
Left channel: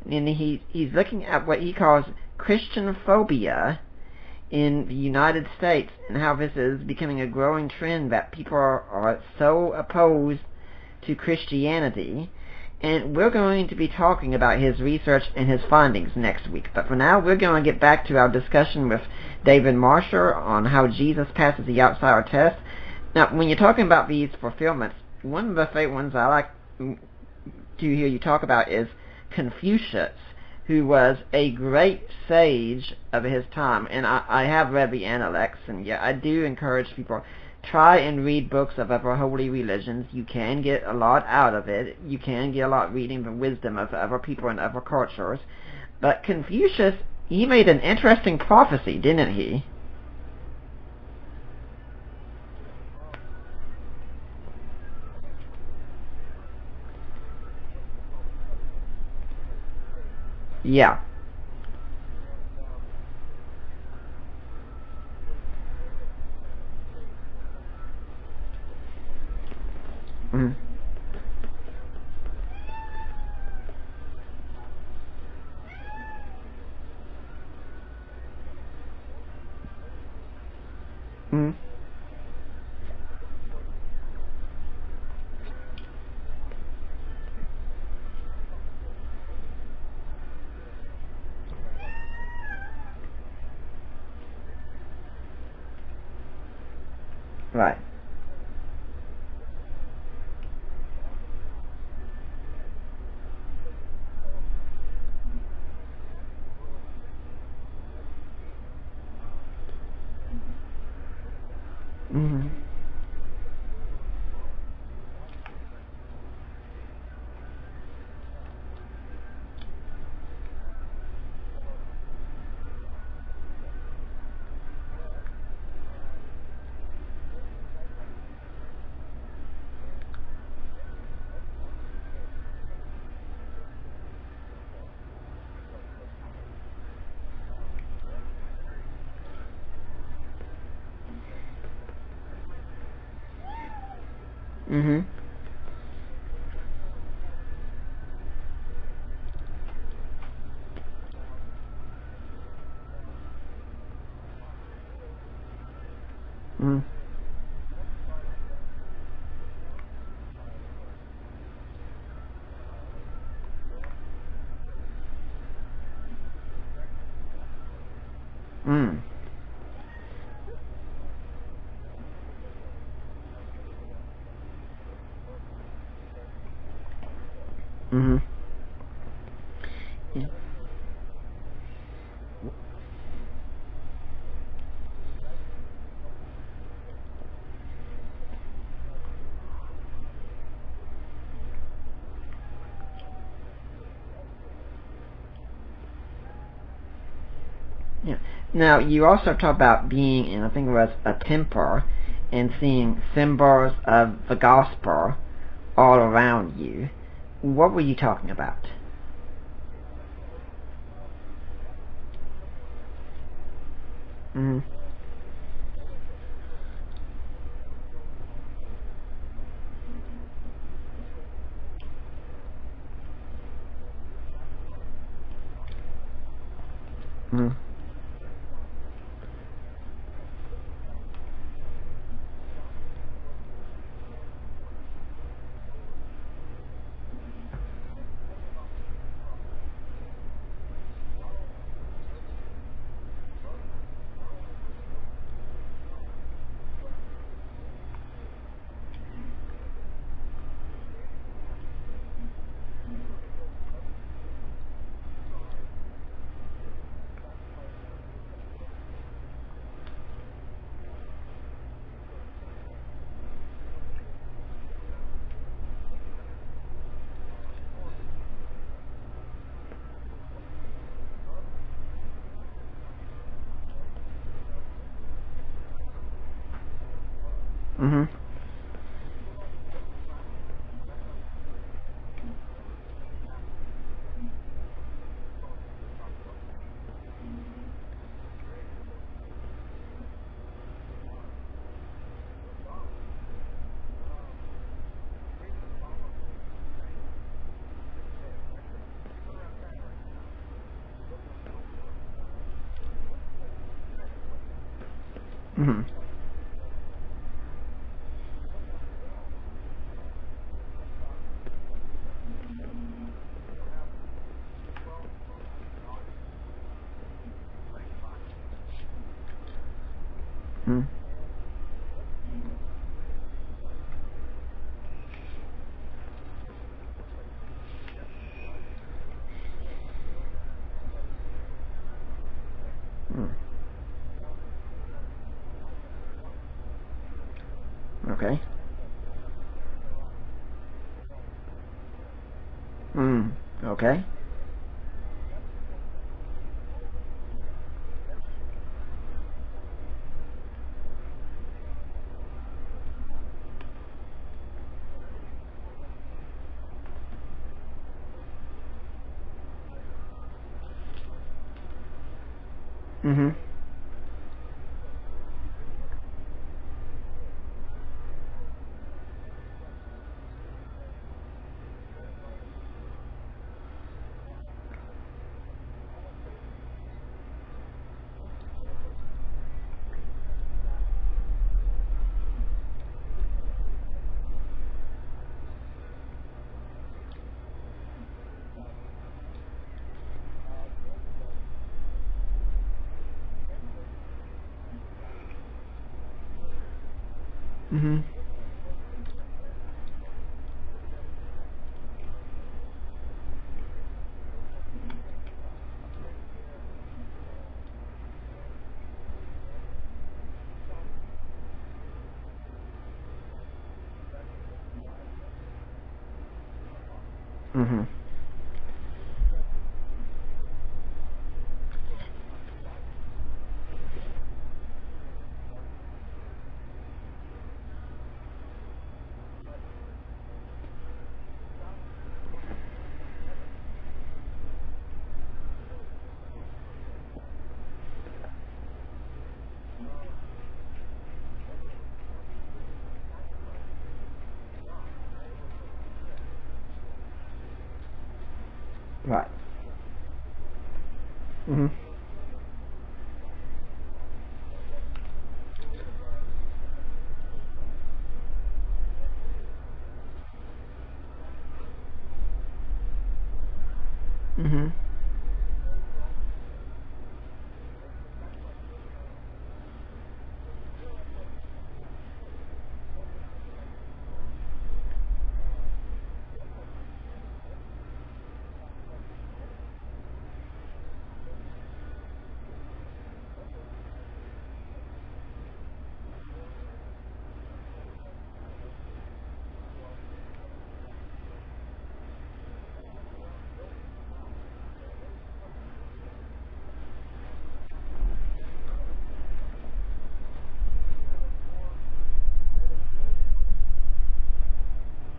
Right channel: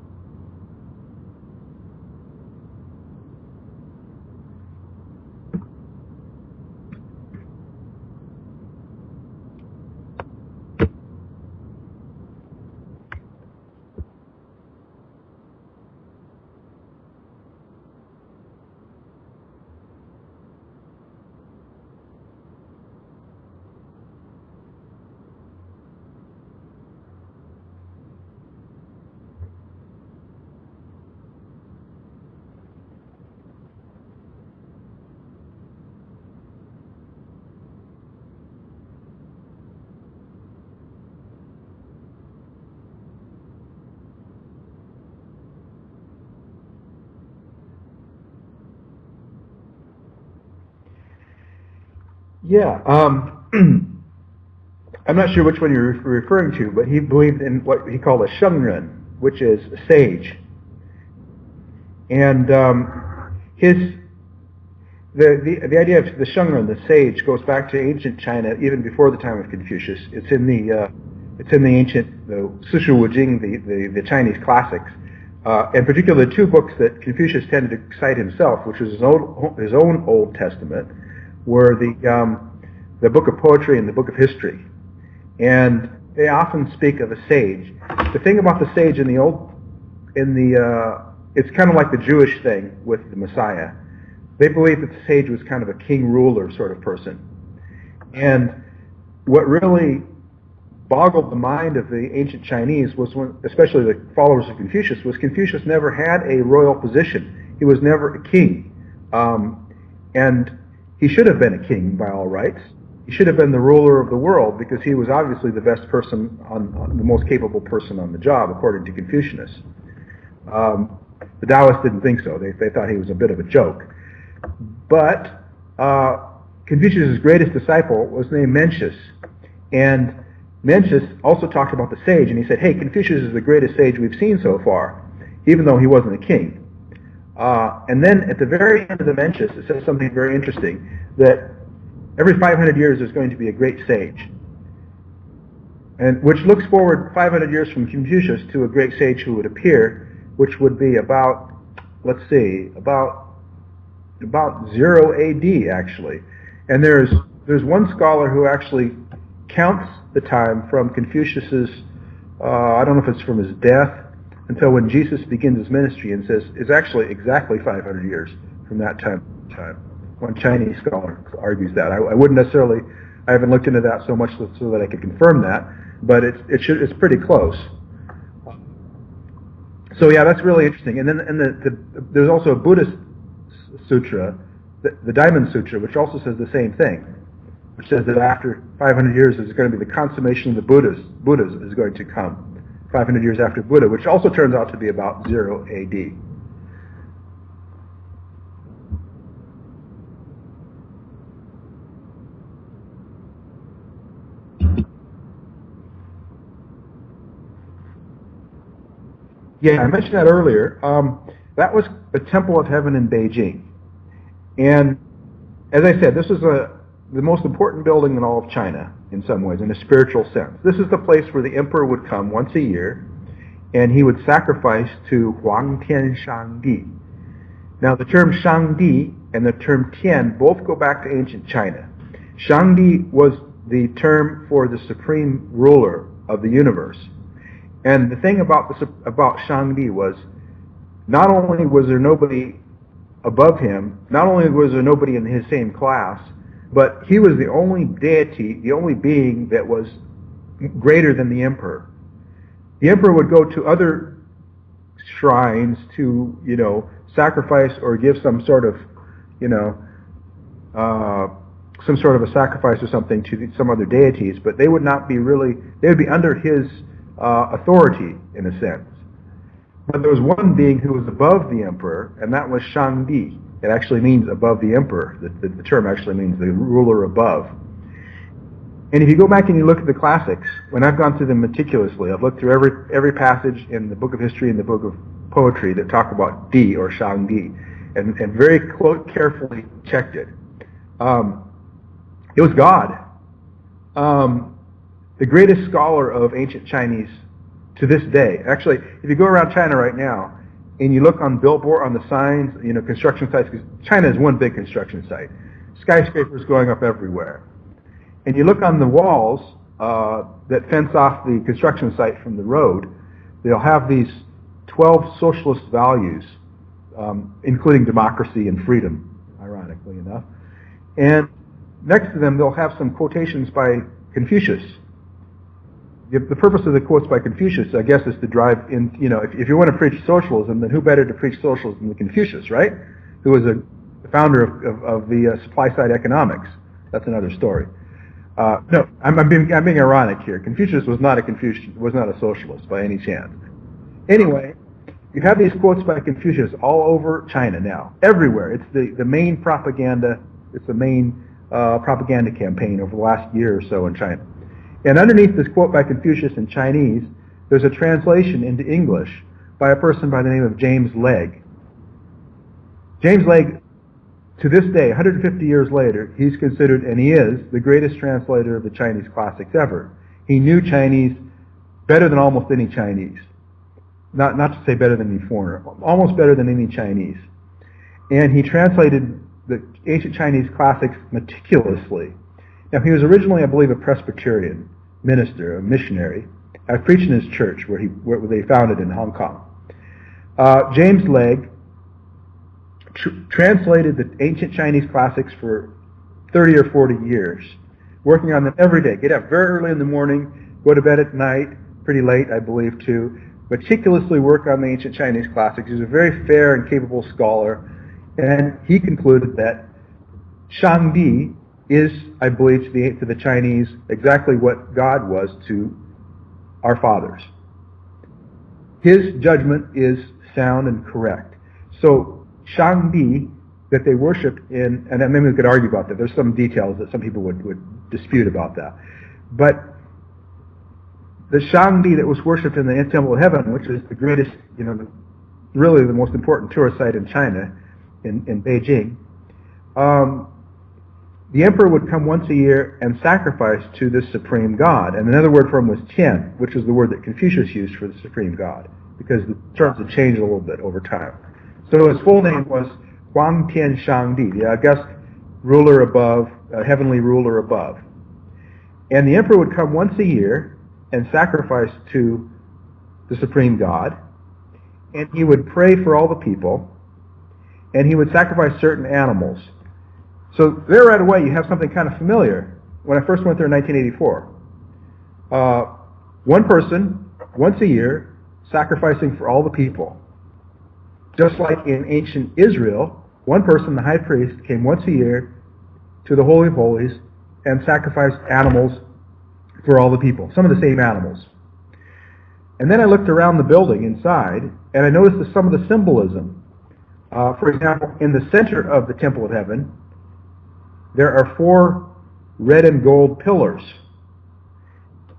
And he's looking at what he calls Christian phobia in the United States, and how this is becoming a growing trend, that people are so opposed to Christianity. And we're going to be talking about his research and his findings next week. But for now, we're going to get back to our discussion with David Marshall on how Jesus passes the outsider test. Now, when you're talking about these fulfillments, one of the favorite ones I like to hear you talk about is Confucius. who was a great sage of his time. And I have read the Analects, and yeah, I do encourage people, try and read books of other holy religions. You can get a lot out of it. You can get a lot reading the wisdom of other people and other cultures. But Confucius, he made an interesting prophecy, didn't he? Yeah. I'm not sure which one you're referring to, but he believed in what he called a shengren, which is a sage. Yeah. And the idea of the shengren, the sage, goes back to ancient China, even before the time of Confucius. It's in the ancient Sishu Wujing, the Chinese classics. In particular, the two books that Confucius tended to cite himself, which was his own Old Testament, were the book of poetry and the book of history. And they often speak of a sage. The thing about the sage it's kind of like the Jewish thing with the Messiah. They believed that the sage was kind of a king ruler sort of person. Right. And what really boggled the mind of the ancient Chinese was especially the followers of Confucius, was Confucius never had a royal position. He was never a king. And he should have been a king by all rights. He should have been the ruler of the world because he was obviously the best person, the most capable person on the job, according to Confucius. The Taoists didn't think so. They thought he was a bit of a joke. But Confucius' greatest disciple was named Mencius. And Mencius also talked about the sage, and he said, hey, Confucius is the greatest sage we've seen so far, even though he wasn't a king. And then at the very end of the Mencius, it says something very interesting, that every 500 years there's going to be a great sage. Mm-hmm. And which looks forward 500 years from Confucius to a great sage who would appear, which would be about 0 AD, actually. Mm-hmm. And there's one scholar who actually counts the time from Confucius's, I don't know if it's from his death, until when Jesus begins his ministry, and says it's actually exactly 500 years from that time. One Chinese scholar argues that. I wouldn't necessarily, I haven't looked into that so much so that I could confirm that, but it's pretty close. Mm-hmm. So yeah, that's really interesting. And then there's also a Buddhist sutra, the Diamond Sutra, which also says the same thing, which says that after 500 years there's going to be the consummation of the Buddhas is going to come, 500 years after Buddha, which also turns out to be about 0 AD. Yeah. Now, you also talk about being in, I think it was a temple, and seeing symbols of the gospel all around you. What were you talking about? Yeah, I mentioned that earlier. That was the Temple of Heaven in Beijing. Mm-hmm. And as I said, this is the most important building in all of China, in some ways, in a spiritual sense. This is the place where the emperor would come once a year, and he would sacrifice to Huang Tian Shangdi. Mm-hmm. Now, the term Shangdi and the term Tian both go back to ancient China. Shangdi was the term for the supreme ruler of the universe. And the thing about Shangdi was, not only was there nobody above him, not only was there nobody in his same class, but he was the only deity, the only being that was greater than the emperor. The emperor would go to other shrines to, sacrifice or give some sort of, some sort of a sacrifice or something to some other deities, but they would not be they would be under his authority, in a sense. But there was one being who was above the emperor, and that was Shangdi. It actually means above the emperor. The term actually means the ruler above. Mm-hmm. And if you go back and you look at the classics, when I've gone through them meticulously, I've looked through every passage in the book of history and the book of poetry that talk about Di or Shangdi, and very carefully checked it. It was God. The greatest scholar of ancient Chinese to this day. Actually, if you go around China right now and you look on billboard, on the signs, construction sites, because China is one big construction site. Mm-hmm. Skyscrapers going up everywhere. And you look on the walls that fence off the construction site from the road, they'll have these 12 socialist values, including democracy and freedom, ironically enough. Mm-hmm. And next to them, they'll have some quotations by Confucius, the purpose of the quotes by Confucius, I guess, is to drive in, if you want to preach socialism, then who better to preach socialism than Confucius, right? Who was the founder of the supply-side economics. That's another story. Okay. No, I'm being ironic here. Confucius was not a socialist by any chance. Okay. Anyway, you have these quotes by Confucius all over China now, everywhere. It's the main propaganda. It's the main propaganda campaign over the last year or so in China. And underneath this quote by Confucius in Chinese, there's a translation into English by a person by the name of James Legge. James Legge, to this day, 150 years later, he's considered, and he is, the greatest translator of the Chinese classics ever. He knew Chinese better than almost any Chinese. Not to say better than any foreigner, almost better than any Chinese. And he translated the ancient Chinese classics meticulously. Now, he was originally, I believe, a Presbyterian minister, a missionary. I preached in his church where they founded in Hong Kong. James Legge translated the ancient Chinese classics for 30 or 40 years, working on them every day. Get up very early in the morning, go to bed at night, pretty late, I believe, too. Meticulously work on the ancient Chinese classics. He was a very fair and capable scholar, and he concluded that Shangdi is, I believe, to the Chinese exactly what God was to our fathers. His judgment is sound and correct. So Shangdi that they worshipped in, and maybe we could argue about that. There's some details that some people would dispute about that. But the Shangdi that was worshipped in the Temple of Heaven, which is the greatest, really the most important tourist site in China, in Beijing, the emperor would come once a year and sacrifice to this supreme god. And another word for him was Tian, which is the word that Confucius used for the supreme god, because the terms had changed a little bit over time. So his full name was Huang Tian Shangdi, the august ruler above, heavenly ruler above. And the emperor would come once a year and sacrifice to the supreme god, and he would pray for all the people, and he would sacrifice certain animals. So there right away you have something kind of familiar. When I first went there in 1984, one person, once a year, sacrificing for all the people. Just like in ancient Israel, one person, the high priest, came once a year to the Holy of Holies and sacrificed animals for all the people, some of the same animals. And then I looked around the building inside, and I noticed some of the symbolism. For example, in the center of the Temple of Heaven, there are 4 red and gold pillars.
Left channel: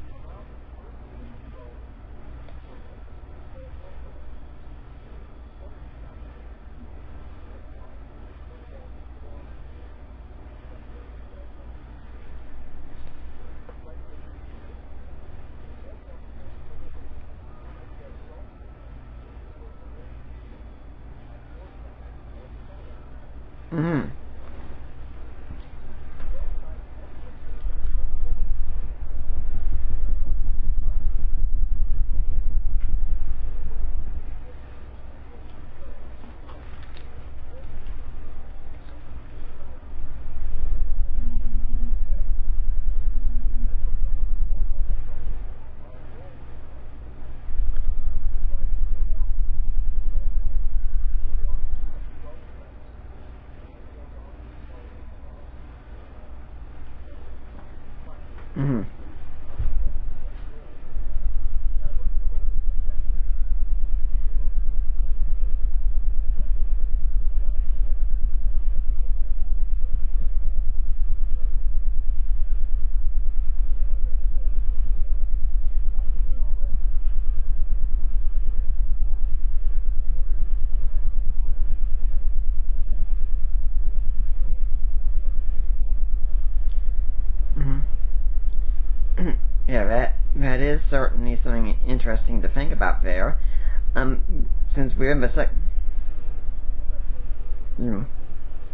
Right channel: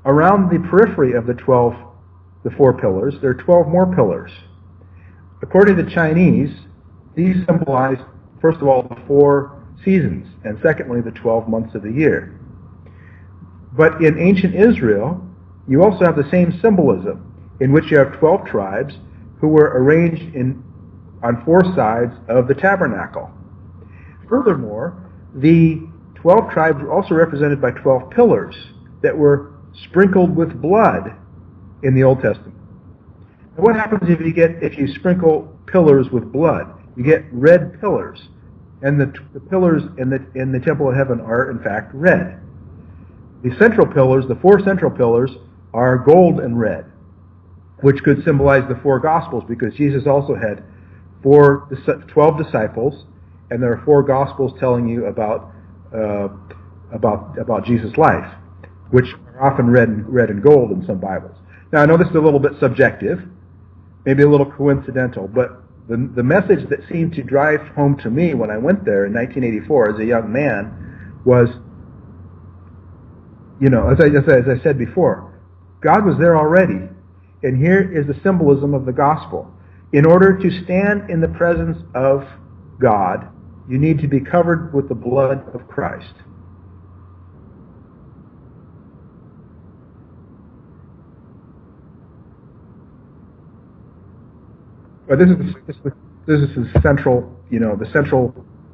Around the periphery of the 4 pillars, there are 12 more pillars. According to the Chinese, these symbolize, first of all, the 4 seasons, and secondly, the 12 months of the year. But in ancient Israel, you also have the same symbolism, in which you have 12 tribes who were arranged on 4 sides of the tabernacle. Furthermore, the 12 tribes were also represented by 12 pillars that were sprinkled with blood in the Old Testament. And what happens if you sprinkle pillars with blood? You get red pillars, and the pillars in the Temple of Heaven are in fact red. The central pillars, the 4 central pillars, are gold and red, which could symbolize the 4 Gospels, because Jesus also had 12 disciples, and there are 4 Gospels telling you about Jesus' life, which are often red and gold in some Bibles. Now, I know this is a little bit subjective, maybe a little coincidental, but the message that seemed to drive home to me when I went there in 1984 as a young man was, as I said before, God was there already, and here is the symbolism of the gospel. In order to stand in the presence of God, you need to be covered with the blood of Christ. Yeah, that is certainly something interesting to think about there. Since we're this is the central, the central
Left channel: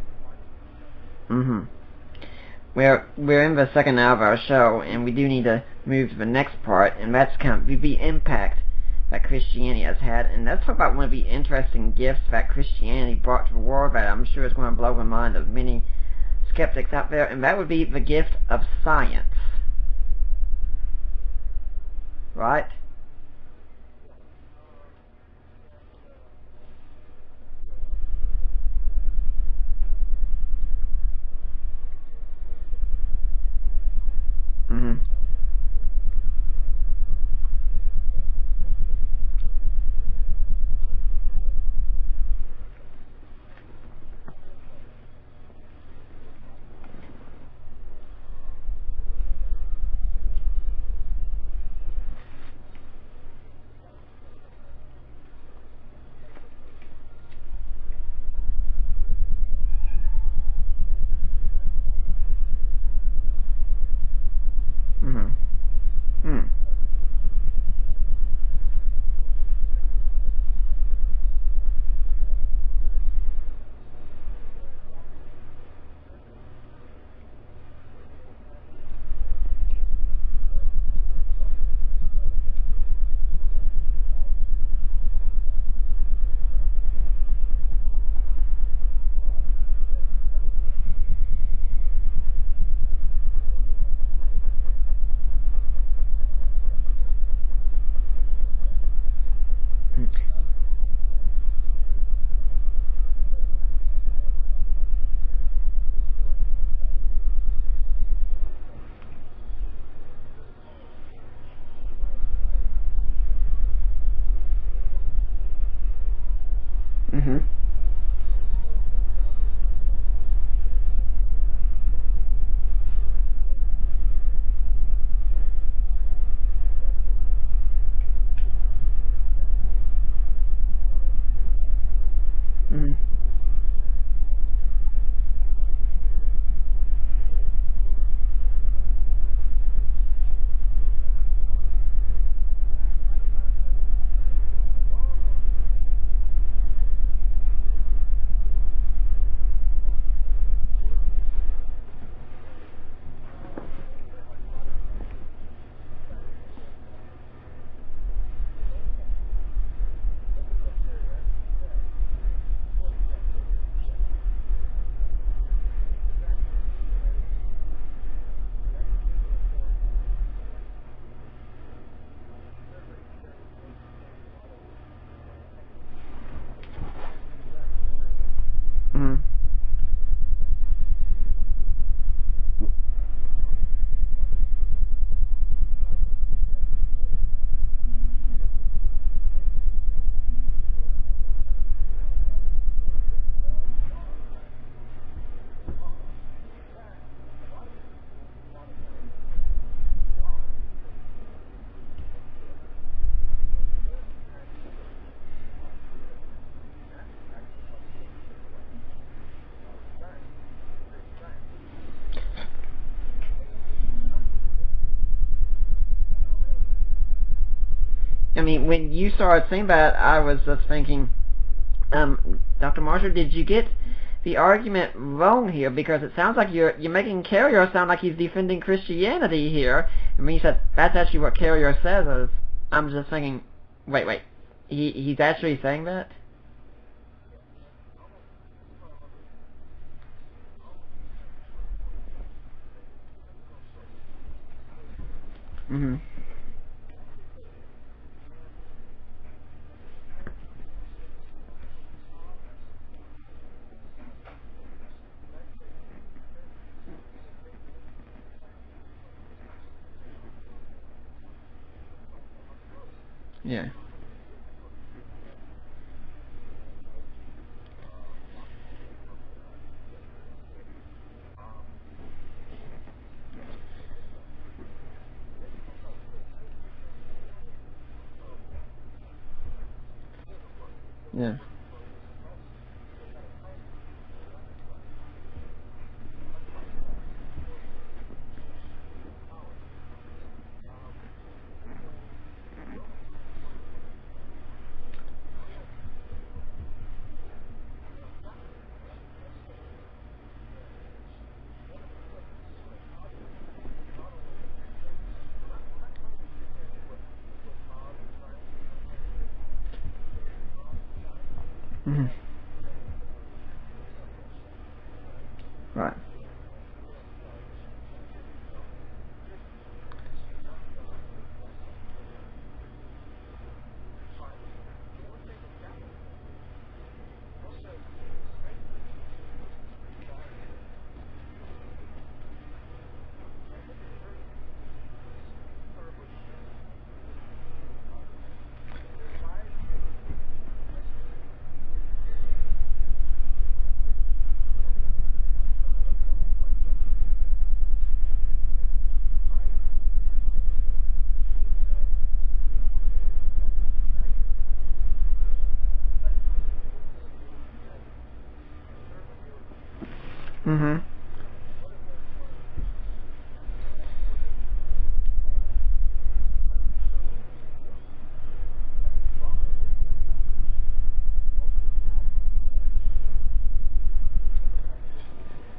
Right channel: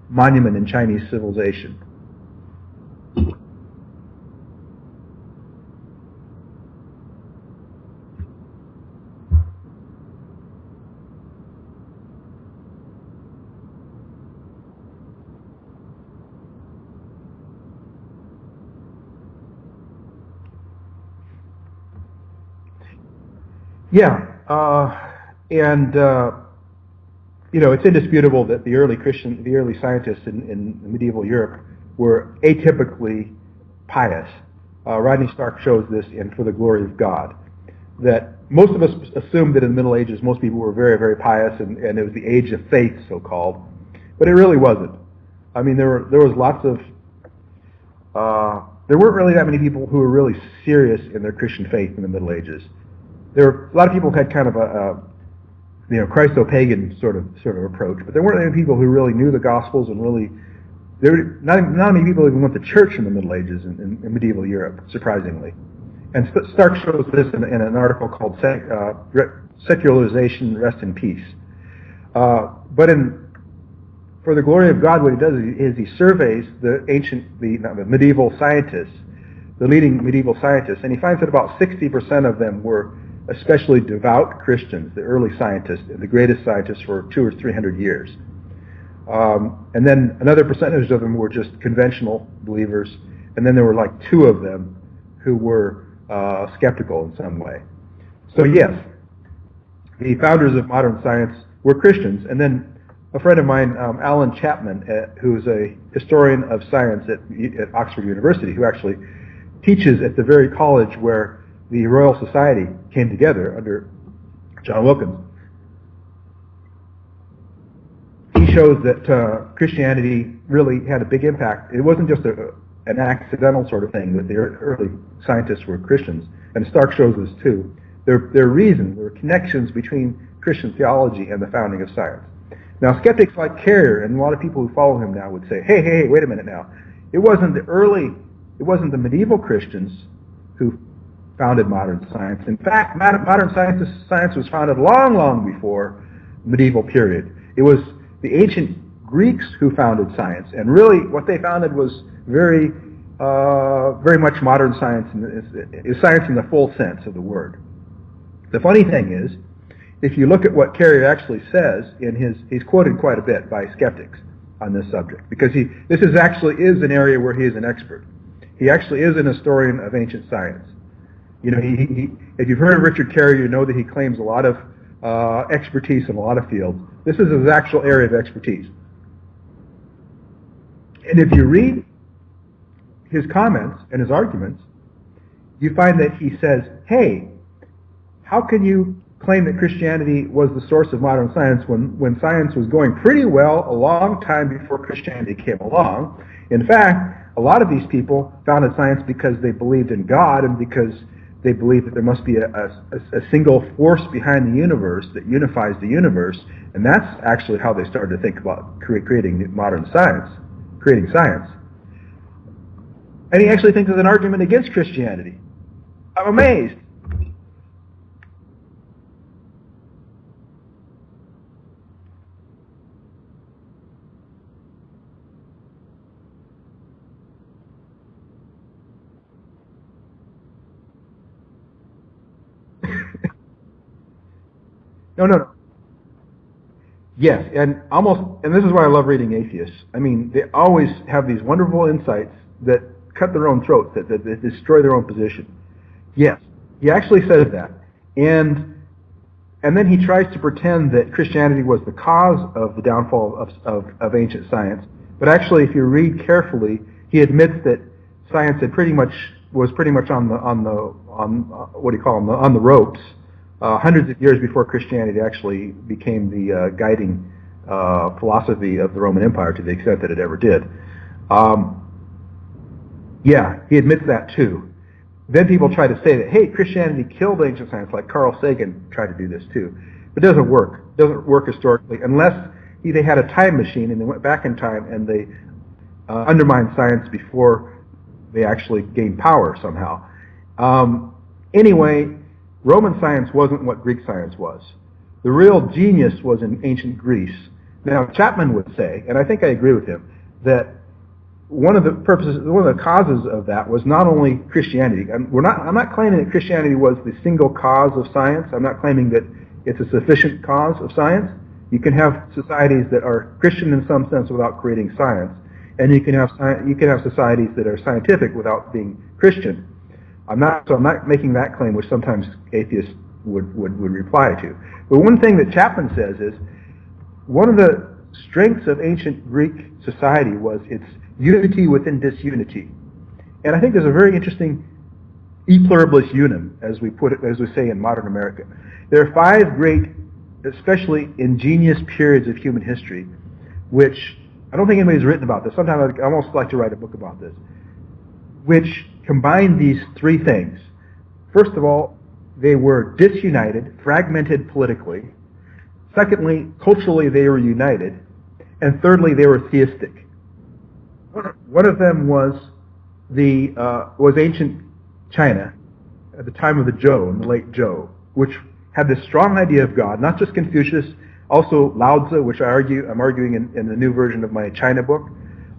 monument in Chinese civilization. We're in the second hour of our show, and we do need to move to the next part, and that's kind of the impact that Christianity has had. And let's talk about one of the interesting gifts that Christianity brought to the world that I'm sure is going to blow the mind of many skeptics out there, and that would be the gift of science. right? Yeah, and it's indisputable that the early scientists in medieval Europe were atypically pious. Mm-hmm. Rodney Stark shows this in For the Glory of God, that most of us assumed that in the Middle Ages most people were very, very pious, and it was the age of faith, so-called, but it really wasn't. I mean, there was lots of there weren't really that many people who were really serious in their Christian faith in the Middle Ages. There were a lot of people who had kind of a Christo-pagan sort of approach, but there weren't many people who really knew the Gospels, and really not many people even went to church in the Middle Ages in medieval Europe, surprisingly. And Stark shows this in an article called Secularization, Rest in Peace. But For the Glory of God, what he does is he surveys the medieval scientists, the leading medieval scientists, and he finds that about 60% of them were especially devout Christians, the early scientists, the greatest scientists for 200 or 300 years. And then another percentage of them were just conventional believers, and then there were like 2 of them who were skeptical in some way. So yes, the founders of modern science were Christians. And then a friend of mine, Alan Chapman, who's a historian of science at Oxford University, who actually teaches at the very college where the Royal Society came together under John Wilkins. Mm-hmm. He shows that Christianity really had a big impact. It wasn't just an accidental sort of thing that the early scientists were Christians, and Stark shows this too. There are reasons, there are connections between Christian theology and the founding of science. Mm-hmm. Now, skeptics like Carrier and a lot of people who follow him now would say, hey, wait a minute now. It wasn't the medieval Christians who founded modern science. In fact, modern science was founded long, long before the medieval period. It was the ancient Greeks who founded science, and really what they founded was very much modern science, is science in the full sense of the word. The funny thing is, if you look at what Carrier actually says he's quoted quite a bit by skeptics on this subject, because this is an area where he is an expert. He actually is an historian of ancient science. If you've heard of Richard Carrier, you know that he claims a lot of expertise in a lot of fields. This is his actual area of expertise. Mm-hmm. And if you read his comments and his arguments, you find that he says, hey, how can you claim that Christianity was the source of modern science when science was going pretty well a long time before Christianity came along? In fact, a lot of these people founded science because they believed in God, and because they believed that there must be a single force behind the universe that unifies the universe, and that's actually how they started to think about creating modern science, creating science. And he actually thinks there's an argument against Christianity. I'm amazed. I mean, when you started saying that, I was just thinking, Dr. Marshall, did you get the argument wrong here? Because it sounds like you're making Carrier sound like he's defending Christianity here. I mean, you said that's actually what Carrier says. I'm just thinking, wait, he's actually saying that? Yes, and this is why I love reading atheists. I mean, they always have these wonderful insights that cut their own throats, that destroy their own position. Mm-hmm. Yes, he actually says that. And then he tries to pretend that Christianity was the cause of the downfall of ancient science. But actually, if you read carefully, he admits that science was pretty much on the ropes. Yeah. Hundreds of years before Christianity actually became the guiding philosophy of the Roman Empire, to the extent that it ever did. Yeah, he admits that too. Then people try to say that, hey, Christianity killed ancient science, like Carl Sagan tried to do this too. But it doesn't work. It doesn't work historically, unless they had a time machine and they went back in time and they undermined science before they actually gained power somehow. Anyway, Roman science wasn't what Greek science was. The real genius was in ancient Greece. Now, Chapman would say, and I think I agree with him, that one of the causes of that was not only Christianity. I'm not claiming that Christianity was the single cause of science. I'm not claiming that it's a sufficient cause of science. You can have societies that are Christian in some sense without creating science, and you can have societies that are scientific without being Christian. I'm not making that claim, which sometimes atheists would reply to. But one thing that Chapman says is one of the strengths of ancient Greek society was its unity within disunity. And I think there's a very interesting e pluribus unum, as we say in modern America. There are 5 great, especially ingenious periods of human history, which I don't think anybody's written about this. Sometimes I'd almost like to write a book about this, which combine these 3 things. First of all, they were disunited, fragmented politically. Secondly, culturally they were united. And thirdly, they were theistic. Mm-hmm. One of them was ancient China at the time of the Zhou, the late Zhou, which had this strong idea of God, not just Confucius, also Lao Tzu, which I'm arguing in the new version of my China book,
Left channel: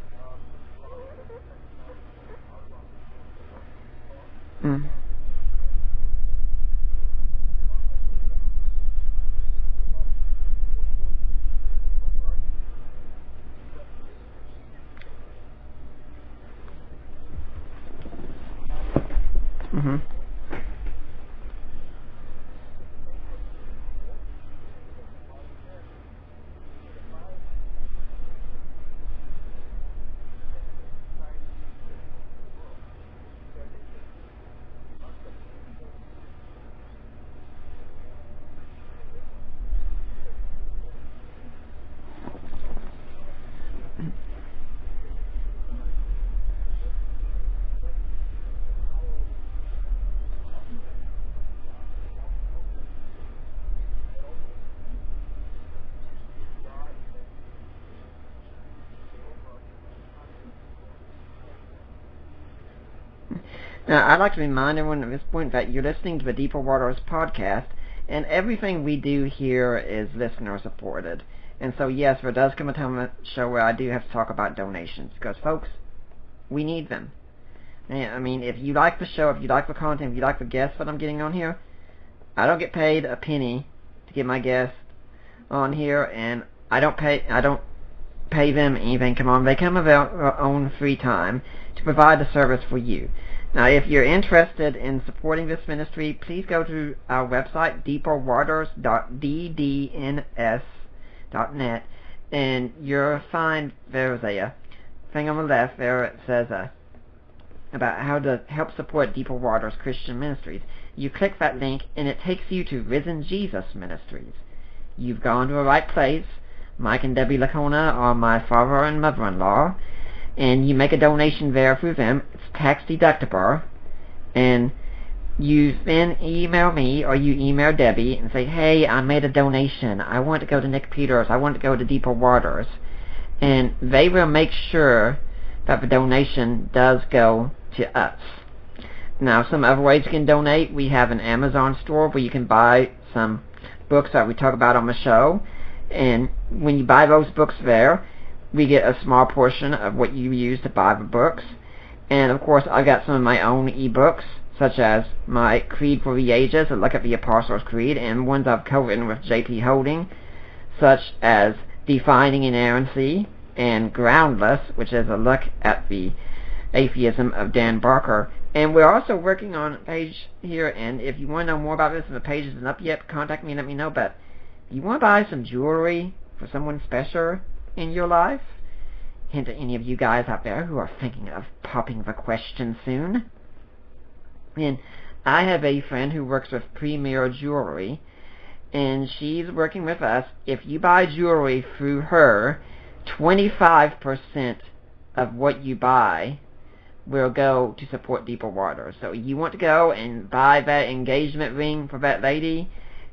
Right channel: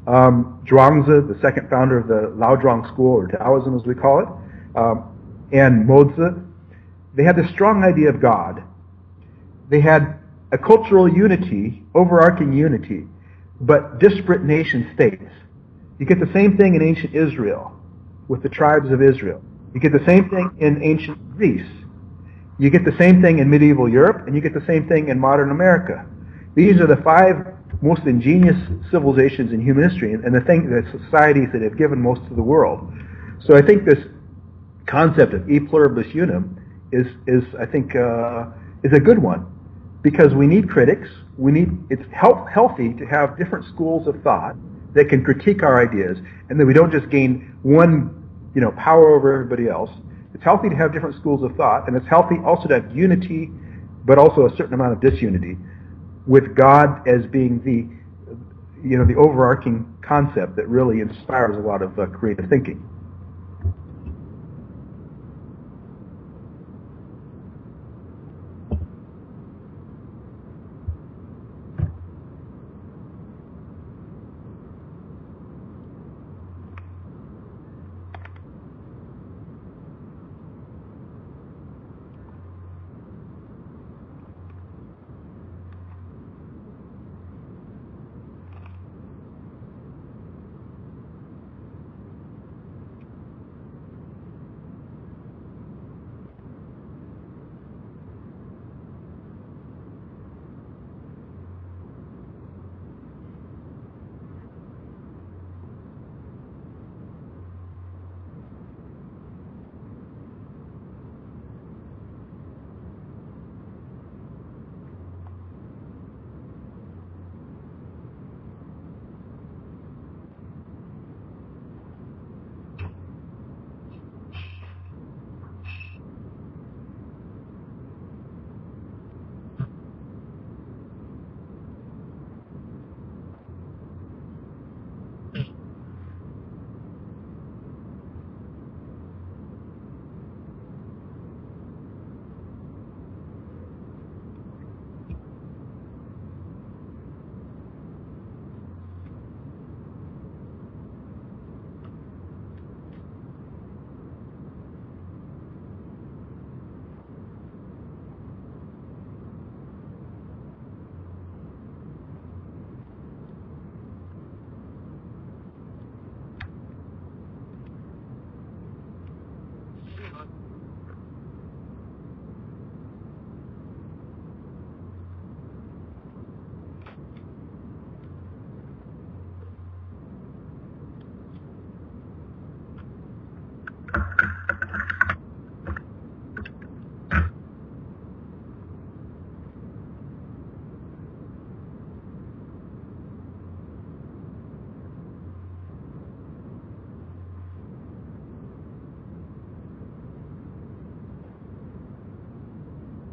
Zhuangzi, the second founder of the Laozhuang school, or Taoism as we call it, and Mozi. They had this strong idea of God. They had a cultural unity, overarching unity, but disparate nation states. You get the same thing in ancient Israel with the tribes of Israel. You get the same thing in ancient Greece. You get the same thing in medieval Europe, and you get the same thing in modern America. These are the 5 most ingenious civilizations in human history, and the societies that have given most to the world. So I think this concept of e pluribus unum is a good one, because we need critics. It's healthy to have different schools of thought that can critique our ideas, and that we don't just gain one, power over everybody else. It's healthy to have different schools of thought, and it's healthy also to have unity, but also a certain amount of disunity, with God as being the overarching concept that really inspires a lot of creative thinking. Now, I'd like to remind everyone at this point that you're listening to the Deeper Waters podcast, and everything we do here is listener supported. And so, yes, there does come a time on the show where I do have to talk about donations, because, folks, we need them. And, I mean, if you like the show, if you like the content, if you like the guests that I'm getting on here, I don't get paid a penny to get my guests on here, and I don't pay them anything. Come on, they come of their own free time to provide the service for you. Now, if you're interested in supporting this ministry, please go to our website, deeperwaters.ddns.net, and you'll find there's a thing on the left there. It says about how to help support Deeper Waters Christian Ministries. You click that link, and it takes you to Risen Jesus Ministries. You've gone to the right place. Mike and Debbie Lacona are my father and mother-in-law, and you make a donation there through them. It's tax deductible, and you then email me or you email Debbie and say, hey, I made a donation. I want to go to Nick Peters. I want to go to Deeper Waters. And they will make sure that the donation does go to us. Now, some other ways you can donate. We have an Amazon store where you can buy some books that we talk about on the show. And when you buy those books there, we get a small portion of what you use to buy the books. And, of course, I've got some of my own ebooks, such as my Creed for the Ages, a look at the Apostles' Creed, and ones I've co-written with J.P. Holding, such as Defining Inerrancy and Groundless, which is a look at the atheism of Dan Barker. And we're also working on a page here, and if you want to know more about this and the page isn't up yet, contact me and let me know. But you want to buy some jewelry for someone special in your life? Hint to any of you guys out there who are thinking of popping the question soon. And I have a friend who works with Premier Jewelry, and she's working with us. If you buy jewelry through her, 25% of what you buy will go to support Deeper Waters. So you want to go and buy that engagement ring for that lady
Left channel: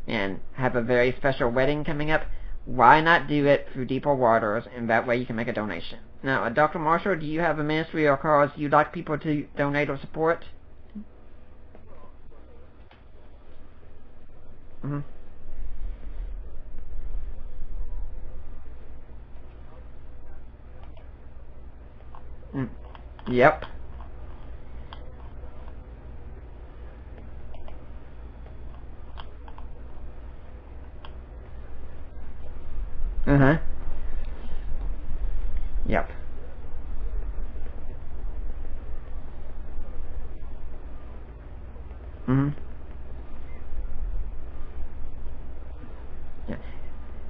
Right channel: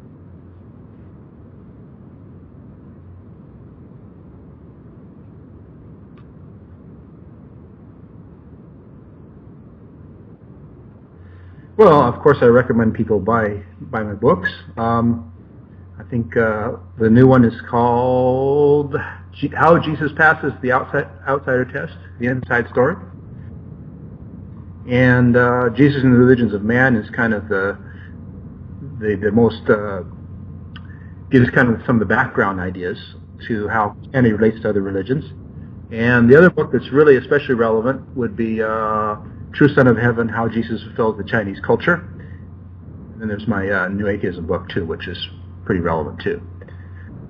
and have a very special wedding coming up, why not do it through Deeper Waters, and that way you can make a donation. Now, Dr. Marshall, do you have a ministry or cause you'd like people to donate or support? Well, of course, I recommend people buy my books. I think the new one is called How Jesus Passes the Outsider Test, The Inside Story. Yep. And Jesus and the Religions of Man is kind of the most, gives kind of some of the background ideas to how Christianity relates to other religions. Yep. And the other book that's really especially relevant would be True Son of Heaven, How Jesus Fulfills the Chinese Culture. Mm-hmm. And there's my New Atheism book, too, which is pretty relevant, too. Yeah.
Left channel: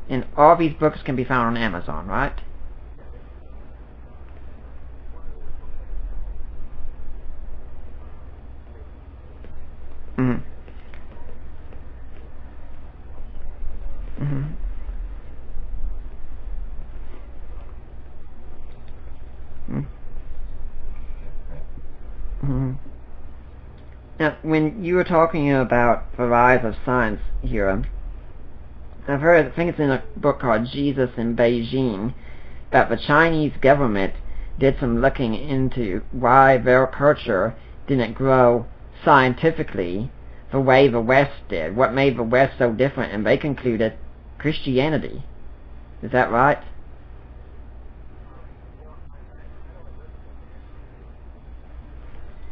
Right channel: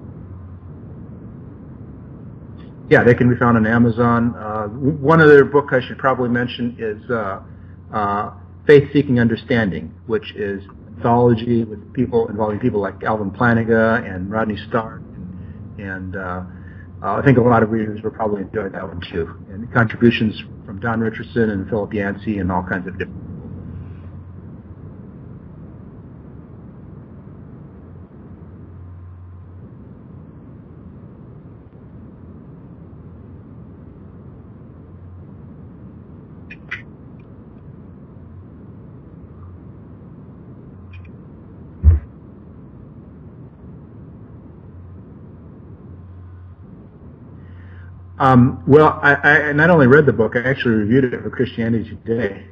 And all these books can be found on Amazon, right? Yeah, they can be found on Amazon. One other book I should probably mention is Faith Seeking Understanding, which is anthology involving people like Alvin Plantinga and Rodney Stark. And I think a lot of readers will probably enjoy that one, too. And contributions from Don Richardson and Philip Yancey and all kinds of different... Now, when you were talking about the rise of science here, I've heard, I think it's in a book called Jesus in Beijing, that the Chinese government did some looking into why their culture didn't grow scientifically the way the West did, what made the West so different, and they concluded Christianity. Is that right? Well, I not only read the book, I actually reviewed it for Christianity Today.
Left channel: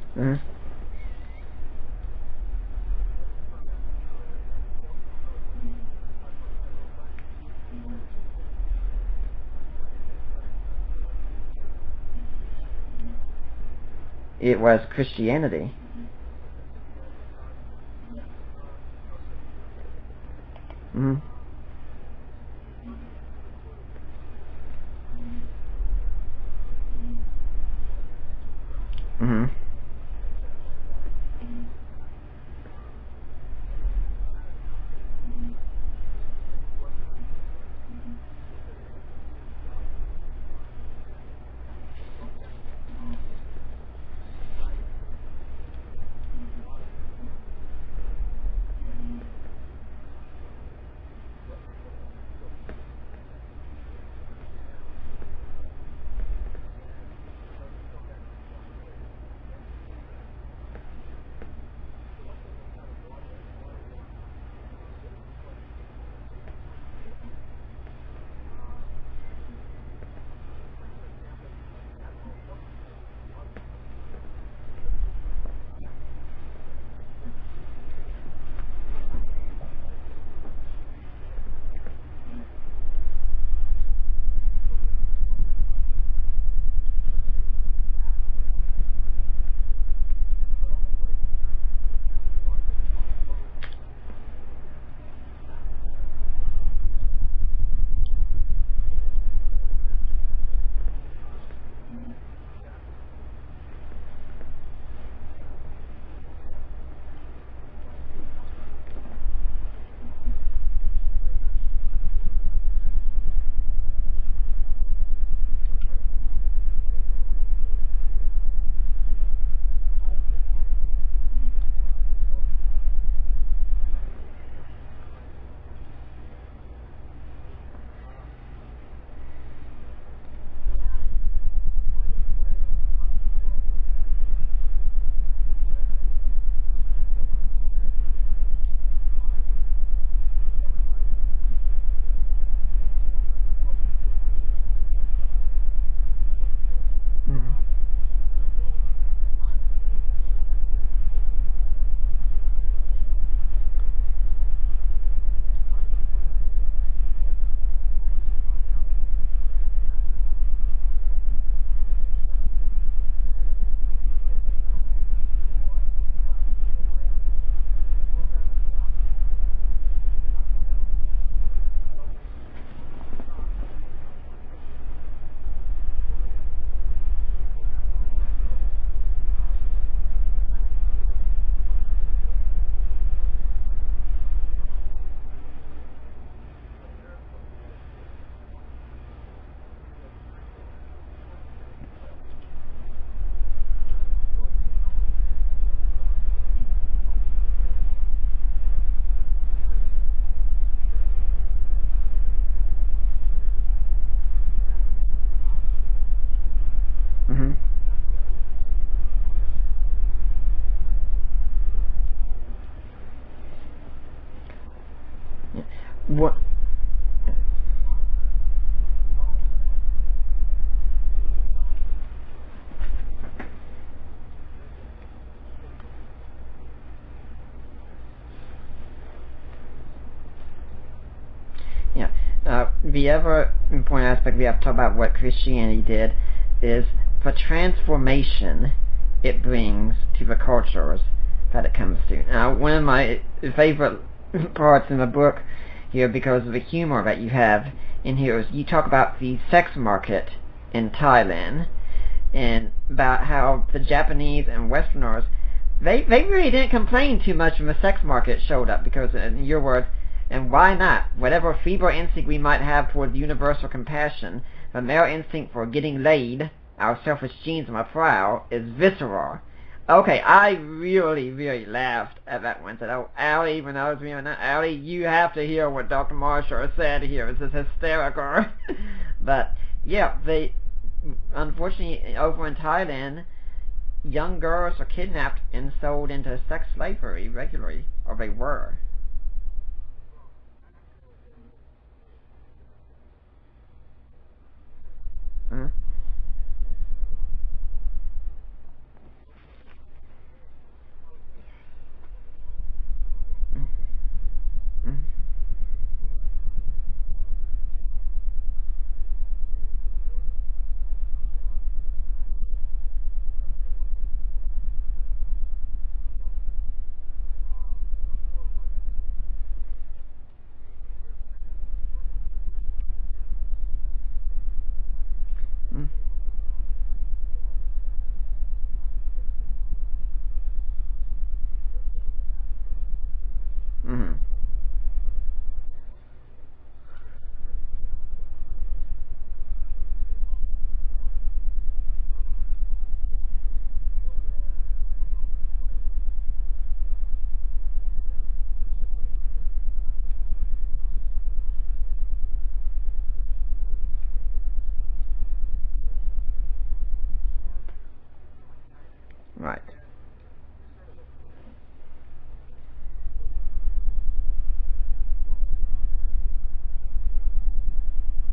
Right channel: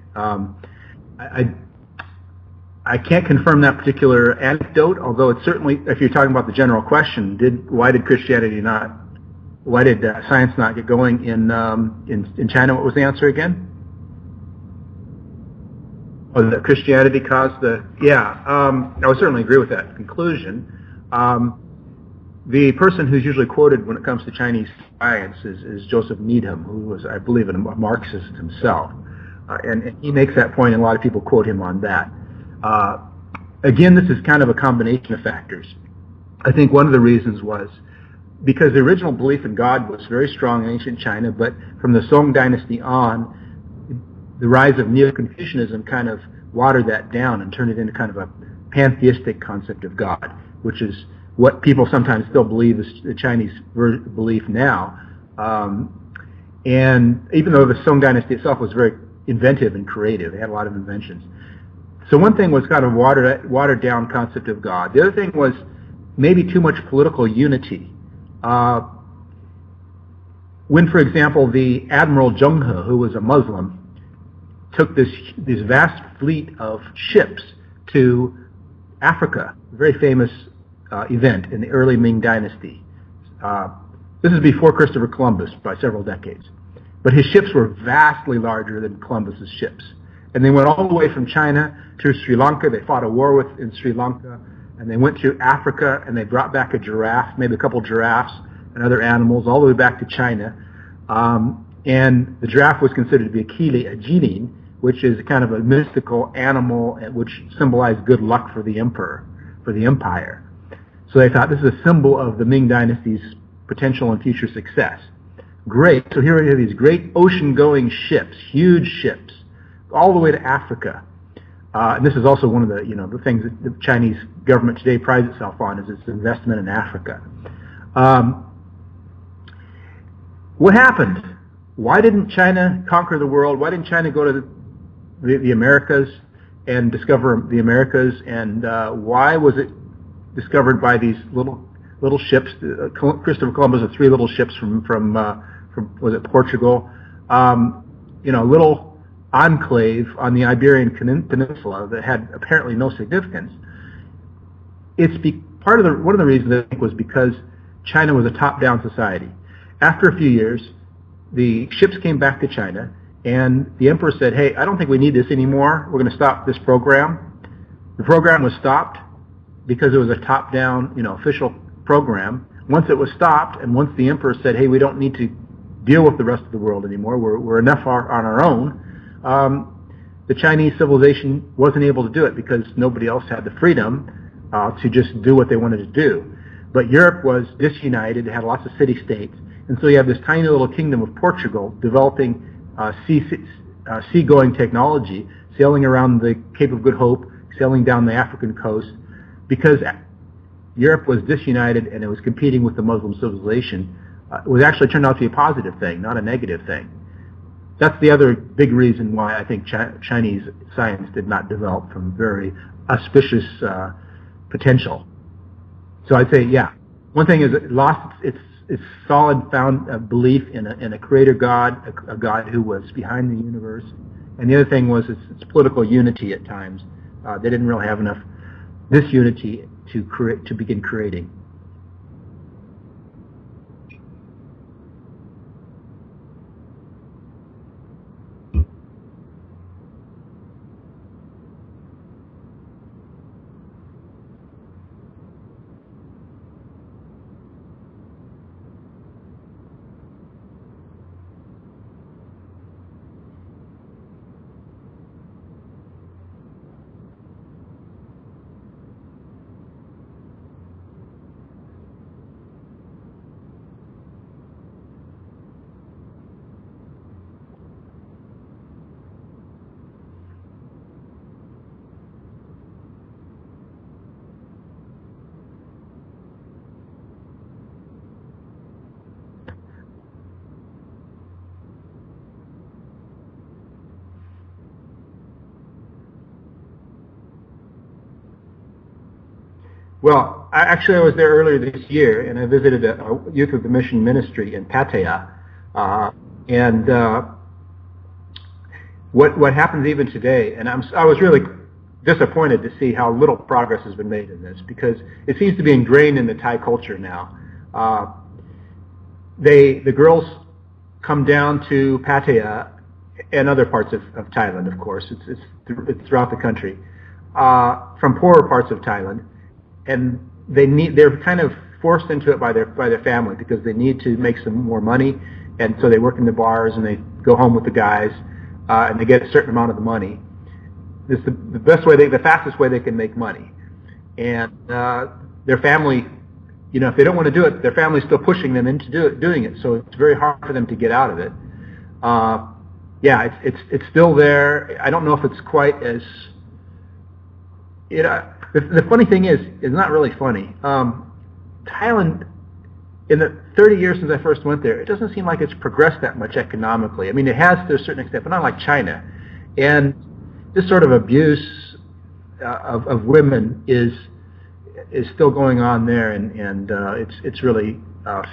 I can't confirm that particular anecdote, although it's certainly, if you're talking about the general question, why did science not get going in China? What was the answer again? It was Christianity. Oh, that Christianity caused the... Yeah, I would certainly agree with that conclusion. Mm-hmm. The person who's usually quoted when it comes to Chinese science is Joseph Needham, who was, I believe, a Marxist himself. Mm-hmm. And he makes that point, and a lot of people quote him on that. Again, this is kind of a combination of factors. I think one of the reasons was because the original belief in God was very strong in ancient China, but from the Song dynasty on, the rise of Neo-Confucianism kind of watered that down and turned it into kind of a pantheistic concept of God, which is what people sometimes still believe is the Chinese belief now. And even though the Song dynasty itself was very inventive and creative, they had a lot of inventions. So one thing was kind of watered down concept of God. The other thing was maybe too much political unity. When, for example, the Admiral Zheng He, who was a Muslim, took this vast fleet of ships to Africa, a very famous event in the early Ming Dynasty. This is before Christopher Columbus by several decades. But his ships were vastly larger than Columbus's ships. And they went all the way from China to Sri Lanka. They fought a war in Sri Lanka. And they went through Africa, and they brought back a giraffe, maybe a couple giraffes and other animals, all the way back to China. And the giraffe was considered to be a Kili, a jinin, which is kind of a mystical animal which symbolized good luck for the emperor, for the empire. So they thought this is a symbol of the Ming Dynasty's potential and future success. Great. So here we have these great ocean-going ships, huge ships, all the way to Africa. And this is also one of the things that the Chinese government today prides itself on, is its investment in Africa. What happened? Why didn't China conquer the world? Why didn't China go to the Americas and discover the Americas? And why was it discovered by these little ships? Christopher Columbus had 3 little ships from was it Portugal? Little enclave on the Iberian Peninsula that had apparently no significance. One of the reasons I think was because China was a top-down society. After a few years, the ships came back to China, and the emperor said, "Hey, I don't think we need this anymore. We're going to stop this program." The program was stopped because it was a top-down, official program. Once it was stopped, and once the emperor said, "Hey, we don't need to deal with the rest of the world anymore. We're enough on our own," the Chinese civilization wasn't able to do it because nobody else had the freedom to just do what they wanted to do. But Europe was disunited. It had lots of city-states. And so you have this tiny little kingdom of Portugal developing seagoing technology, sailing around the Cape of Good Hope, sailing down the African coast, because Europe was disunited and it was competing with the Muslim civilization. It was actually turned out to be a positive thing, not a negative thing. Mm-hmm. That's the other big reason why I think Chinese science did not develop from very auspicious potential. Yeah. So I'd say, yeah. One thing is it lost its solid found belief in a creator God, a God who was behind the universe. And the other thing was its political unity at times. They didn't really have enough disunity to begin creating. Yeah. The other important aspect we have to talk about what Christianity did is the transformation it brings to the cultures that it comes to. Now, one of my favorite parts in the book here, because of the humor that you have in here, is you talk about the sex market in Thailand, and about how the Japanese and Westerners, they really didn't complain too much when the sex market showed up, because, in your words, and why not? Whatever feeble instinct we might have towards universal compassion, the male instinct for getting laid, our selfish genes on the prowl, is visceral. Okay, I really, really laughed at that one. Said, "Oh, Allie," when I was reading that, "Allie, you have to hear what Dr. Marshall said here. This is hysterical." But yeah, they unfortunately over in Thailand, young girls are kidnapped and sold into sex slavery regularly, or they were. Well, I was there earlier this year, and I visited a Youth of the Mission ministry in Pattaya, and what happens even today, and I was really disappointed to see how little progress has been made in this, because it seems to be ingrained in the Thai culture now. The girls come down to Pattaya and other parts of Thailand, of course. It's throughout the country, from poorer parts of Thailand. And they're kind of forced into it by their family, because they need to make some more money, and so they work in the bars and they go home with the guys, and they get a certain amount of the money. It's the fastest way they can make money. Mm-hmm. And their family, if they don't want to do it, their family's still pushing them into doing it. So it's very hard for them to get out of it. It's still there. I don't know if it's quite as The funny thing is, it's not really funny. Thailand, in the 30 years since I first went there, it doesn't seem like it's progressed that much economically. I mean, it has to a certain extent, but not like China. Right. And this sort of abuse of women is still going on there, and it's really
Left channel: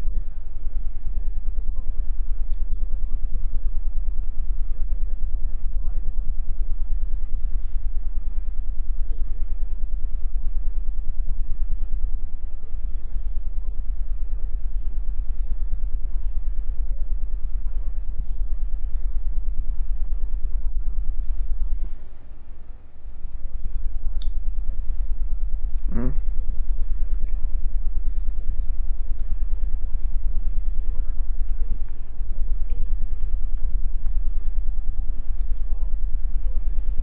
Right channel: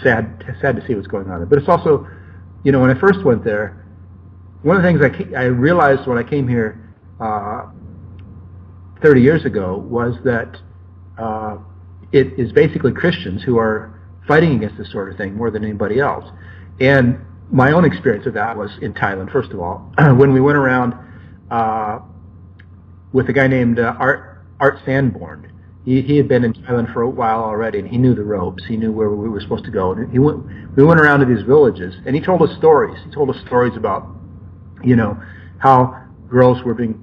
sad to see what's going on there. But it's also, when I first went there, one of the things I realized when I came here 30 years ago was that it is basically Christians who are fighting against this sort of thing more than anybody else. And my own experience of that was in Thailand, first of all, when we went around with a guy named Art Sanborn. He had been in Thailand for a while already, and he knew the ropes. He knew where we were supposed to go. And we went around to these villages, and he told us stories. He told us stories about, how girls were being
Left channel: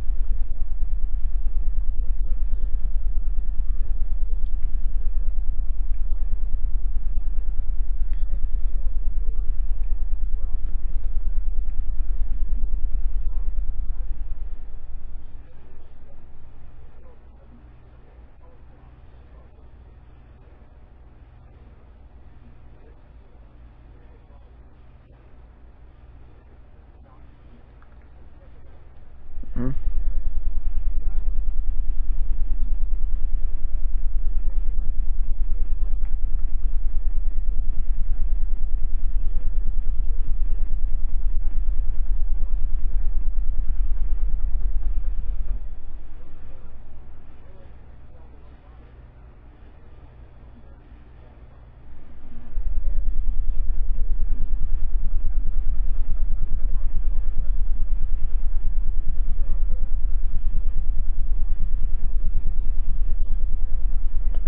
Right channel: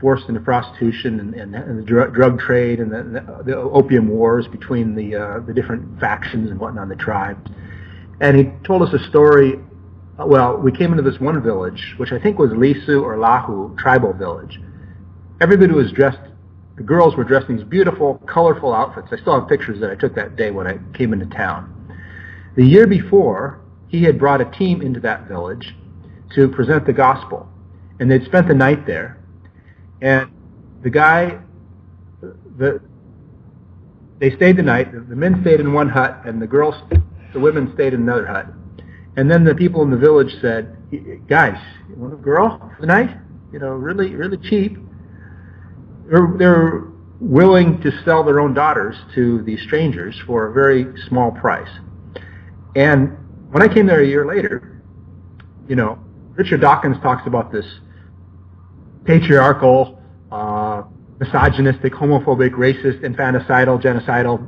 forced into prostitution and the drug trade and the opium wars between the different factions and whatnot, the tribes. And he told us a story. Well, we came into this one village, which I think was Lisu or Lahu tribal village. Everybody was dressed. The girls were dressed in these beautiful, colorful outfits. I still have pictures that I took that day when I came into town. The year before, he had brought a team into that village to present the gospel, and they'd spent the night there. Mm-hmm. And they stayed the night. The men stayed in one hut, and the women stayed in another hut. And then the people in the village said, "Guys, you want a girl for the night? Really, really cheap." They're willing to sell their own daughters to these strangers for a very small price. And when I came there a year later, Richard Dawkins talks about this patriarchal, misogynistic, homophobic, racist, infanticidal, genocidal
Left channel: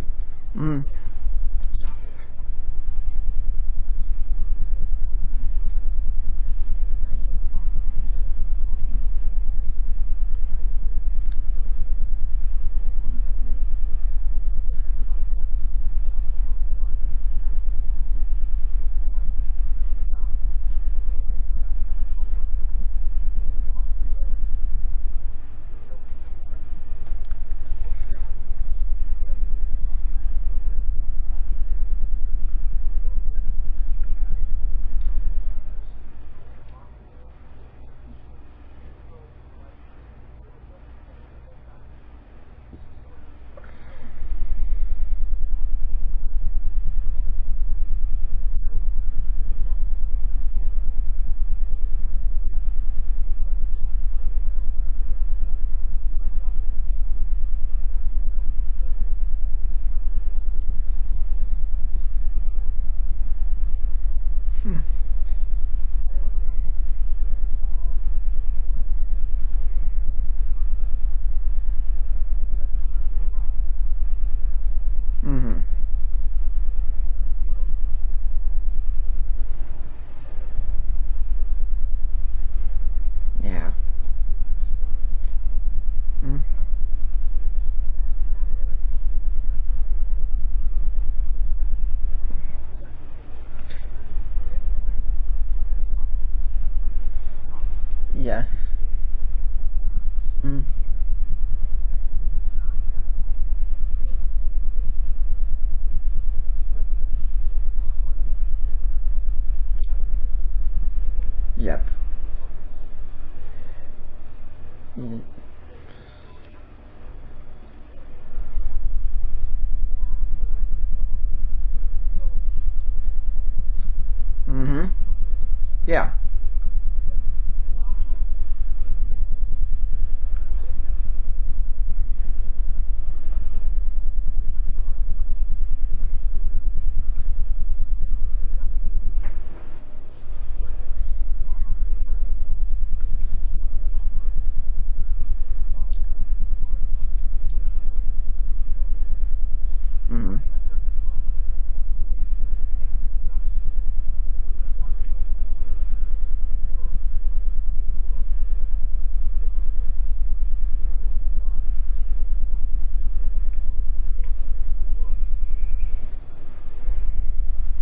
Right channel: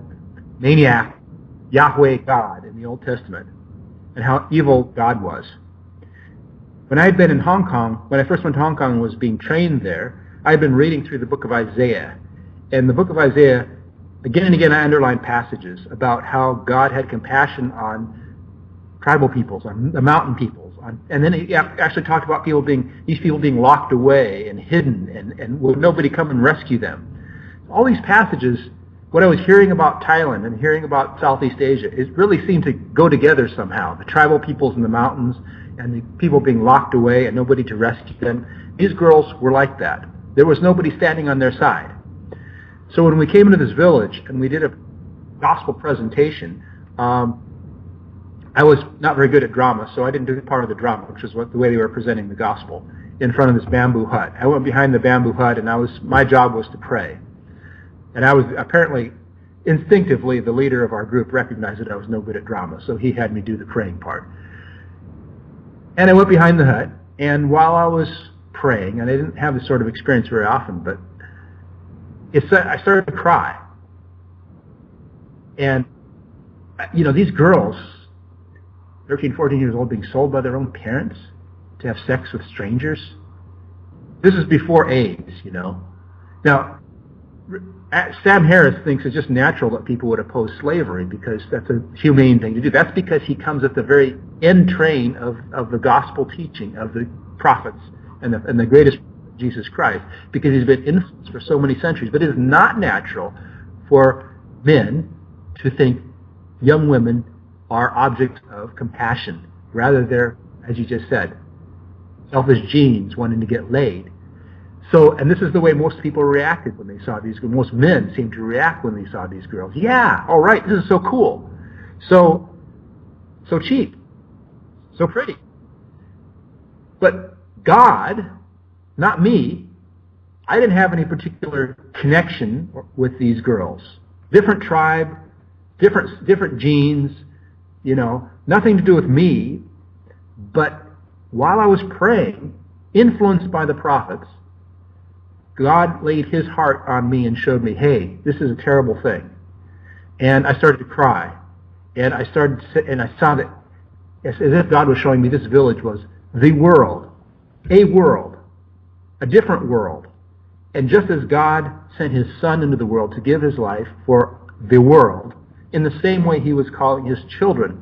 maniac, Yahweh God in the Old Testament, and how evil God was. When I had been in Hong Kong, when I first went to Hong Kong and was being trained there, I had been reading through the book of Isaiah. And the book of Isaiah, again and again, I underlined passages about how God had compassion on tribal peoples, on the mountain peoples. And then he actually talked about these people being locked away and hidden, and would nobody come and rescue them. All these passages, what I was hearing about Thailand and hearing about Southeast Asia, it really seemed to go together somehow. The tribal peoples in the mountains and the people being locked away and nobody to rescue them. These girls were like that. There was nobody standing on their side. So when we came into this village and we did a gospel presentation, I was not very good at drama, so I didn't do part of the drama, which was the way they were presenting the gospel, in front of this bamboo hut. I went behind the bamboo hut, and my job was to pray. And I was apparently, instinctively, the leader of our group recognized that I was no good at drama, so he had me do the praying part. And I went behind the hut, and while I was praying, and I didn't have this sort of experience very often, but I started to cry. Mm-hmm. And, these girls, 13, 14 years old, being sold by their own parents to have sex with strangers. Yeah. This is before AIDS, Mm-hmm. Now, Sam Harris thinks it's just natural that people would oppose slavery because that's a humane thing to do. That's because he comes at the very end train of the gospel teaching of the prophets and the greatest Jesus Christ, because he's been influenced for so many centuries. But it is not natural for men to think young women are objects of compassion. Rather, they're, as you just said, selfish genes wanting to get laid. So, and this is the way most people reacted when they saw these girls. Most men seemed to react when they saw these girls. Yeah, all right, this is so cool. So cheap. Mm-hmm. So pretty. Yeah. But God, not me, I didn't have any particular connection with these girls. Different tribe, different genes, nothing to do with me. But while I was praying, influenced by the prophets, God laid his heart on me and showed me, hey, this is a terrible thing. Mm-hmm. And I started to cry. And I saw that as if God was showing me this village was the world, a different world. And just as God sent his Son into the world to give his life for the world, in the same way he was calling his children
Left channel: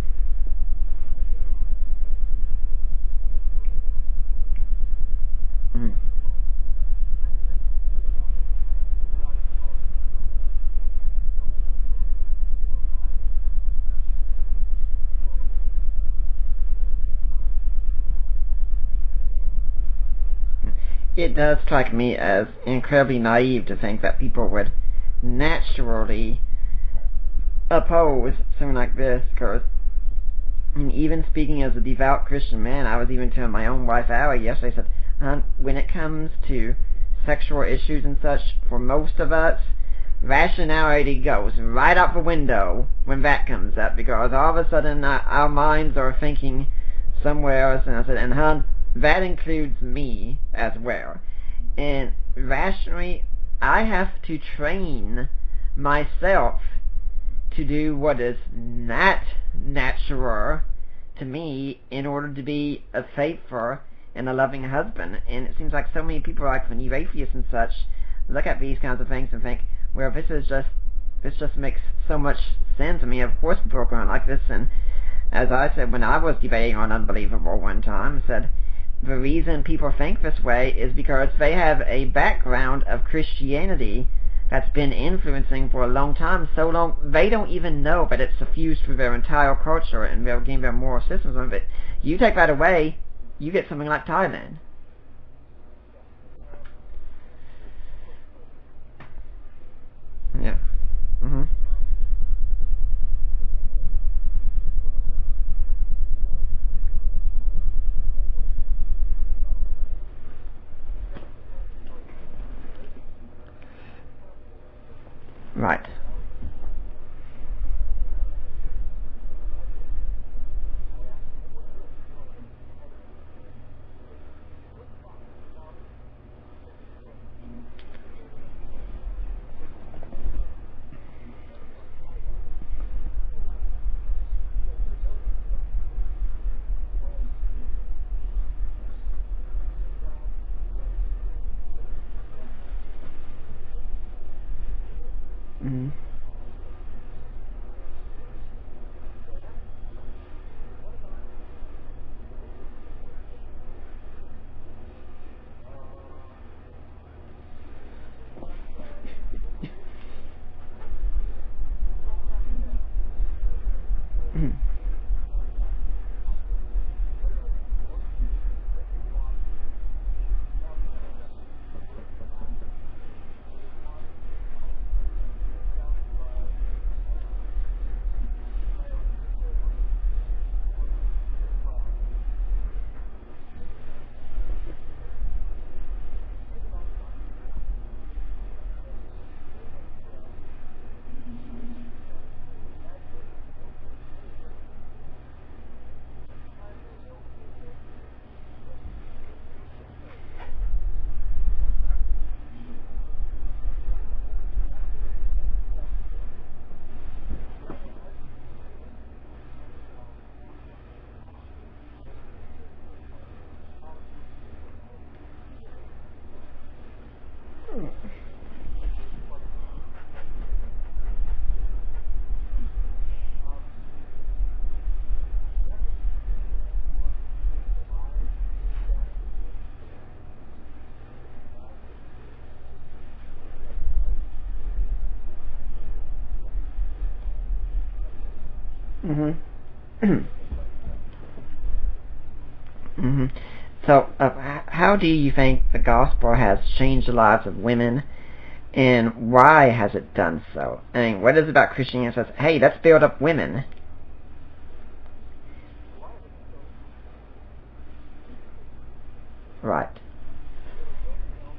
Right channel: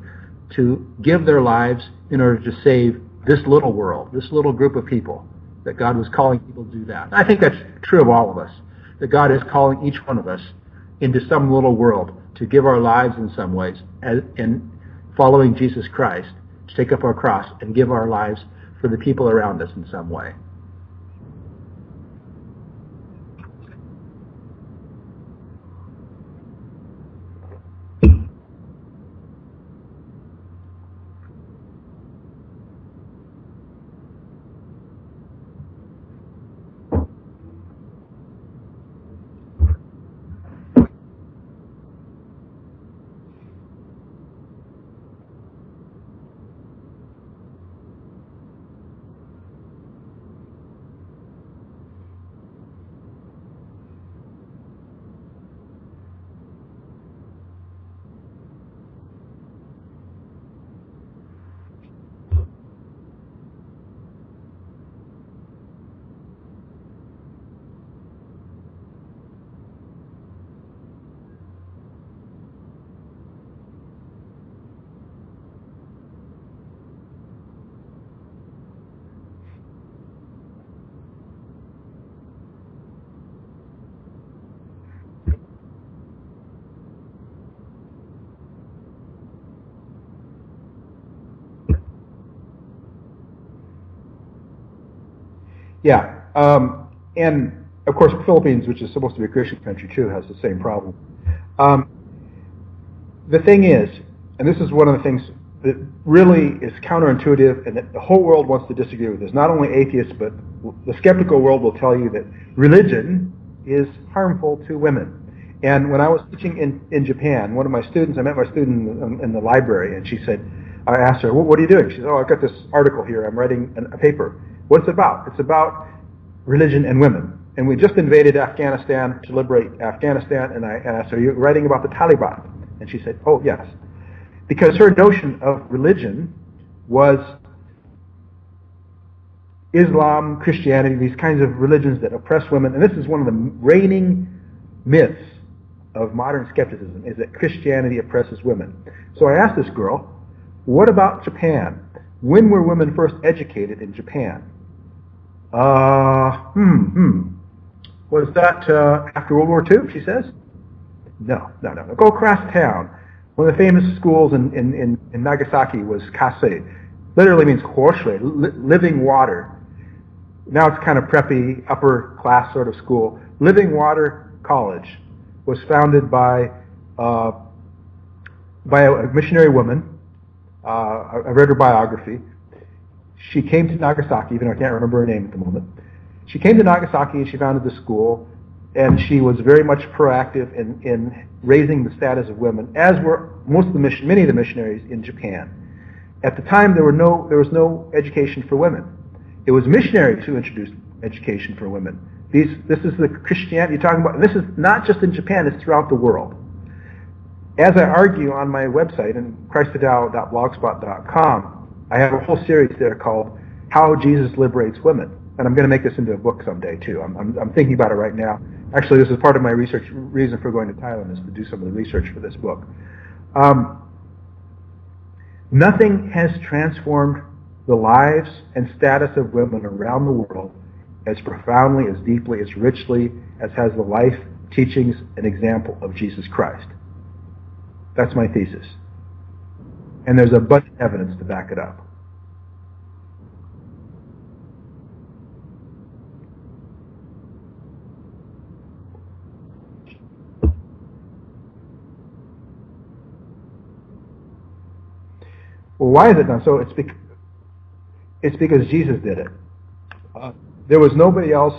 to give their lives in order to save this little world, this little group of people, that God was calling people to do that. I think that's true of all of us, that God is calling each one of us into some little world to give our lives in some ways, in following Jesus Christ, to take up our cross and give our lives for the people around us in some way. It does strike me as incredibly naive to think that people would naturally oppose something like this, because even speaking as a devout Christian man, I was even telling my own wife, Allie, yesterday, I said, when it comes to sexual issues and such, for most of us, rationality goes right out the window when that comes up, because all of a sudden our minds are thinking somewhere else, and I said, and that includes me as well. And rationally, I have to train myself to do what is not natural to me in order to be a faithful and a loving husband. And it seems like so many people, like when you atheists and such, look at these kinds of things and think, well, this just makes so much sense. I mean, of course people are going like this. And as I said when I was debating on Unbelievable one time, I said the reason people think this way is because they have a background of Christianity that's been influencing for a long time, so long they don't even know that it's suffused through their entire culture and they're getting their moral systems of it. You take that away, you get something like Thailand. Yeah, and of course the Philippines, which is supposed to be a Christian country too, has the same problem. Mm-hmm. The thing is, and this is one of the things that really is counterintuitive and that the whole world wants to disagree with this, not only atheists, but the skeptical world will tell you that religion is harmful to women. Right. And when I was teaching in Japan, one of my students, I met my student in the library, and she said, I asked her, what are you doing? She said, I've got this article here, I'm writing a paper. What's it about? It's about religion and women. And we just invaded Afghanistan to liberate Afghanistan, and I asked her, are you writing about the Taliban? And she said, oh, yes. Because her notion of religion was Islam, Christianity, these kinds of religions that oppress women. And this is one of the reigning myths of modern skepticism, is that Christianity oppresses women. So I asked this girl, what about Japan? When were women first educated in Japan? Was that after World War II, she says? No. Go across town. One of the famous schools in Nagasaki was Kasei. Literally means Horshui, living water. Now it's kind of preppy, upper class sort of school. Living Water College was founded by a missionary woman. I read her biography. She came to Nagasaki, even though I can't remember her name at the moment. She came to Nagasaki and she founded the school, and she was very much proactive in raising the status of women, as were many of the missionaries in Japan. At the time, there was no education for women. It was missionaries who introduced education for women. This is the Christianity you're talking about. This is not just in Japan, it's throughout the world. As I argue on my website, in christthedao.blogspot.com, I have a whole series there called How Jesus Liberates Women. And I'm going to make this into a book someday, too. I'm thinking about it right now. Actually, this is part of my research reason for going to Thailand, is to do some of the research for this book. Nothing has transformed the lives and status of women around the world as profoundly, as deeply, as richly as has the life, teachings, and example of Jesus Christ. That's my thesis. Mm-hmm. And there's abundant evidence to back it up. Mm-hmm. So, how do you think the gospel has changed the lives of women, and why has it done so? I mean, what is it about Christianity that says, hey, let's build up women? Well, why is it done so? It's because Jesus did it. Right. There was nobody else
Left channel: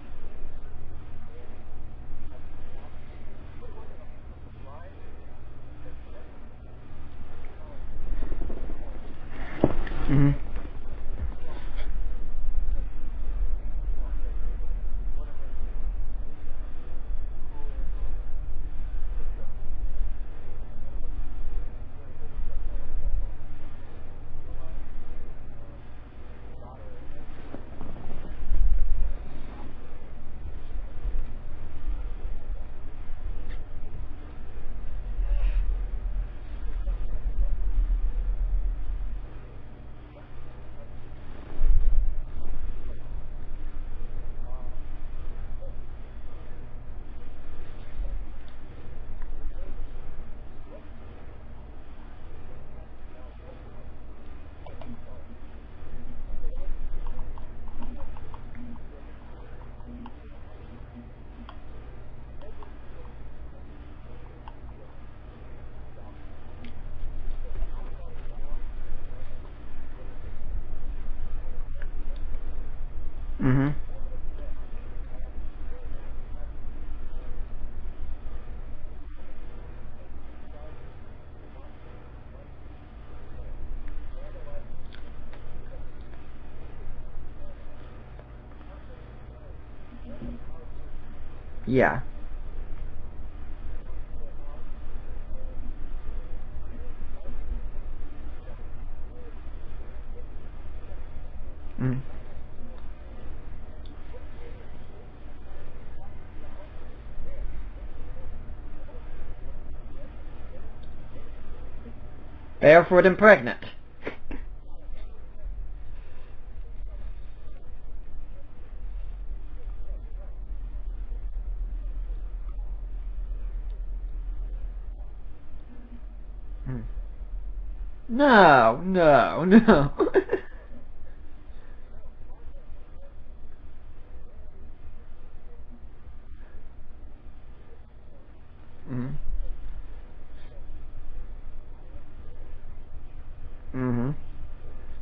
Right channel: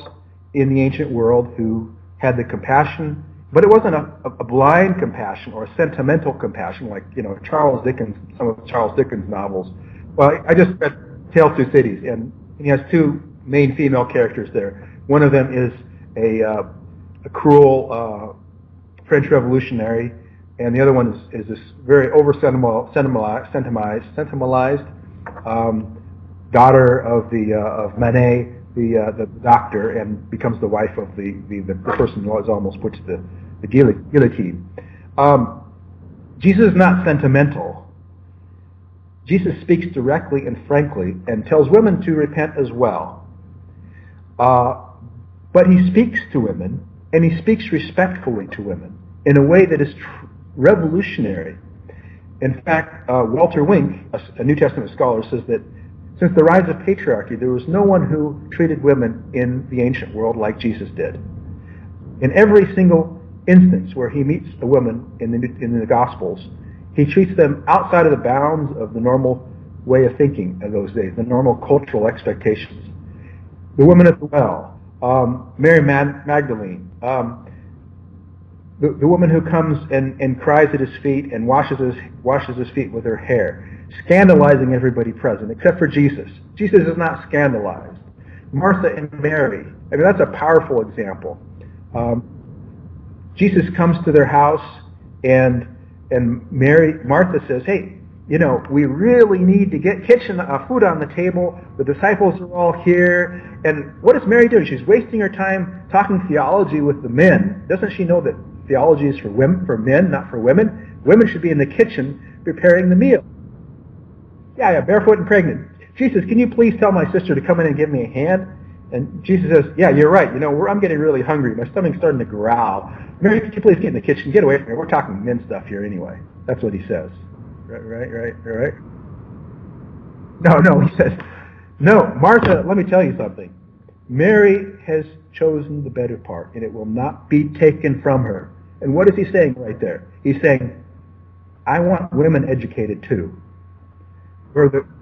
in the ancient world who had the compassion, but it wasn't a blind compassion or a sentimental compassion like, Charles Dickens, some of Charles Dickens novels. Well, I just read Tale of Two Cities, and he has two main female characters there. One of them is a cruel French revolutionary, and the other one is this very sentimentalized daughter of Manet, the doctor, and becomes the wife of the person who was almost put to the guillotine. Jesus is not sentimental. Jesus speaks directly and frankly and tells women to repent as well. But he speaks to women, and he speaks respectfully to women in a way that is revolutionary. In fact, Walter Wink, a New Testament scholar, says that since the rise of patriarchy, there was no one who treated women in the ancient world like Jesus did. In every single instance where he meets a woman in the Gospels, he treats them outside of the bounds of the normal way of thinking of those days, the normal cultural expectations. Mm-hmm. The woman at the well, Mary Magdalene, the woman who comes and cries at his feet and washes his feet with her hair, scandalizing everybody present, except for Jesus. Jesus is not scandalized. Martha and Mary, I mean, that's a powerful example. Yeah. Jesus comes to their house, and Martha says, hey, we really need to get food on the table. The disciples are all here. And what is Mary doing? She's wasting her time talking theology with the men. Doesn't she know that theology is for men, not for women? Women should be in the kitchen preparing the meal. Barefoot and pregnant. Yeah, barefoot and pregnant. Jesus, can you please tell my sister to come in and give me a hand? And Jesus says, yeah, you're right. I'm getting really hungry. My stomach's starting to growl. Mary, could you please get in the kitchen? Get away from here. We're talking men stuff here anyway. That's what he says. Right? No. No, he says, no, Martha, let me tell you something. Mary has chosen the better part, and it will not be taken from her. And what is he saying right there? He's saying, I want women educated too. Mm-hmm.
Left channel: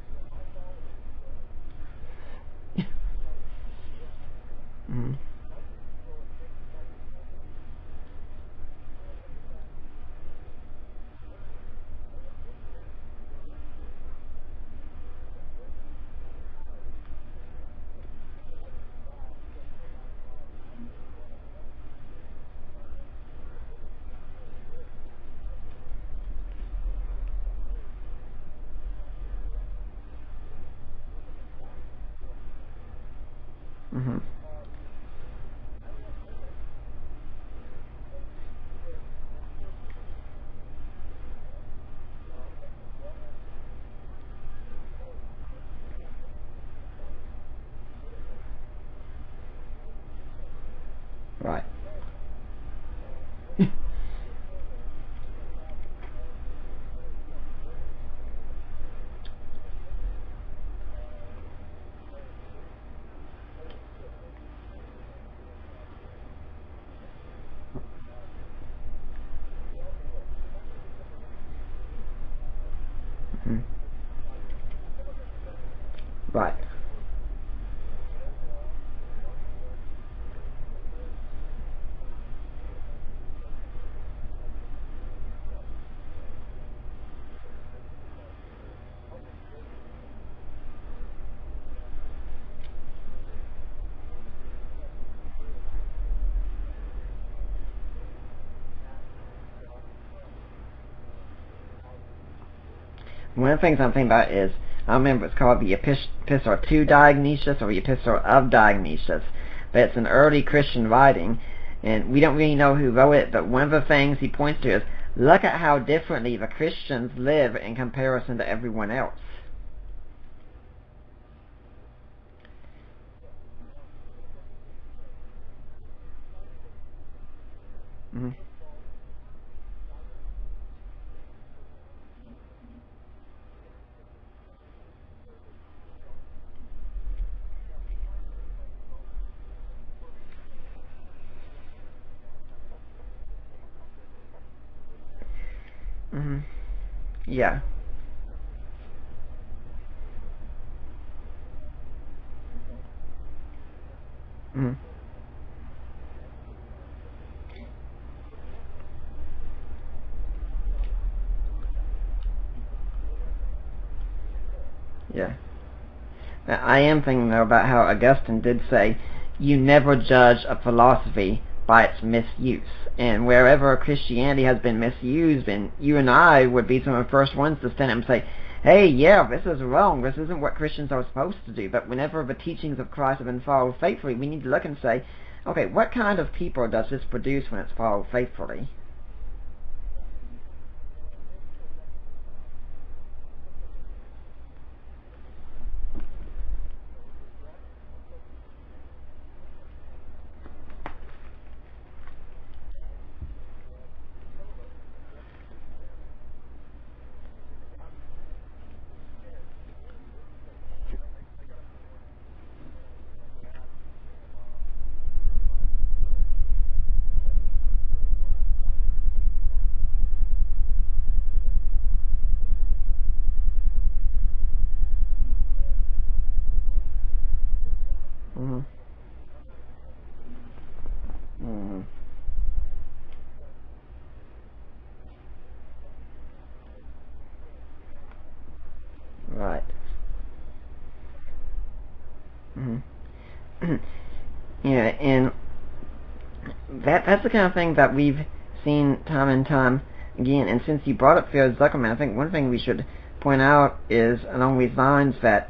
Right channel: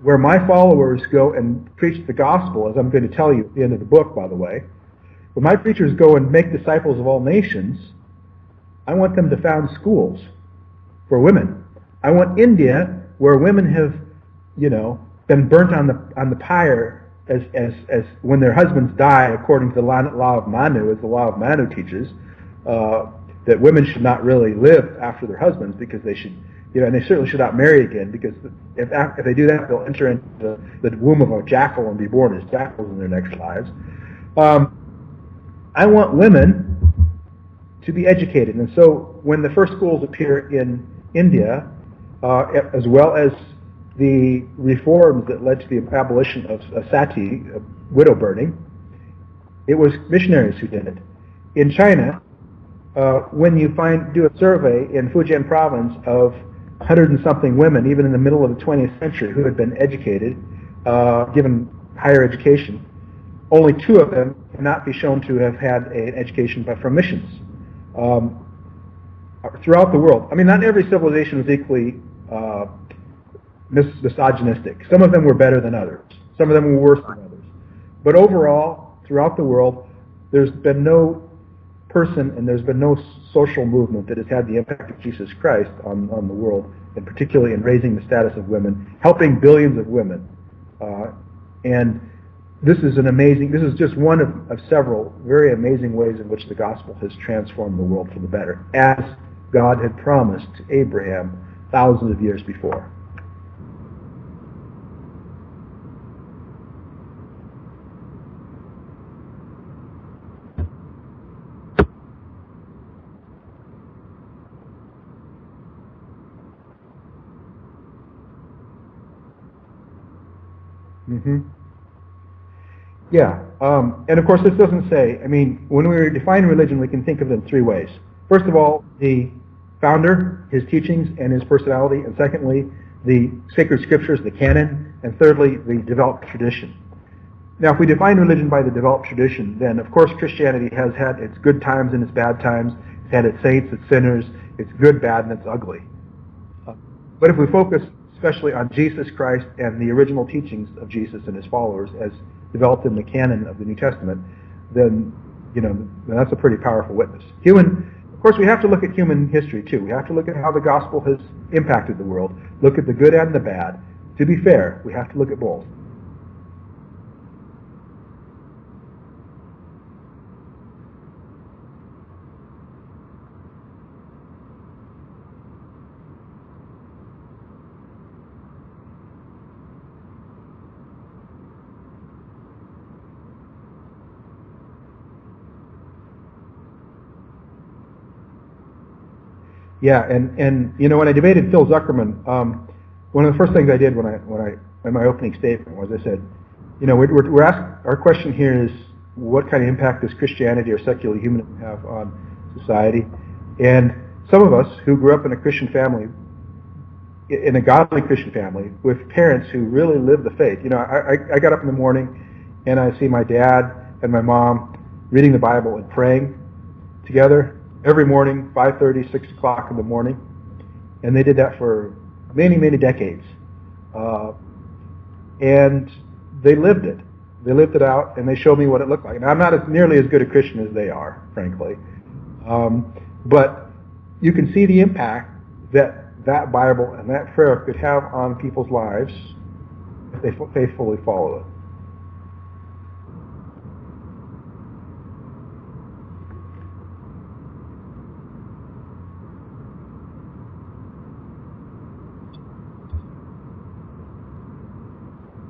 Where my followers go and preach the gospel, as I'm going to tell you at the end of the book, by the way, where my preachers go and make disciples of all nations, I want them to found schools for women. I want India, where women have, been burnt on the pyre as when their husbands die, according to the law of Manu, as the law of Manu teaches, that women should not really live after their husbands because they should, and they certainly should not marry again, because if they do that, they'll enter into the womb of a jackal and be born as jackals in their next lives. Mm-hmm. I want women to be educated, and so when the first schools appear in India, as well as the reforms that led to the abolition of sati, widow burning, it was missionaries who did it. Right. In China, when you do a survey in Fujian province of 100 and something women, even in the middle of the 20th century, who had been educated, given higher education, only 2 of them cannot be shown to have had an education but from missions. Throughout the world, I mean, not every civilization was equally misogynistic. Some of them were better than others. Right. Some of them were worse than others. But overall, throughout the world, there's been no person and there's been no social movement that has had the impact of Jesus Christ on the world, and particularly in raising the status of women, helping billions of women. And this is just one of several very amazing ways in which the gospel has transformed the world for the better, as God had promised to Abraham thousands of years before. One of the things I'm thinking about is, I remember it's called the Epistle to Dionysius or the Epistle of Dionysius, but it's an early Christian writing, and we don't really know who wrote it, but one of the things he points to is, look at how differently the Christians live in comparison to everyone else. Mm-hmm. Yeah, and of course this doesn't say, I mean, when we define religion, we can think of it in three ways. Mm-hmm. First of all, the founder, his teachings and his personality, and secondly, the sacred scriptures, the canon, and thirdly, the developed tradition. Now, if we define religion by the developed tradition, then of course Christianity has had its good times and its bad times. It's had its saints, its sinners, its good, bad, and its ugly. Mm-hmm. But if we focus especially on Jesus Christ and the original teachings of Jesus and his followers as developed in the canon of the New Testament, then that's a pretty powerful witness. Of course, we have to look at human history too. We have to look at how the gospel has impacted the world. Look at the good and the bad. To be fair, we have to look at both. Now, I am thinking though about how Augustine did say, "You never judge a philosophy by its misuse." And wherever Christianity has been misused, and you and I would be some of the first ones to stand up and say, hey, yeah, this is wrong, this isn't what Christians are supposed to do. But whenever the teachings of Christ have been followed faithfully, we need to look and say, okay, what kind of people does this produce when it's followed faithfully? Yeah, and when I debated Phil Zuckerman, one of the first things I did when I in my opening statement was I said, we're asked, our question here is, what kind of impact does Christianity or secular humanism have on society? And some of us who grew up in a Christian family, in a godly Christian family, with parents who really live the faith. I got up in the morning and I see my dad and my mom reading the Bible and praying together every morning, 5:30, 6 o'clock in the morning. And they did that for many, many decades. And they lived it. They lived it out, and they showed me what it looked like. Now, I'm not nearly as good a Christian as they are, frankly. But you can see the impact that Bible and that prayer could have on people's lives if they faithfully follow it. Mm-hmm. Yeah, and that's the kind of thing that we've seen time and time again. And since you brought up Phil Zuckerman, I think one thing we should point out is along these lines that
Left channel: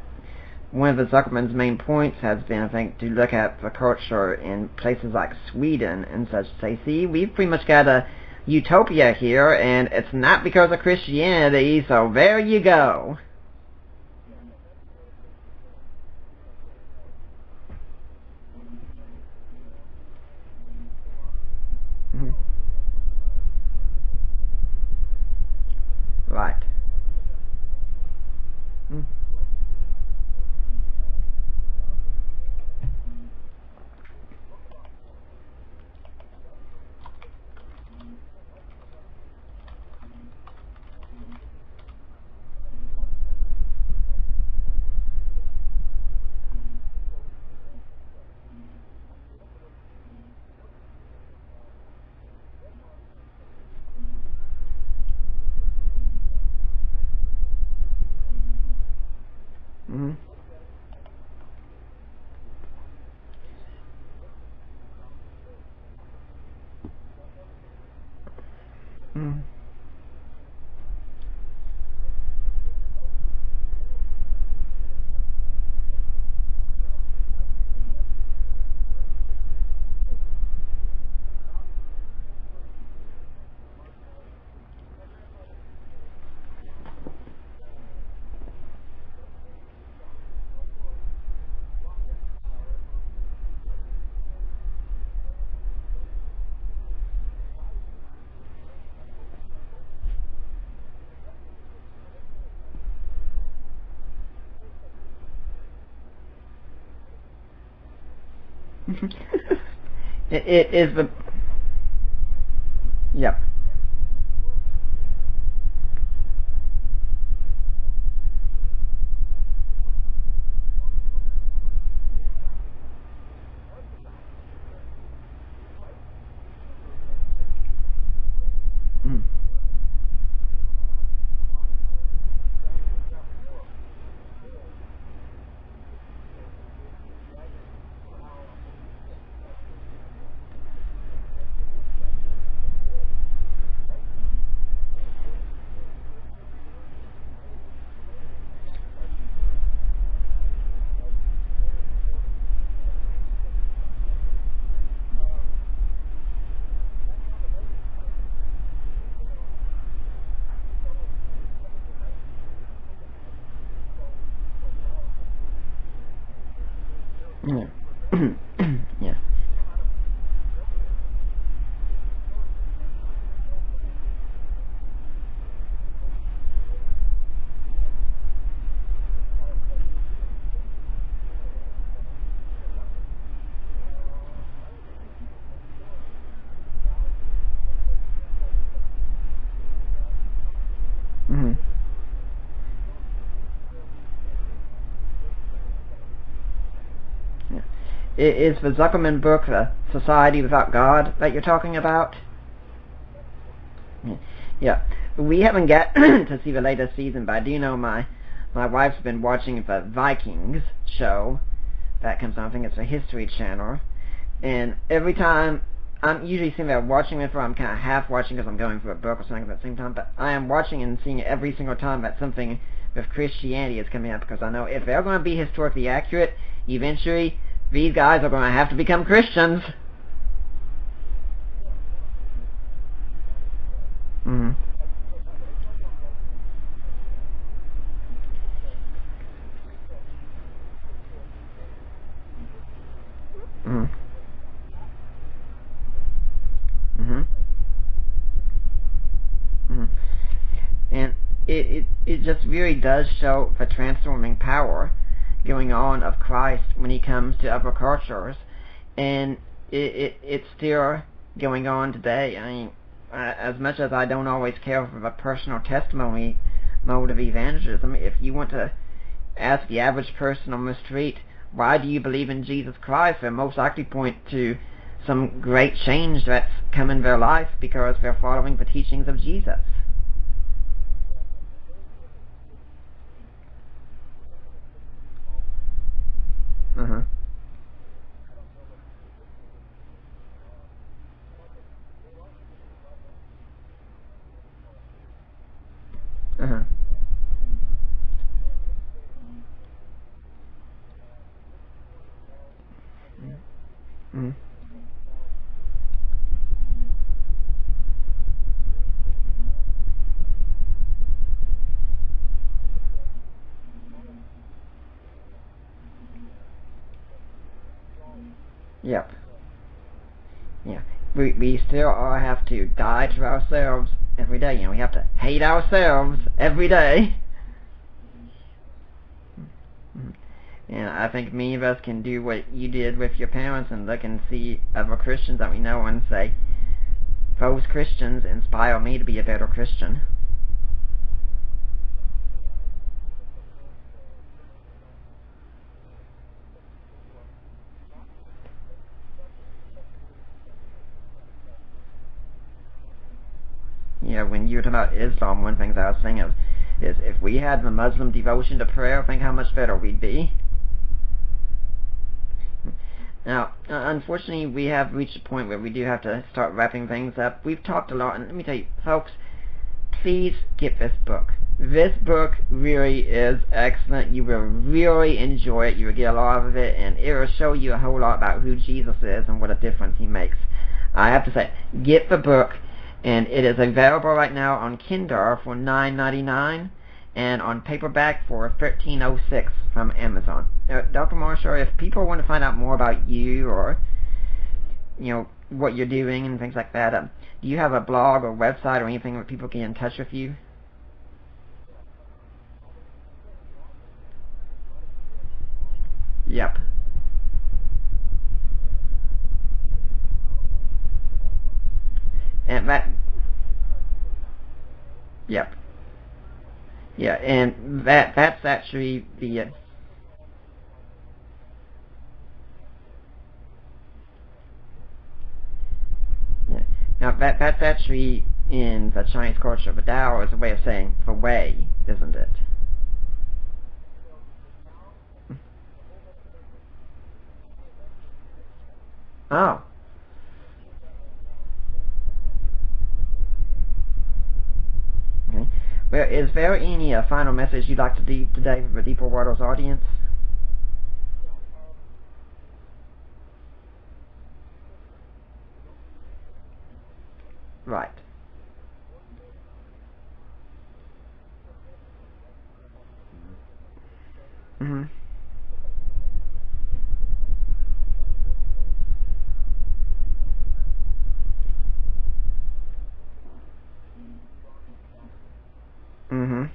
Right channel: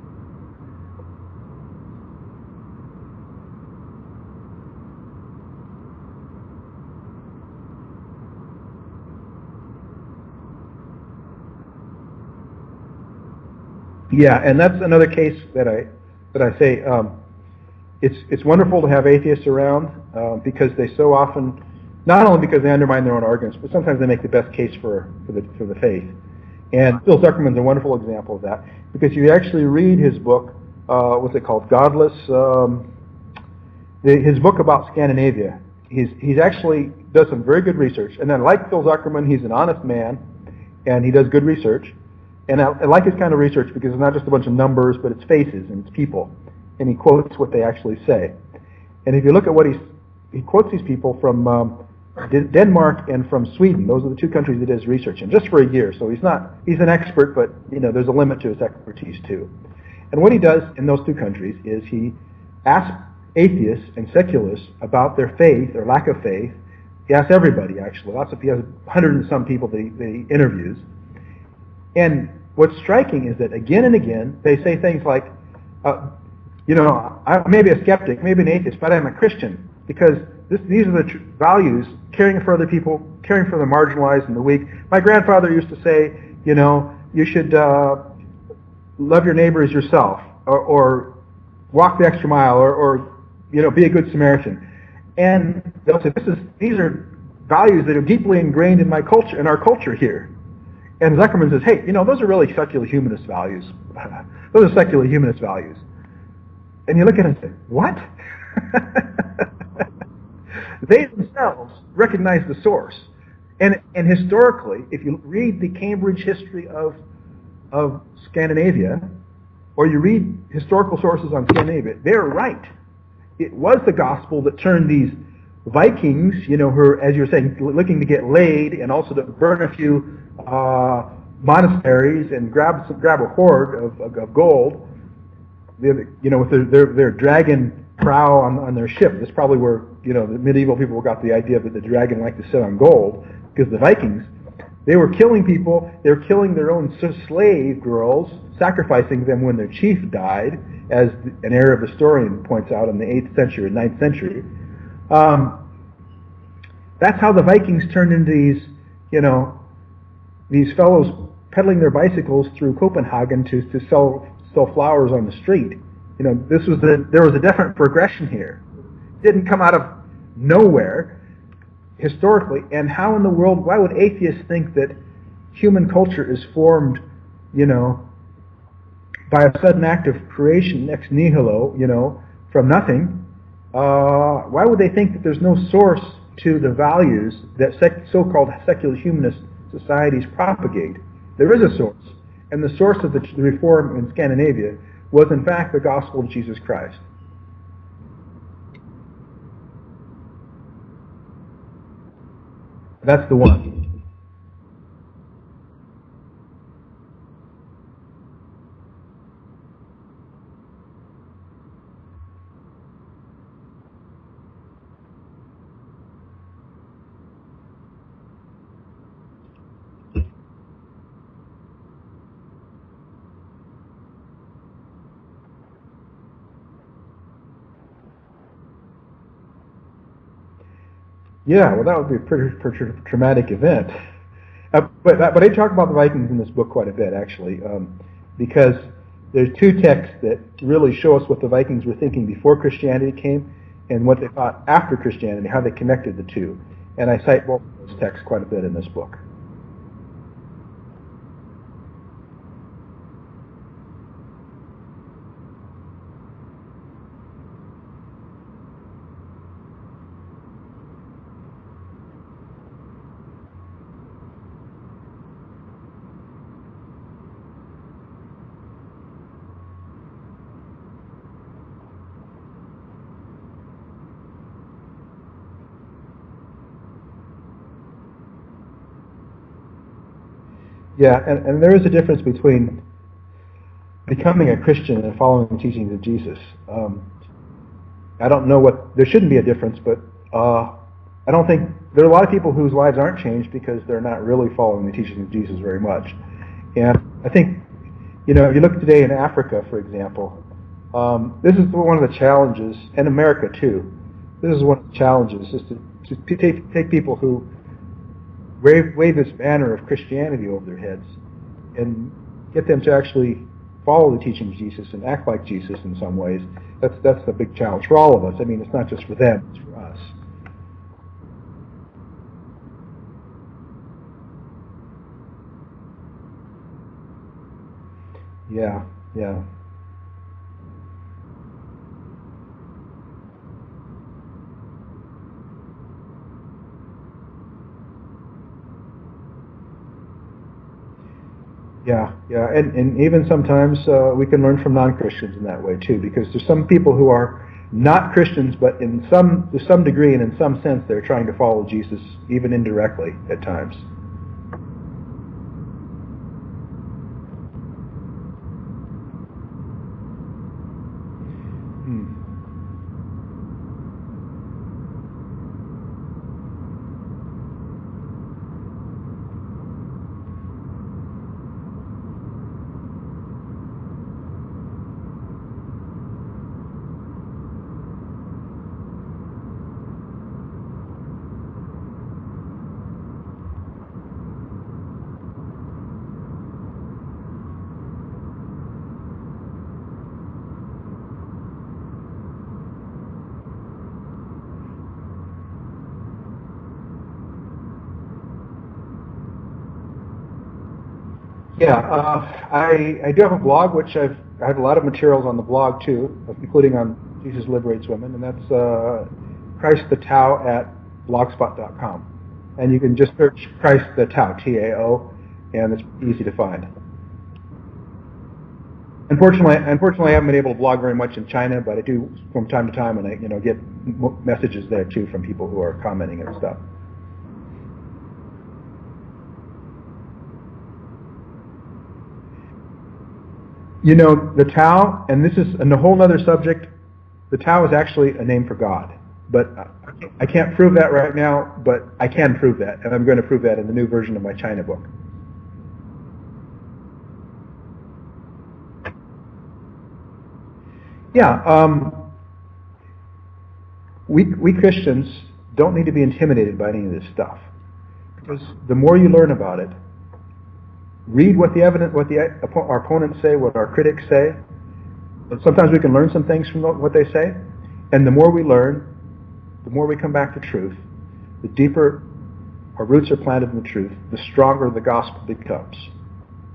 one of the Zuckerman's main points has been, I think, to look at the culture in places like Sweden and such, say, see, we've pretty much got a utopia here, and it's not because of Christianity, so there you go. Yeah, and that's another case that I say, it's wonderful to have atheists around because they so often, not only because they undermine their own arguments, but sometimes they make the best case for the faith. Right. And Phil Zuckerman's a wonderful example of that, because you actually read his book, what's it called, Godless, his book about Scandinavia. He's actually does some very good research, and then like Phil Zuckerman, he's an honest man, and he does good research. And I like his kind of research because it's not just a bunch of numbers, but it's faces and it's people, and he quotes what they actually say. And if you look at what he quotes these people from Denmark and from Sweden. Those are the two countries he does research in, just for a year. So he's an expert, but there's a limit to his expertise too. Mm-hmm. And what he does in those two countries is he asks atheists and secularists about their faith or lack of faith. He asks everybody, actually. He has 100 and some people that he interviews. And what's striking is that again and again they say things like, I may be a skeptic, maybe an atheist, but I'm a Christian, because these are the values: caring for other people, caring for the marginalized and the weak. My grandfather used to say, you should love your neighbor as yourself, or walk the extra mile, or be a good Samaritan. And they'll say, these are values that are deeply ingrained in my culture, in our culture here. And Zuckerman says, hey, those are really secular humanist values. Those are secular humanist values. And you look at it and say, what? They themselves recognize the source. Yep. And historically, if you read the Cambridge history of Scandinavia, or you read historical sources on Scandinavia, they're right. It was the gospel that turned these Vikings, who are, as you were saying, looking to get laid and also to burn a few monasteries and grab a hoard of gold. with their dragon prow on their ship. That's probably where the medieval people got the idea that the dragon liked to sit on gold, because the Vikings, they were killing people. They were killing their own slave girls, sacrificing them when their chief died, as an Arab historian points out in the 8th century and 9th century. That's how the Vikings turned into these fellows pedaling their bicycles through Copenhagen to sell flowers on the street. There was a definite progression here. Yes. It didn't come out of nowhere historically. And how in the world, why would atheists think that human culture is formed, by a sudden act of creation ex nihilo, from nothing? Why would they think that there's no source to the values that so-called secular humanist societies propagate? Mm-hmm. There is a source, and the source of the reform in Scandinavia was in fact the gospel of Jesus Christ. Yeah. Is the Zuckerman book, Society Without God, that you're talking about? That's the one. Yeah. We haven't got to see the latest season, but I do know my wife's been watching the Vikings show that comes on. I think it's a History Channel. And every time, I'm usually sitting there watching it, I'm kind of half watching because I'm going through a book or something at the same time, but I am watching and seeing it every single time that something with Christianity is coming up, because I know if they're going to be historically accurate, eventually these guys are going to have to become Christians. Yeah, well, that would be a pretty traumatic event. Mm-hmm. But I talk about the Vikings in this book quite a bit, actually, because there's two texts that really show us what the Vikings were thinking before Christianity came, mm-hmm. and what they thought after Christianity, how they connected the two. And I cite both of those texts quite a bit in this book. Mm-hmm. And it just really does show the transforming power going on of Christ when he comes to other cultures, and it's still going on today. I mean, as much as I don't always care for the personal testimony mode of evangelism, if you want to ask the average person on the street, why do you believe in Jesus Christ, they'll most likely point to some great change that's come in their life because they're following the teachings of Jesus. Yeah, and there is a difference between becoming a Christian and following the teachings of Jesus. I don't know there shouldn't be a difference, but I don't think, there are a lot of people whose lives aren't changed because they're not really following the teachings of Jesus very much. And I think, if you look today in Africa, for example, this is one of the challenges, and America too. This is one of the challenges, is to take people who wave this banner of Christianity over their heads and get them to actually follow the teachings of Jesus and act like Jesus in some ways. That's the big challenge for all of us. I mean, it's not just for them, it's for us. Yeah, we still all have to die to ourselves every day. We have to hate ourselves every day. Yeah. And I think many of us can do what you did with your parents and look and see other Christians that we know and say, those Christians inspire me to be a better Christian. Yeah, and even sometimes we can learn from non-Christians in that way too, because there's some people who are not Christians, but to some degree and in some sense they're trying to follow Jesus, even indirectly at times. Yeah, when you were talking about Islam, one thing that I was thinking of is if we had the Muslim devotion to prayer, think how much better we'd be. Now, unfortunately, we have reached a point where we do have to start wrapping things up. We've talked a lot, and let me tell you, folks, please get this book. This book really is excellent. You will really enjoy it. You will get a lot of it, and it will show you a whole lot about who Jesus is and what a difference he makes. I have to say, get the book, and it is available right now on Kindle for $9.99 and on paperback for $13.06 from Amazon. Now, Dr. Marshall, if people want to find out more about you or what you're doing and things like that, do you have a blog or website or anything where people get in touch with you? Yeah, I do have a blog, which I have a lot of materials on the blog too, including on Jesus Liberates Women, and that's Christ the Tao at blogspot.com. And you can just search Christ the Tao, T-A-O, and it's easy to find. Yeah, and that's actually... Unfortunately, I haven't been able to blog very much in China, but I do from time to time, and I get messages there too from people who are commenting and stuff. Now, that's actually in the Chinese culture, but Tao is a way of saying the way, isn't it? You know, the Tao, and this is a whole other subject, the Tao is actually a name for God. But I can't prove that right now, but I can prove that, and I'm going to prove that in the new version of my China book. Okay. Well, is there any final message you'd like to leave today for Deeper Waters audience? Yeah, we Christians don't need to be intimidated by any of this stuff. Right. Because the more you learn about it, read what our opponents say, what our critics say. Mm-hmm. And sometimes we can learn some things from what they say. And the more we learn, the more we come back to truth, the deeper our roots are planted in the truth, the stronger the gospel becomes. Mm-hmm.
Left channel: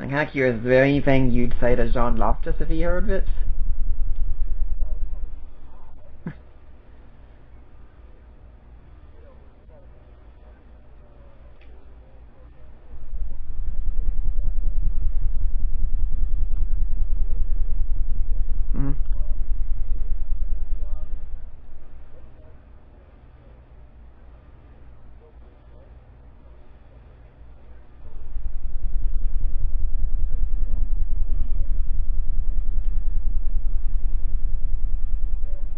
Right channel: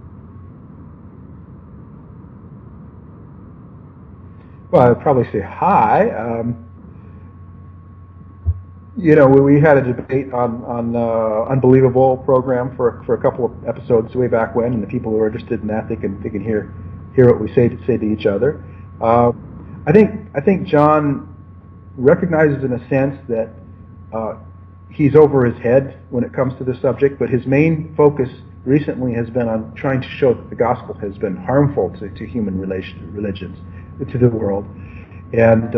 I'm kind of curious, is there anything you'd say to John Loftus if he heard this? Well, I'd probably say hi. You know, we had a debate on Unbelievable program for a couple of episodes way back when, and the people who are interested in that, they can hear what we say to each other. Mm-hmm. I think John recognizes in a sense that he's over his head when it comes to this subject, but his main focus recently has been on trying to show that the gospel has been harmful to human religions, to the world, and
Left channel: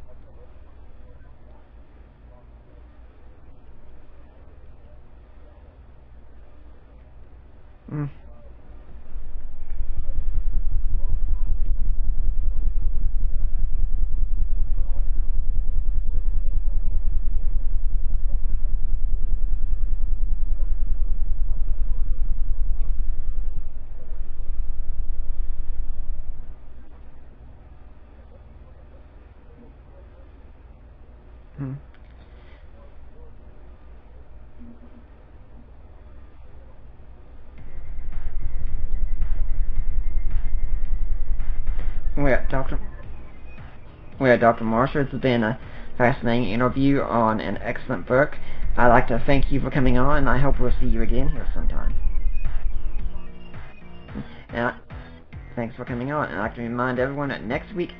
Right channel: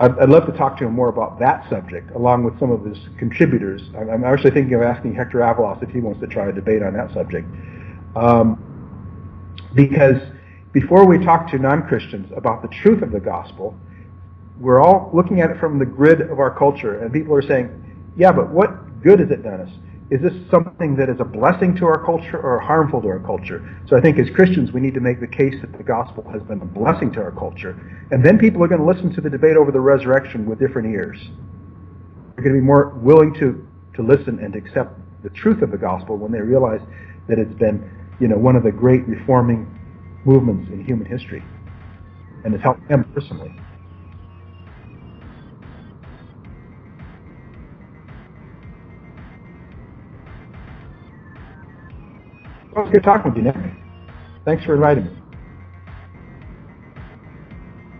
I'd love to talk to him more about that subject, along with some of his contributors. I'm actually thinking of asking Hector Avalos if he wants to try a debate on that subject. Because before we talk to non-Christians about the truth of the gospel, we're all looking at it from the grid of our culture, and people are saying, yeah, but what good has it done us? Is this something that is a blessing to our culture or harmful to our culture? So I think as Christians we need to make the case that the gospel has been a blessing to our culture. And then people are going to listen to the debate over the resurrection with different ears. They're going to be more willing to listen and accept the truth of the gospel when they realize that it's been, you know, one of the great reforming movements in human history. And it helped them personally. Well, Dr. Marshall, it's been a fascinating interview on an excellent book. I'd like to thank you for coming on, and I hope we'll see you again here sometime. Well, it's good talking with you, Nick. Thanks for inviting me. Thanks for coming on. And I'd like to remind everyone that next week,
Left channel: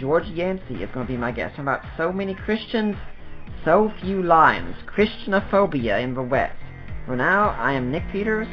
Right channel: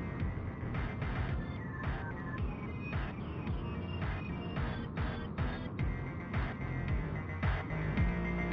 George Yancey is going to be my guest about so many Christians, so few lions, Christianophobia in the West. For now, I am Nick Peters.